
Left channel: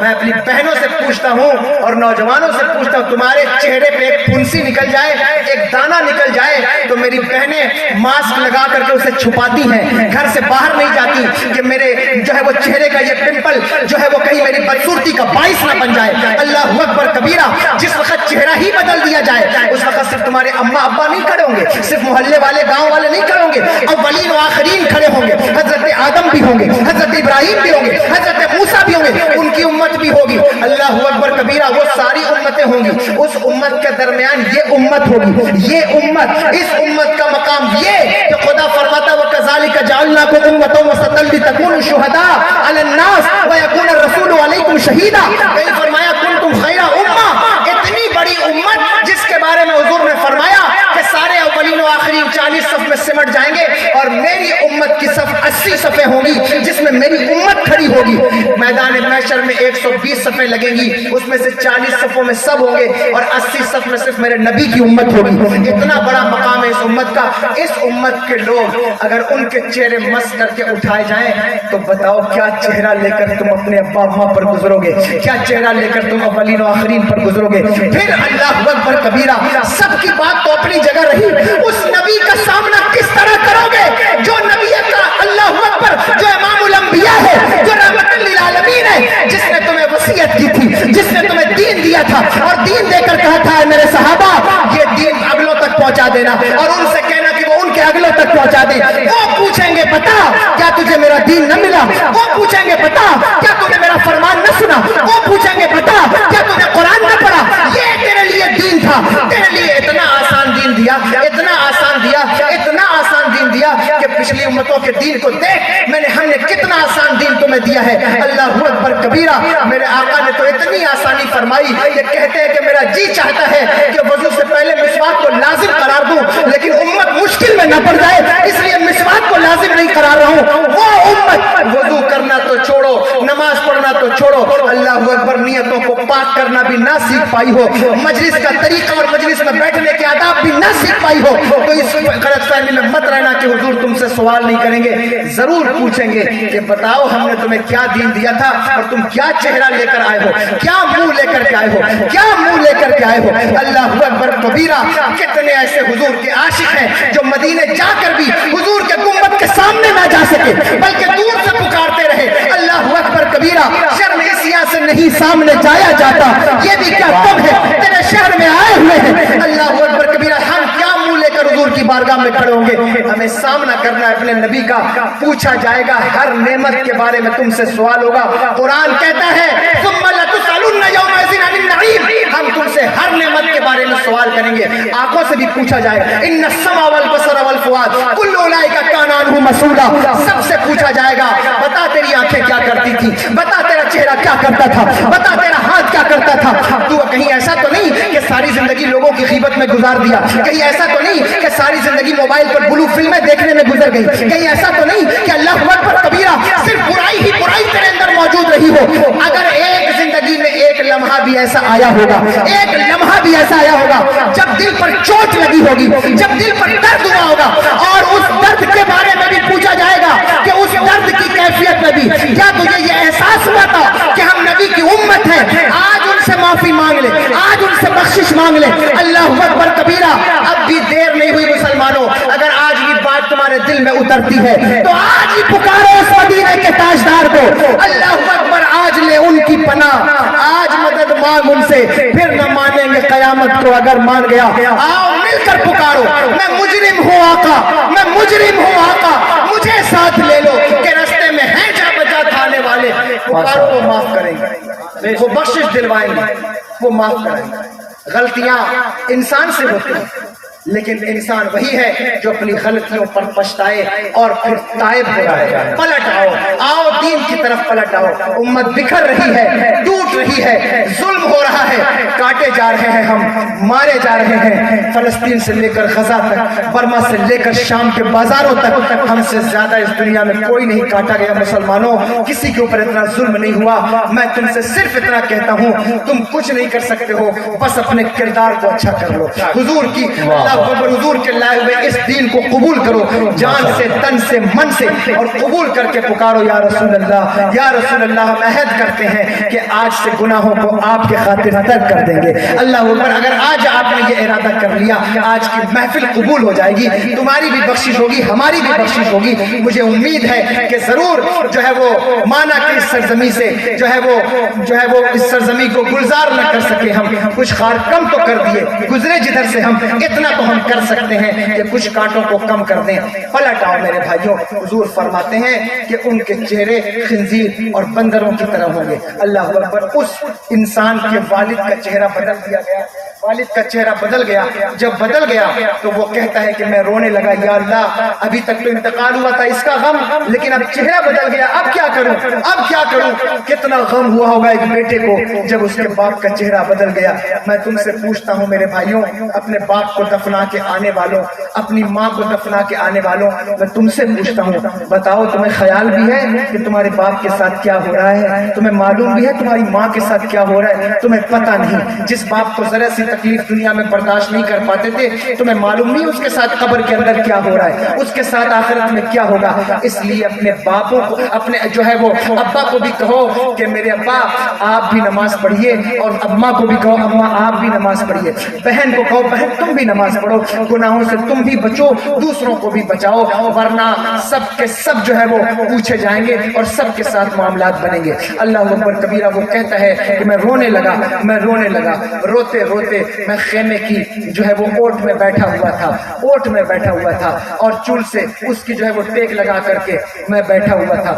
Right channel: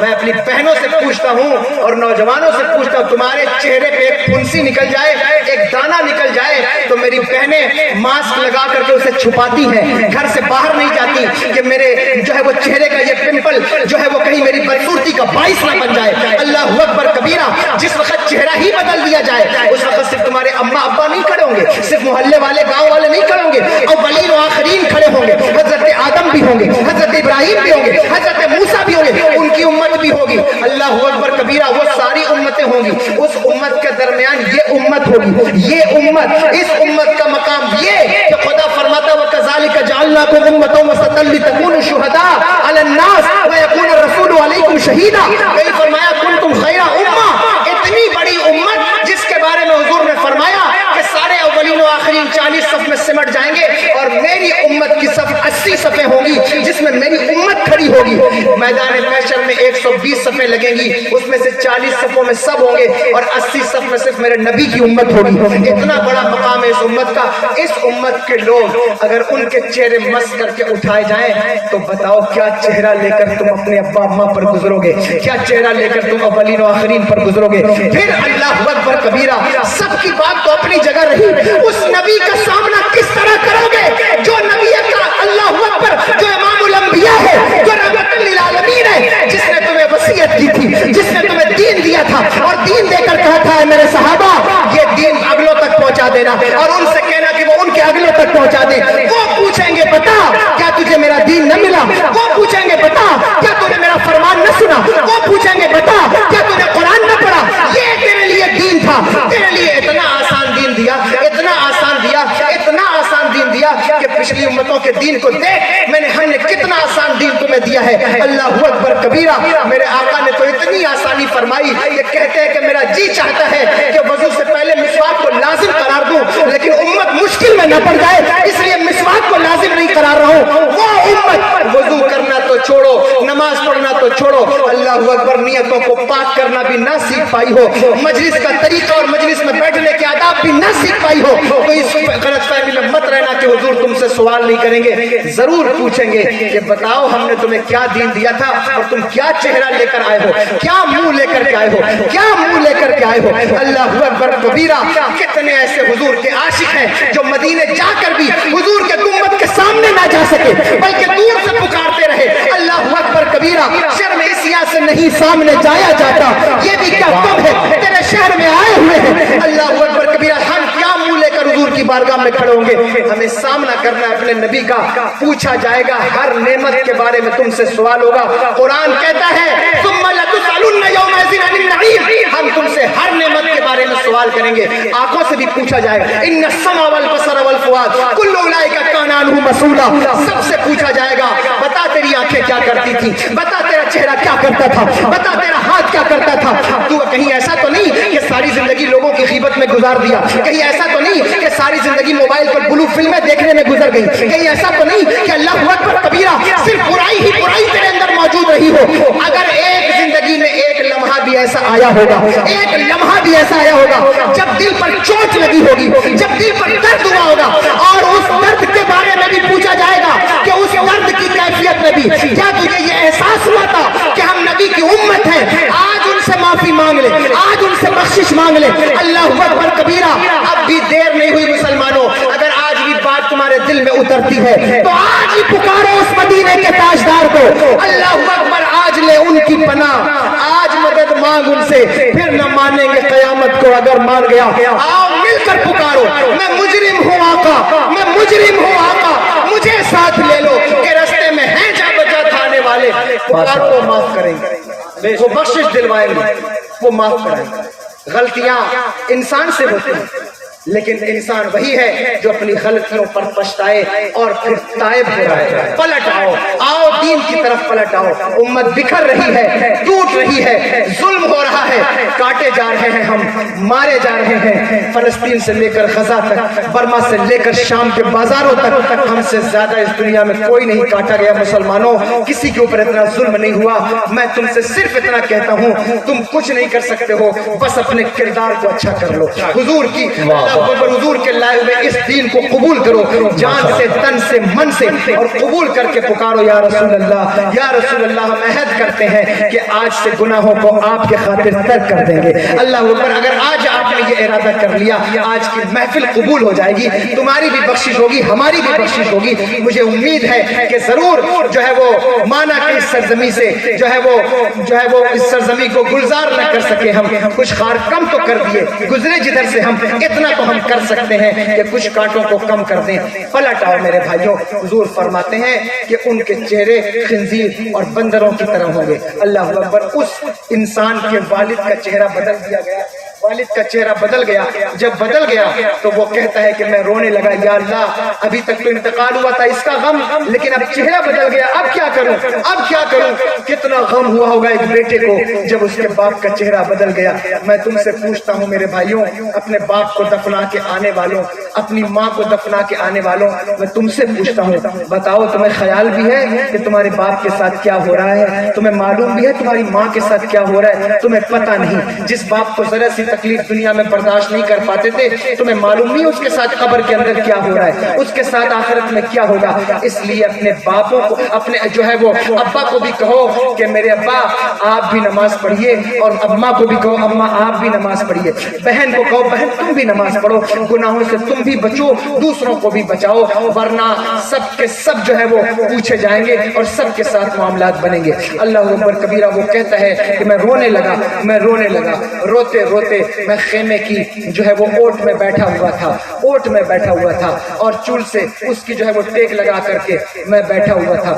میں اپنی بہنوں سے پوچھتا ہوں اور نوجوانوں سے پوچھتا ہوں, تمہارے چہرے پہ ایک پھنسی نکل جائے, ایک دانہ نکل جائے, تو میری بہنیں ماسک لگا کر کے اسے چھپاتی ہیں, گھر سے باہر نہیں جاتی کہ میرے جو ہے وہ چہرے کا یہ پمپل جو ہے وہ کہیں میری بدصورتی کا باعث نہ بن جائے. اللہ اکبر کبیرہ. جس وقت چہرہ ہی بدل دیا جائے اس وقت صرف تمہارے اماں ابا نہیں کھڑے ہوں گے, صرف محلے والے گاؤں والے نہیں کھڑے ہوں گے, اولین و آخرین کھڑے ہوں گے. حضرت آدم بھی ہوں گے, حضرت ابراہیم بھی ہوں گے, حضرت موسیٰ بھی ہوں گے, ان کی امت بھی ہوگی. اللہ اکبر کبیرہ. وہ ساری امتیں ہوں گی, اس امت کے درمیان یہ امت ہوگی. یہ امت, اس امت کا مقام یہ کہ خدا فرماتا وَكَذَلِكَ جَعَلْنَاكُمْ أُمَّةً وَسَطًا لِتَكُونُوا شُهَدَاءَ عَلَى النَّاسِ وَيَكُونَ الرَّسُولُ عَلَيْكُمْ شَهِيدًا. کہیں فرمایا كُنتُمْ خَيْرَ أُمَّةٍ. اتنی بڑی امت جس کے بارے میں حضور نے فرمایا کہ سارے اولین و آخرین 40 صف میں سمٹ جائیں گے اور میری امت کی صف 80 صفیں ہوں گی جس میں میری امت کھڑی ہوگی. میدان محشر میں 120 صفیں لگیں گی, اس میں سے 40 صفوں میں سب ہوں گے اور 80 صف میں صرف میرے نبی کی امت ہوگی. اتنا بڑا مقام ہے اس امت کا. اس امت کے لوگ اگر ان کے چہرے مس کر کے اٹھائے جائیں تو بتاؤ کیا چہرہ لے کر تم اپنے ابا اماں پر گزرو گے, کیا چہرہ لے کر تم اولین و آخرین پر گزرو گے. پھر اللہ اکبر کبیرہ. سب کی بات تو اپنی جگہ رہی, اس نبی کا سامنا کس طرح کرو گے جو نبی کا اللہ اکبر جو امام الانبیاء ہے, جو رحمت للعالمین ہے, جس نے تمہیں وصیت کی تھی, جس نے تمہیں دین دیا تھا اور دین دے کر کہا تھا اے میرے صحابہ یہ دین اگلوں تک پہنچا دینا, اور ان سے کہنا کہ وہ ان کے اگلوں تک پہنچا دیں. وہ پوچھیں گے بتا کیا تجھے میرا دین نہ ملا, وہ پوچھیں گے بتا کیا تم نے میرا فرمان نہ سنا, وہ پوچھیں گے بتا کیا تم نے قرآن نہ پڑھا. یہ تیرے لیے دین تھا, تیرے لیے اتنا آسان دین دیا, اتنا آسان دیا, اتنا آسان دین دیا کہ پچھلی امتوں کے دین کو دیکھ میں نے, ہم نے کتنا آسان دین تمہیں دیا ہے. اللہ اکبر کبیرہ. میرے آقا نے تو اتنی آسانی فرمائی کہ کہتے ہیں کہ میرا جی چاہتا ہے کہ وضو سے پہلے مسواک کو لازم قرار دوں, لیکن امت مشکل میں نہ پڑ جائے اس لیے مسواک کو لازم نہیں قرار رہا ہوں. وہ امت وضو کرنا تو چھوڑو, نماز پڑھنا تو چھوڑو, اللہ اکبر نیتوں کو پاک کرنا بھی نہ سیکھ پائی ہو, مجلس کا طریقہ اور مجلس میں بیٹھنے کے آداب بھی نہ سیکھ پائی ہو, تو اس غلط فہمی میں مت رہنا کہ حضور تم سے سوال نہیں کریں گے, ضرور پوچھیں گے کہ بتاؤ ہم نے تمہیں کیا دین دیا تھا اور تم کیا چہرہ لے کر آئے ہو, کیا منہ لے کر کے آئے ہو, کیا منہ لے کر کے آئے ہو. اللہ اکبر کبیرہ. کتنے ایسے حضور کے عاشق ہیں جو مدینے جا کر بھی حضور کے گنبد کے سامنے نہ جا سکے بلکہ دور سے پکارتے رہے. اللہ اکبر کبیرہ. شرم اس سے نہیں سامنے جایا جاتا, یہ بھی کیا تم ہے تیرے شہر میں آئے ہوئے ہیں. اللہ اکبر کبیرہ. ہم کیا منہ لے کر حضور کی بارگاہ میں کھڑے ہوں گے, ہمیں سامنا کرنا ہے اپنے نبی کا. پوچھا جائے گا ہر نعمت کے بارے میں, تم سے سوال ہوگا. قرآن کہتا ہے ثم لتسألن یومئذ عن النعیم, ہم تم سے ہر نعمت کے بارے میں سوال کریں گے. آنکھوں سے بھی پوچھا جائے گا, ان السمع والبصر والفؤاد کل اولئک کان عنہ مسئولا. سب سے پوچھا جائے گا بتا تیری آنکھیں کیا کرتی تھی, بتا تیرا چہرہ کیا کرتا تھا, بتا تیرا ہاتھ کیا کرتا تھا. تو کہیں ایسا تو نہیں کہ ساری زندگی لوگوں کی غیبت میں گزار دیا, کہیں ایسا تو نہیں کہ ساری زندگی موبائل پر بلو فلمیں دیکھنے میں گزر گئی, کہیں ایسا تو نہیں کہ اللہ اکبر کبیرہ صرف برائی ہی برائی تیرے اندر موجود رہی ہو. اگر ایک زندگی میں ایک لمحہ بھی ایسا آیا ہوگا, ایک لمحہ بھی ایسا آیا ہوگا جب دل پر چوٹ لگی ہوگی, جب دل پر درد ہوا ہوگا, اور اس درد کے بارے میں بھی پوچھا جائے گا کہ اس درد کی کیفیت میں بھی کیا تجھے یہ احساس ہوا تھا کہ ہم نبی کی امت ہیں, آج ان سے معافی مانگ لے, آج ان سے بخشش مانگ لے. اللہ اکبر کبیرہ. اب بھی دیر نہیں ہوئی مسلمانوں, اگر آج بھی بات تمہارے دل میں اترتی ہے تو آج ہی پکارو اس مدینے کے تاجدار کو. اللہ اکبر. آج لے ان کی پناہ, آج مدد مانگ ان سے, پھر نہ مانیں گے قیامت کو اگر مان گیا. آؤ مل کر پکارو, میں مجرم ہوں آقا, میں مجرم ہوں آقا, مجھے ساتھ لے لو کہ رستے میں ہے جا بجا تھانے پکارو وہ معاف کریں گے، وہ بخشش دلوائیں گے، وہ معاف کریں گے۔ غلطیاں انسان سے ہوتی ہیں، لیکن انسان وہی ہے جو اپنی غلطیوں پر پچھتائے اور پھر تائب ہو جائے۔ پلٹ آؤ دین کی طرف پلٹ آؤ۔ امت بکھر رہی ہے، ٹوٹ رہی ہے، ظلم ہو رہا ہے، کاٹے جا رہے ہیں، ہم مارے جا رہے ہیں۔ فلسطین سے لے کر غزہ تک، برما سے لے کر شام کے بازاروں تک، ہم سے زیادہ اس دنیا میں کوئی نہیں کاٹا گیا۔ مسلمانوں، کسی کے اوپر اتنا ظلم نہیں ہوا۔ میں تم سے صرف اتنا کہتا ہوں، تم کچھ نہیں کر سکتے ہو، بس اپنے کردار کو اچھا کر لو۔ حضور کی حضور کے لائے ہوئے اس دین کو قبول کرو، جان سے، تن سے، من سے، اور قبول کر کے پکارو یا رسول اللہ، یا رسول اللہ۔ ہم عہد کرتے ہیں کہ آج سے گناہوں کو آپ کے خاطر ترک کر دیں گے۔ اللہ اکبر۔ اگر آج آپ نے یہ ارادہ کر لیا، آج کی محفل قبول ہو جائے گی، تمہاری بھی بخشش ہوگی، ہماری بھی بخشش ہوگی۔ مجھے امید ہے کہ ضرور جو ہے وہ مانا کہ اس سرزمین سے جو ہے وہ اس سرزمین کو گلزار نہ کر سکے، ہم کچھ خار کم تو کر دیے، گزرے جدھر سے ہم اتنا تو ہم کر سکتے ہیں کہ کچھ کانٹوں کو کم کر دیں۔ پلٹ آؤ میرے بھائیوں۔ حضور فرماتے ہیں کہ ان کے چہرے خنزیر اور بندروں کی طرح ہوں گے۔ اللہ اکبر۔ اس انسان کے والد کا چہرہ بدل دیا گیا، والد کا چہرہ بدل گیا۔ جب بدل گیا تو وہ کہتا ہے کہ میں رونے لگا، یا اللہ ابھی تک تو انتقال ہوا تھا اس کا غم، لیکن اب چہرہ بدل گیا، اب کیا کروں، اب کیا کروں۔ کتنا غم ہوا ہوگا ایک بیٹے کو جب اس کے باپ کا چہرہ بدل گیا۔ میں تم سے پوچھتا ہوں میرے بھائیوں، اپنے باپ کو دفنا کے آنے والوں، اپنی ماں کو دفنا کے آنے والوں، میں تم سے پوچھتا ہوں، بتاؤ تمہیں خیال بھی ہے کہ تمہارے باپ کے ساتھ کیا ہو رہا ہے؟ تمہیں معلوم بھی ہے تمہاری ماں کے ساتھ کیا ہو رہا ہے؟ تمہیں پتہ نہیں۔ جس باپ کو ذرا سی تکلیف دنیا میں برداشت نہیں کر پاتے تھے، تمہیں معلوم نہیں اس کے ساتھ قبر کے اندر کیا ہو رہا ہے، اس کے ساتھ آخرت میں کیا ہوگا۔ اس لیے اپنے باپوں کو، اپنے جو ہے وہ ابا کو بھی کہو کہ میرے ابا آپ بھی نماز پڑھیے، اور اماں کو بھی کہو اماں آپ بھی نماز پڑھیے، بہن کو کہو بہن تم بھی نماز پڑھو، گناہوں سے تم بھی بچو، دوسروں کو بھی بچاؤ، ورنہ سب کے سب جو ہے وہ پوچھے جائیں گے اور سب کے ساتھ معاملات بنیں گے۔ اللہ اکبر کبیرہ۔ وہ کہتا ہے کہ میں رونے لگا، روتے روتے میں خیمے کی جو ہے وہ اوٹ میں بیٹھا ہوا تھا، اور چول سے اس کی جو ہے وہ ٹیک لگا کر کے میں بیٹھا ہوا تھا،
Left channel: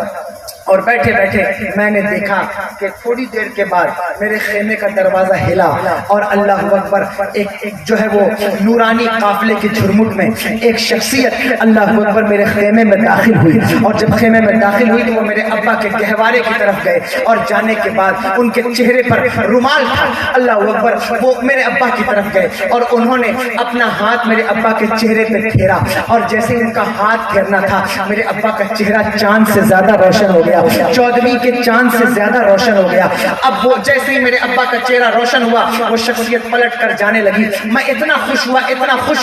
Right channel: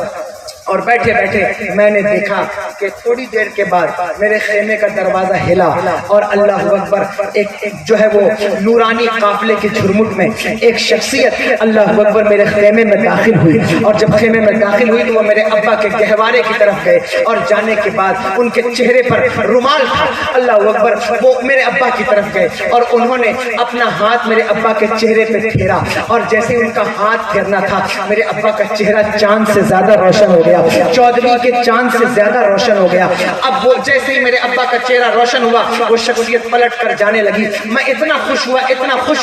اور بیٹھے بیٹھے میں نے دیکھا کہ تھوڑی دیر کے بعد میرے خیمے کا دروازہ ہلا، اور اللہ اکبر ایک جو ہے وہ نورانی قافلے کے جھرمٹ میں ایک شخصیت اللہ اکبر میرے خیمے میں داخل ہوئی، اور جب خیمے میں داخل ہوئی تو وہ میرے ابا کے گہوارے کی طرف گئے، اور جانے کے بعد ان کے چہرے پر رومال تھا، اللہ اکبر وہ میرے ابا کی طرف گئے، اور انہوں نے اپنا ہاتھ میرے ابا کے چہرے پہ پھیرا، اور جیسے ان کا ہاتھ پھیرنا تھا میرے ابا کا چہرہ چاند سے زیادہ روشن ہو گیا، چودھویں کے چاند سے زیادہ روشن ہو گیا۔ اب وہ جیسے ہی میرے ابا کا چہرہ روشن ہوا، وہ شخصیت پلٹ کر جانے لگی۔ میں اتنا خوش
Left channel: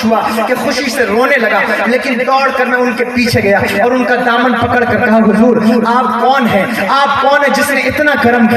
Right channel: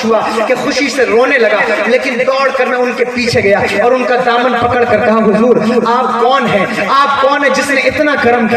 ہوا کہ خوشی سے رونے لگا، لیکن دوڑ کر میں ان کے پیچھے گیا اور ان کا دامن پکڑ کر کہا حضور آپ کون ہیں؟ آپ کون ہیں جس نے اتنا کرم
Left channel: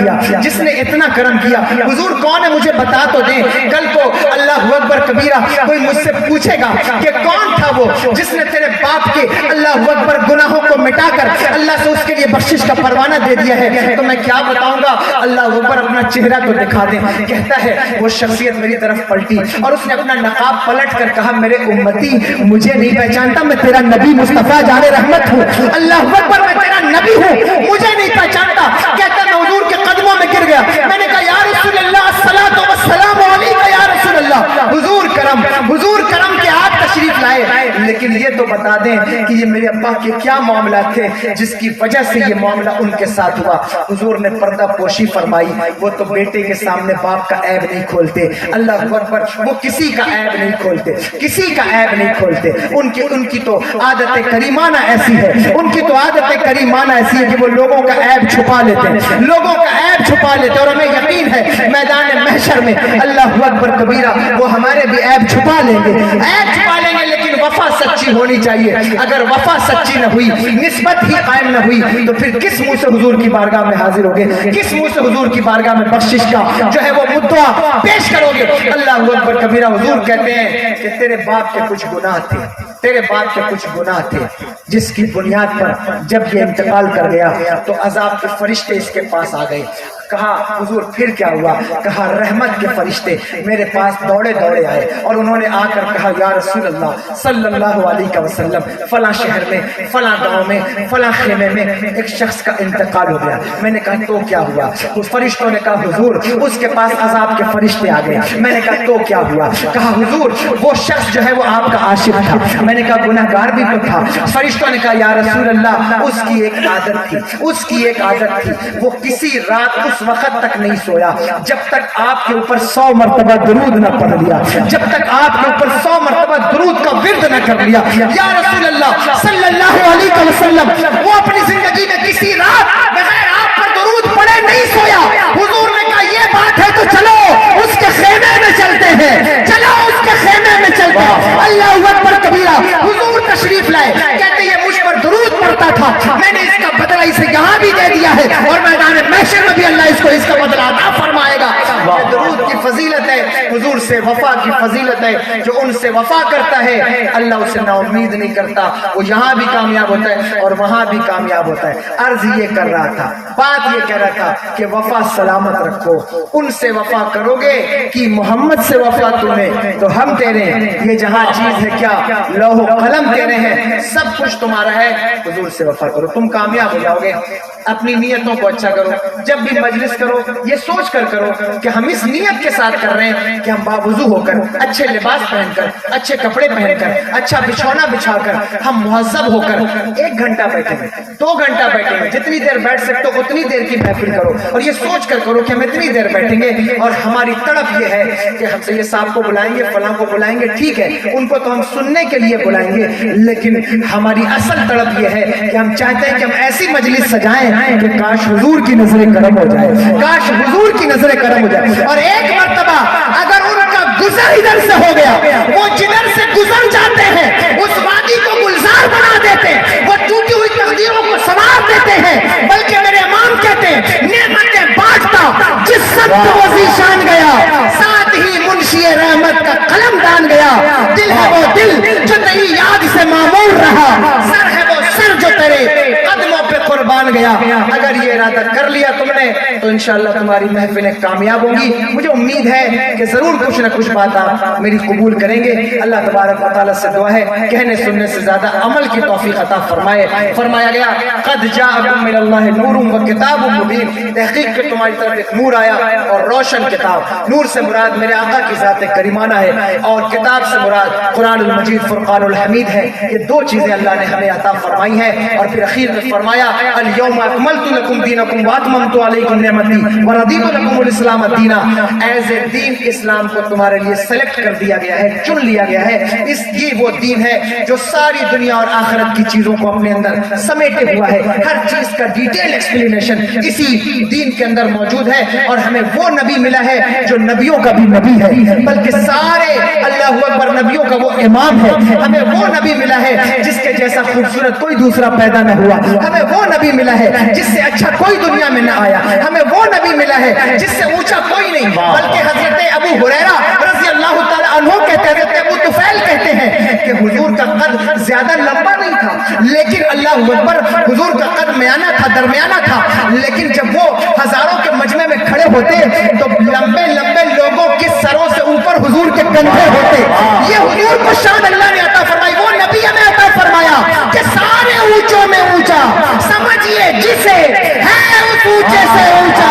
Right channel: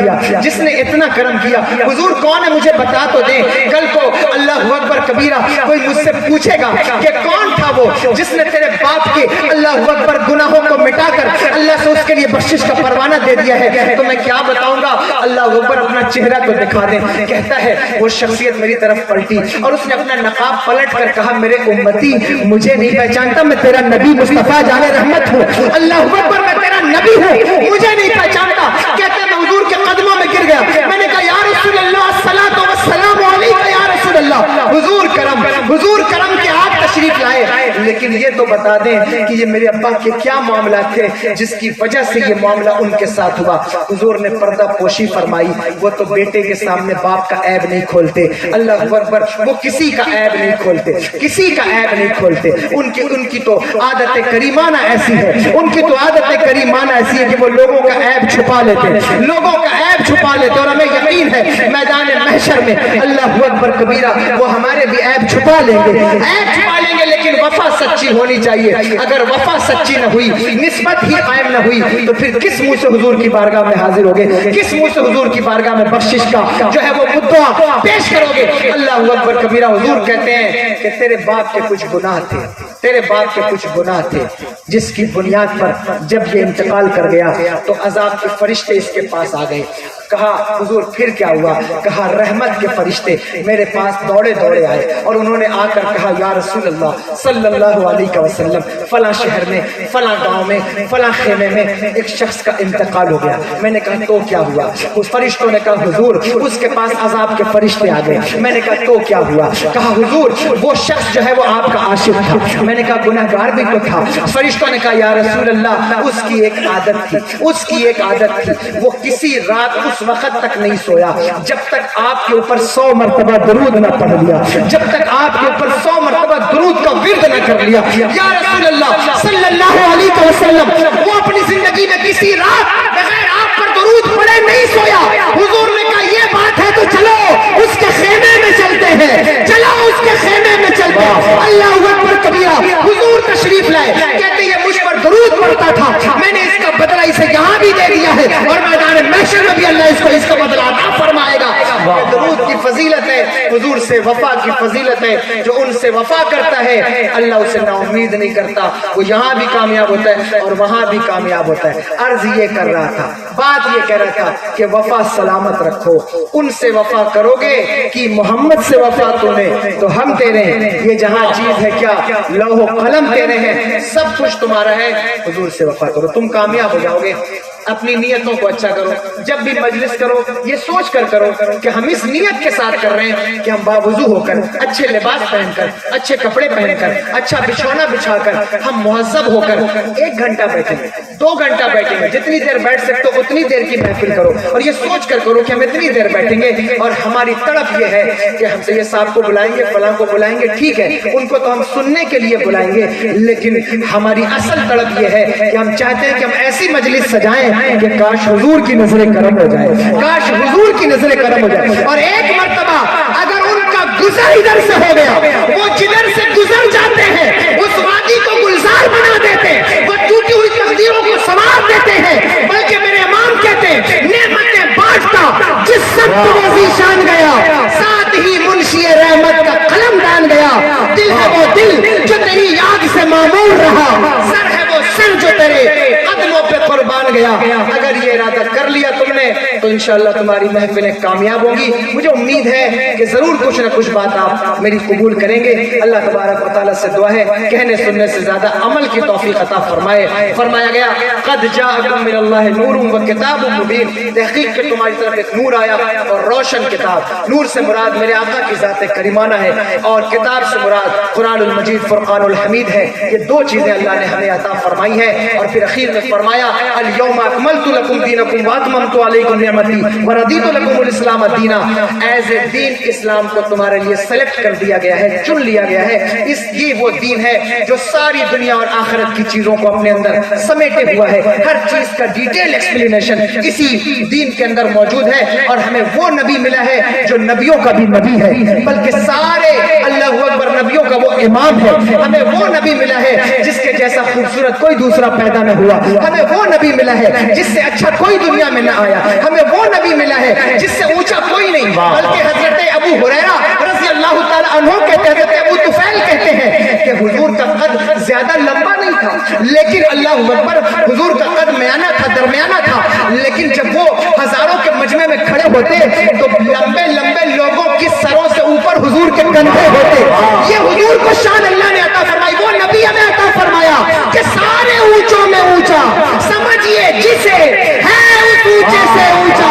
کیا؟ حضور کون ہے مجھے بتا تو دیں، کل کو اللہ اکبر کبیرہ کوئی مجھ سے پوچھے گا کہ کون تھا وہ جس نے تیرے باپ کے اللہ اکبر گناہوں کو مٹا کر اللہ سے اس کے لیے بخشش کا پروانہ دے دیا ہے، تو میں کیا بتاؤں گا؟ اللہ اکبر اپنا چہرہ تو دکھا دیں۔ کہتا ہے وہ شخصیت میری طرف پلٹی اور اس نے اپنا نقاب پلٹ کر کہا میرے امتی مجھے نہیں پہچانتا، میں تیرا نبی مصطفیٰ جان رحمت ہوں۔ اللہ اکبر میں تیرا نبی ہوں، مجھے نہیں پہچانتا۔ کہتا ہے میں حضور کے قدموں میں گر گیا، میں نے کہا یا رسول اللہ الصلاۃ والسلام علیک یا رسول اللہ، حضور کرم کے آپ تشریف لائے، لیکن یہ تو بتا دیں کہ یہ میرے ابا کے کیا معاملات تھے جس کی وجہ سے یہ معاملہ ان کے ساتھ ہوا۔ حضور نے پردہ پوشی فرمائی، وہ تو بیٹے کے سامنے باپ کا عیب نہیں کھولتے، اللہ اکبر وہ کسی کا عیب نہیں کھولتے، ان کی تو عادت کریمانہ ایسی ہے، کہ وہ لوگوں کا عیب چھپا لیتے اور ہمیں یقین ہے میدان محشر میں اللہ اکبر کبیرہ وہ ہمارے بھی عیب چھپا لیں گے، لیکن وفا سچی ہونی چاہیے۔ اگر وفا سچی نہ ہوئی، نسبت ہی قائم نہ ہوئی، تو پھر کس منہ سے حضور کی بارگاہ میں حاضر ہوگے، کس منہ سے حضور کی بارگاہ میں بخشش کا جو ہے وہ مدعا پیش کرو گے؟ اللہ اکبر کبیرہ۔ حضور کہتے ہیں کہ تیرے باپ کے کچھ گناہ تھے جس کی بنیاد پر جب یہ انتقال کر گیا تو عذاب کے فرشتے اس کے پاس آ گئے، کہا حضور پھر کیا ہوا؟ کہا رحمت کے فرشتے میرے پاس دوڑے دوڑے آئے اور انہوں نے آ کر کہا یا رسول اللہ صلی اللہ علیہ وسلم فلاں شہر میں فلاں گاؤں میں فلاں خیمے میں ایک شخص کا انتقال ہو گیا۔ میں نے کہا تو کیا ہوا؟ اس فرشتوں نے کہا حضور اس کے پاس عذاب کے فرشتے آ گئے۔ میں نے کہا تو کیا ہوا؟ کہا حضور وہ شخص جو ہے وہ آپ کا عاشق تھا۔ میں نے کہا گناہگار بھی تو تھا۔ فرشتوں نے کہا یا رسول اللہ اس کی ایک عادت تھی، اس کی ایک عادت تھی، وہ کسی رات اس وقت تک نہیں سویا جب تک آپ کے اوپر 100 مرتبہ درود نہ پڑھ لیا، جب تک آپ کے اوپر 100 مرتبہ درود کا ورد نہ کر لیا۔ یا رسول اللہ صلی اللہ علیہ وسلم وہ اپنی زندگی میں کسی رات بغیر آپ پر درود پڑھے نہیں سویا۔ حضور نے کہا یہ بات ہے تو چلو اس کے خیمے میں چلتے ہیں، چلو اس کے خیمے میں چلتے ہیں۔ اللہ اکبر کبیرہ، حضور تشریف لائے، کہتے یہ مجھ پر درود پڑھتا تھا، میں نے اس کا بدلہ اسے یہاں بھی دے دیا ہے اور میدان محشر میں بھی اللہ اس کو اس کا بدلہ عطا فرمائے گا۔ یہ درود کی فضیلت ہے، حضور سے وفا کی فضیلت ہے۔ جو ان سے وفا کرتا ہے اللہ اسے نا امید نہیں کرتا، وہ یہاں بھی کامیاب ہوتا ہے اور وہاں بھی کامیاب ہوتا ہے۔ عرض یہ کر رہا تھا، بات یہ کہہ رہا تھا کہ وفا سلامت رکھو، ان سے وفا کرو گے کہ محمد سے وفا تمہیں تو ہم تیرے ہیں، یہ جہاں چیز ہے کیا لوح و قلم تیرے ہیں، سب کچھ تمہارا ہے۔ حضور سے وفا کرو، تم کامیاب ہو جاؤ گے۔ اپنی نیتوں کو اچھا کرو، جب بھی مجلس کرو یہ سوچ کر کرو کہ ہم اس نیت کے ساتھ کر رہے ہیں کہ ہم باوضو ہو کر، اچھے لباس پہن کر، اچھے کپڑے پہن کر، اچھا بچھونا بچھا کر، ہم مہذب ہو کر 1 گھنٹہ بیٹھیں گے، 2 گھنٹہ بیٹھیں گے، جتنی دیر بیٹھ سکتے ہو اتنی دیر کی محفل کرو اور یہ سوچ کر کرو کہ ہم اتنی دیر بیٹھیں گے اور ہماری تڑپ یہ ہے کہ ہم سے یہ صاحب کو بلائیں گے، فلاں کو بلائیں گے، ٹھیک ہے ان کو تو ہم سننے کے لیے بلائیں گے، لیکن ہماری اصل تڑپ یہ ہے کہ ہم چاہتے ہیں کہ ہم ایسی مجلس سجائیں کہ کاش حضور کی نظر کرم ہو جائے، کاش حضور کی نظر کرم ہو جائے۔ اور ایک مرتبہ اگر ان کا گزر ادھر سے ہو گیا، وہ جدھر سے گزر جاتے ہیں اس وادی کو گلزار بنا دیتے، وہ ٹوٹی ہوئی تقدیروں کو سنوار دیتے ہیں، بلکہ میرے امام کہتے ہیں نعمتیں بانٹتا جس سخت وہ ذیشان گیا، ساتھ ہی منشی رحمت کا قلم ڈال گیا، دل ہے وہ دل جو تیری یاد سے معمور رہا، سر ہے وہ سر جو تیرے قدموں پہ قربان گیا۔ اگر یہ ارادہ کر لیا تم نے تو انشاءاللہ تمہاری محفلیں کامیاب ہوں گی۔ مجھے امید ہے کہ ضرور کچھ نہ کچھ بات آپ میری قبول کریں گے۔ اللہ تبارک و تعالیٰ سے دعا ہے کہنے سننے سے زیادہ عمل کی توفیق عطا فرمائے۔ فرمایا گیا قد جاءکم من اللہ نور و کتاب مبین، تحقیق کہ تمہاری طرف ایک نور آیا اور روشن کتاب۔ نور سے مراد میرے آقا کی ذات کریمانہ ہے اور کتاب سے مراد قرآن المجید فرقان الحمید ہے۔ یہ 2 چیزیں اللہ نے ہمیں عطا فرمائی ہیں اور پھر اخیر میں فرمایا الیوم اکملت لکم دینکم واتممت علیکم نعمتی ورضیت لکم الاسلام دینا۔ ایز اے دین اسلام کو تمہارے لیے سلیکٹ کر دیا گیا ہے، چن لیا گیا ہے۔ یہ وہ دین ہے جو ساری دنیا اور آخرت کی چیزوں کو اپنے اندر سمیٹے ہوا ہے، ہر چیز کا ڈیٹیل ایکسپلینیشن اسی دین کے اندر موجود ہے۔ اور ہمیں وہ نبی ملا ہے جو نبیوں کا بھی نبی ہے، بلکہ سارے اللہ اکبر نبیوں کا وہ امام ہے۔ ہمیں وہ نبی ملا ہے جس کے جیسا خوبصورت کوئی دوسرا پیدا نہ ہوا، ہمیں وہ نبی ملا ہے جس سے اچھا کوئی دنیا میں نہ آیا، ہمیں وہ نبی ملا ہے جس سے اونچا کوئی نہیں، بلکہ حضرت ابو ہریرہ رضی اللہ تعالیٰ عنہ کہتے ہیں، حضرت ابو طفیل کہتے ہیں کہ حضور کا قد زیادہ لمبا نہیں تھا، لیکن اللہ اکبر حضور کا قد میانہ تھا، درمیانہ تھا، لیکن جب وہ ہزاروں کے مجمع میں کھڑے ہوتے تو لمبے لمبے لوگوں کی سروں سے اوپر حضور کے کندھے ہوتے۔ یہ حضور کو شان اللہ نے عطا فرمائی، وہ نبی ہمیں عطا فرمایا کہ سارے اونچوں میں اونچا، سمجھیے جسے ہے اس اونچے سے اونچا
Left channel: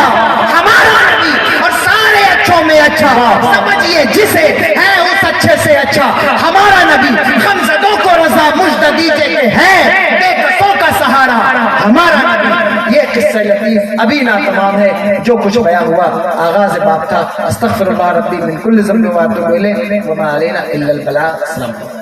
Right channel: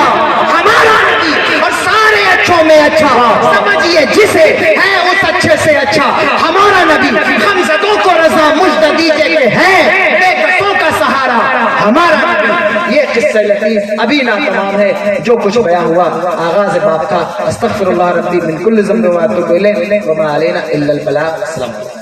ہمارا نبی، اور سارے اچھوں میں اچھا، سمجھیے جسے ہے اس اچھے سے اچھا ہمارا نبی۔ ہم زدوں کو رضا مجد دیجئے کہ ہے بے کسوں کا سہارا ہمارا نبی۔ یہ قصہ لطیف ابھی ناتمام ہے، جو کچھ بیان ہوا آغاز باب کا۔ استغفر اللہ ربی من کل ذنب و اتوب الیہ وما علینا الا البلاغ۔ السلام علیکم۔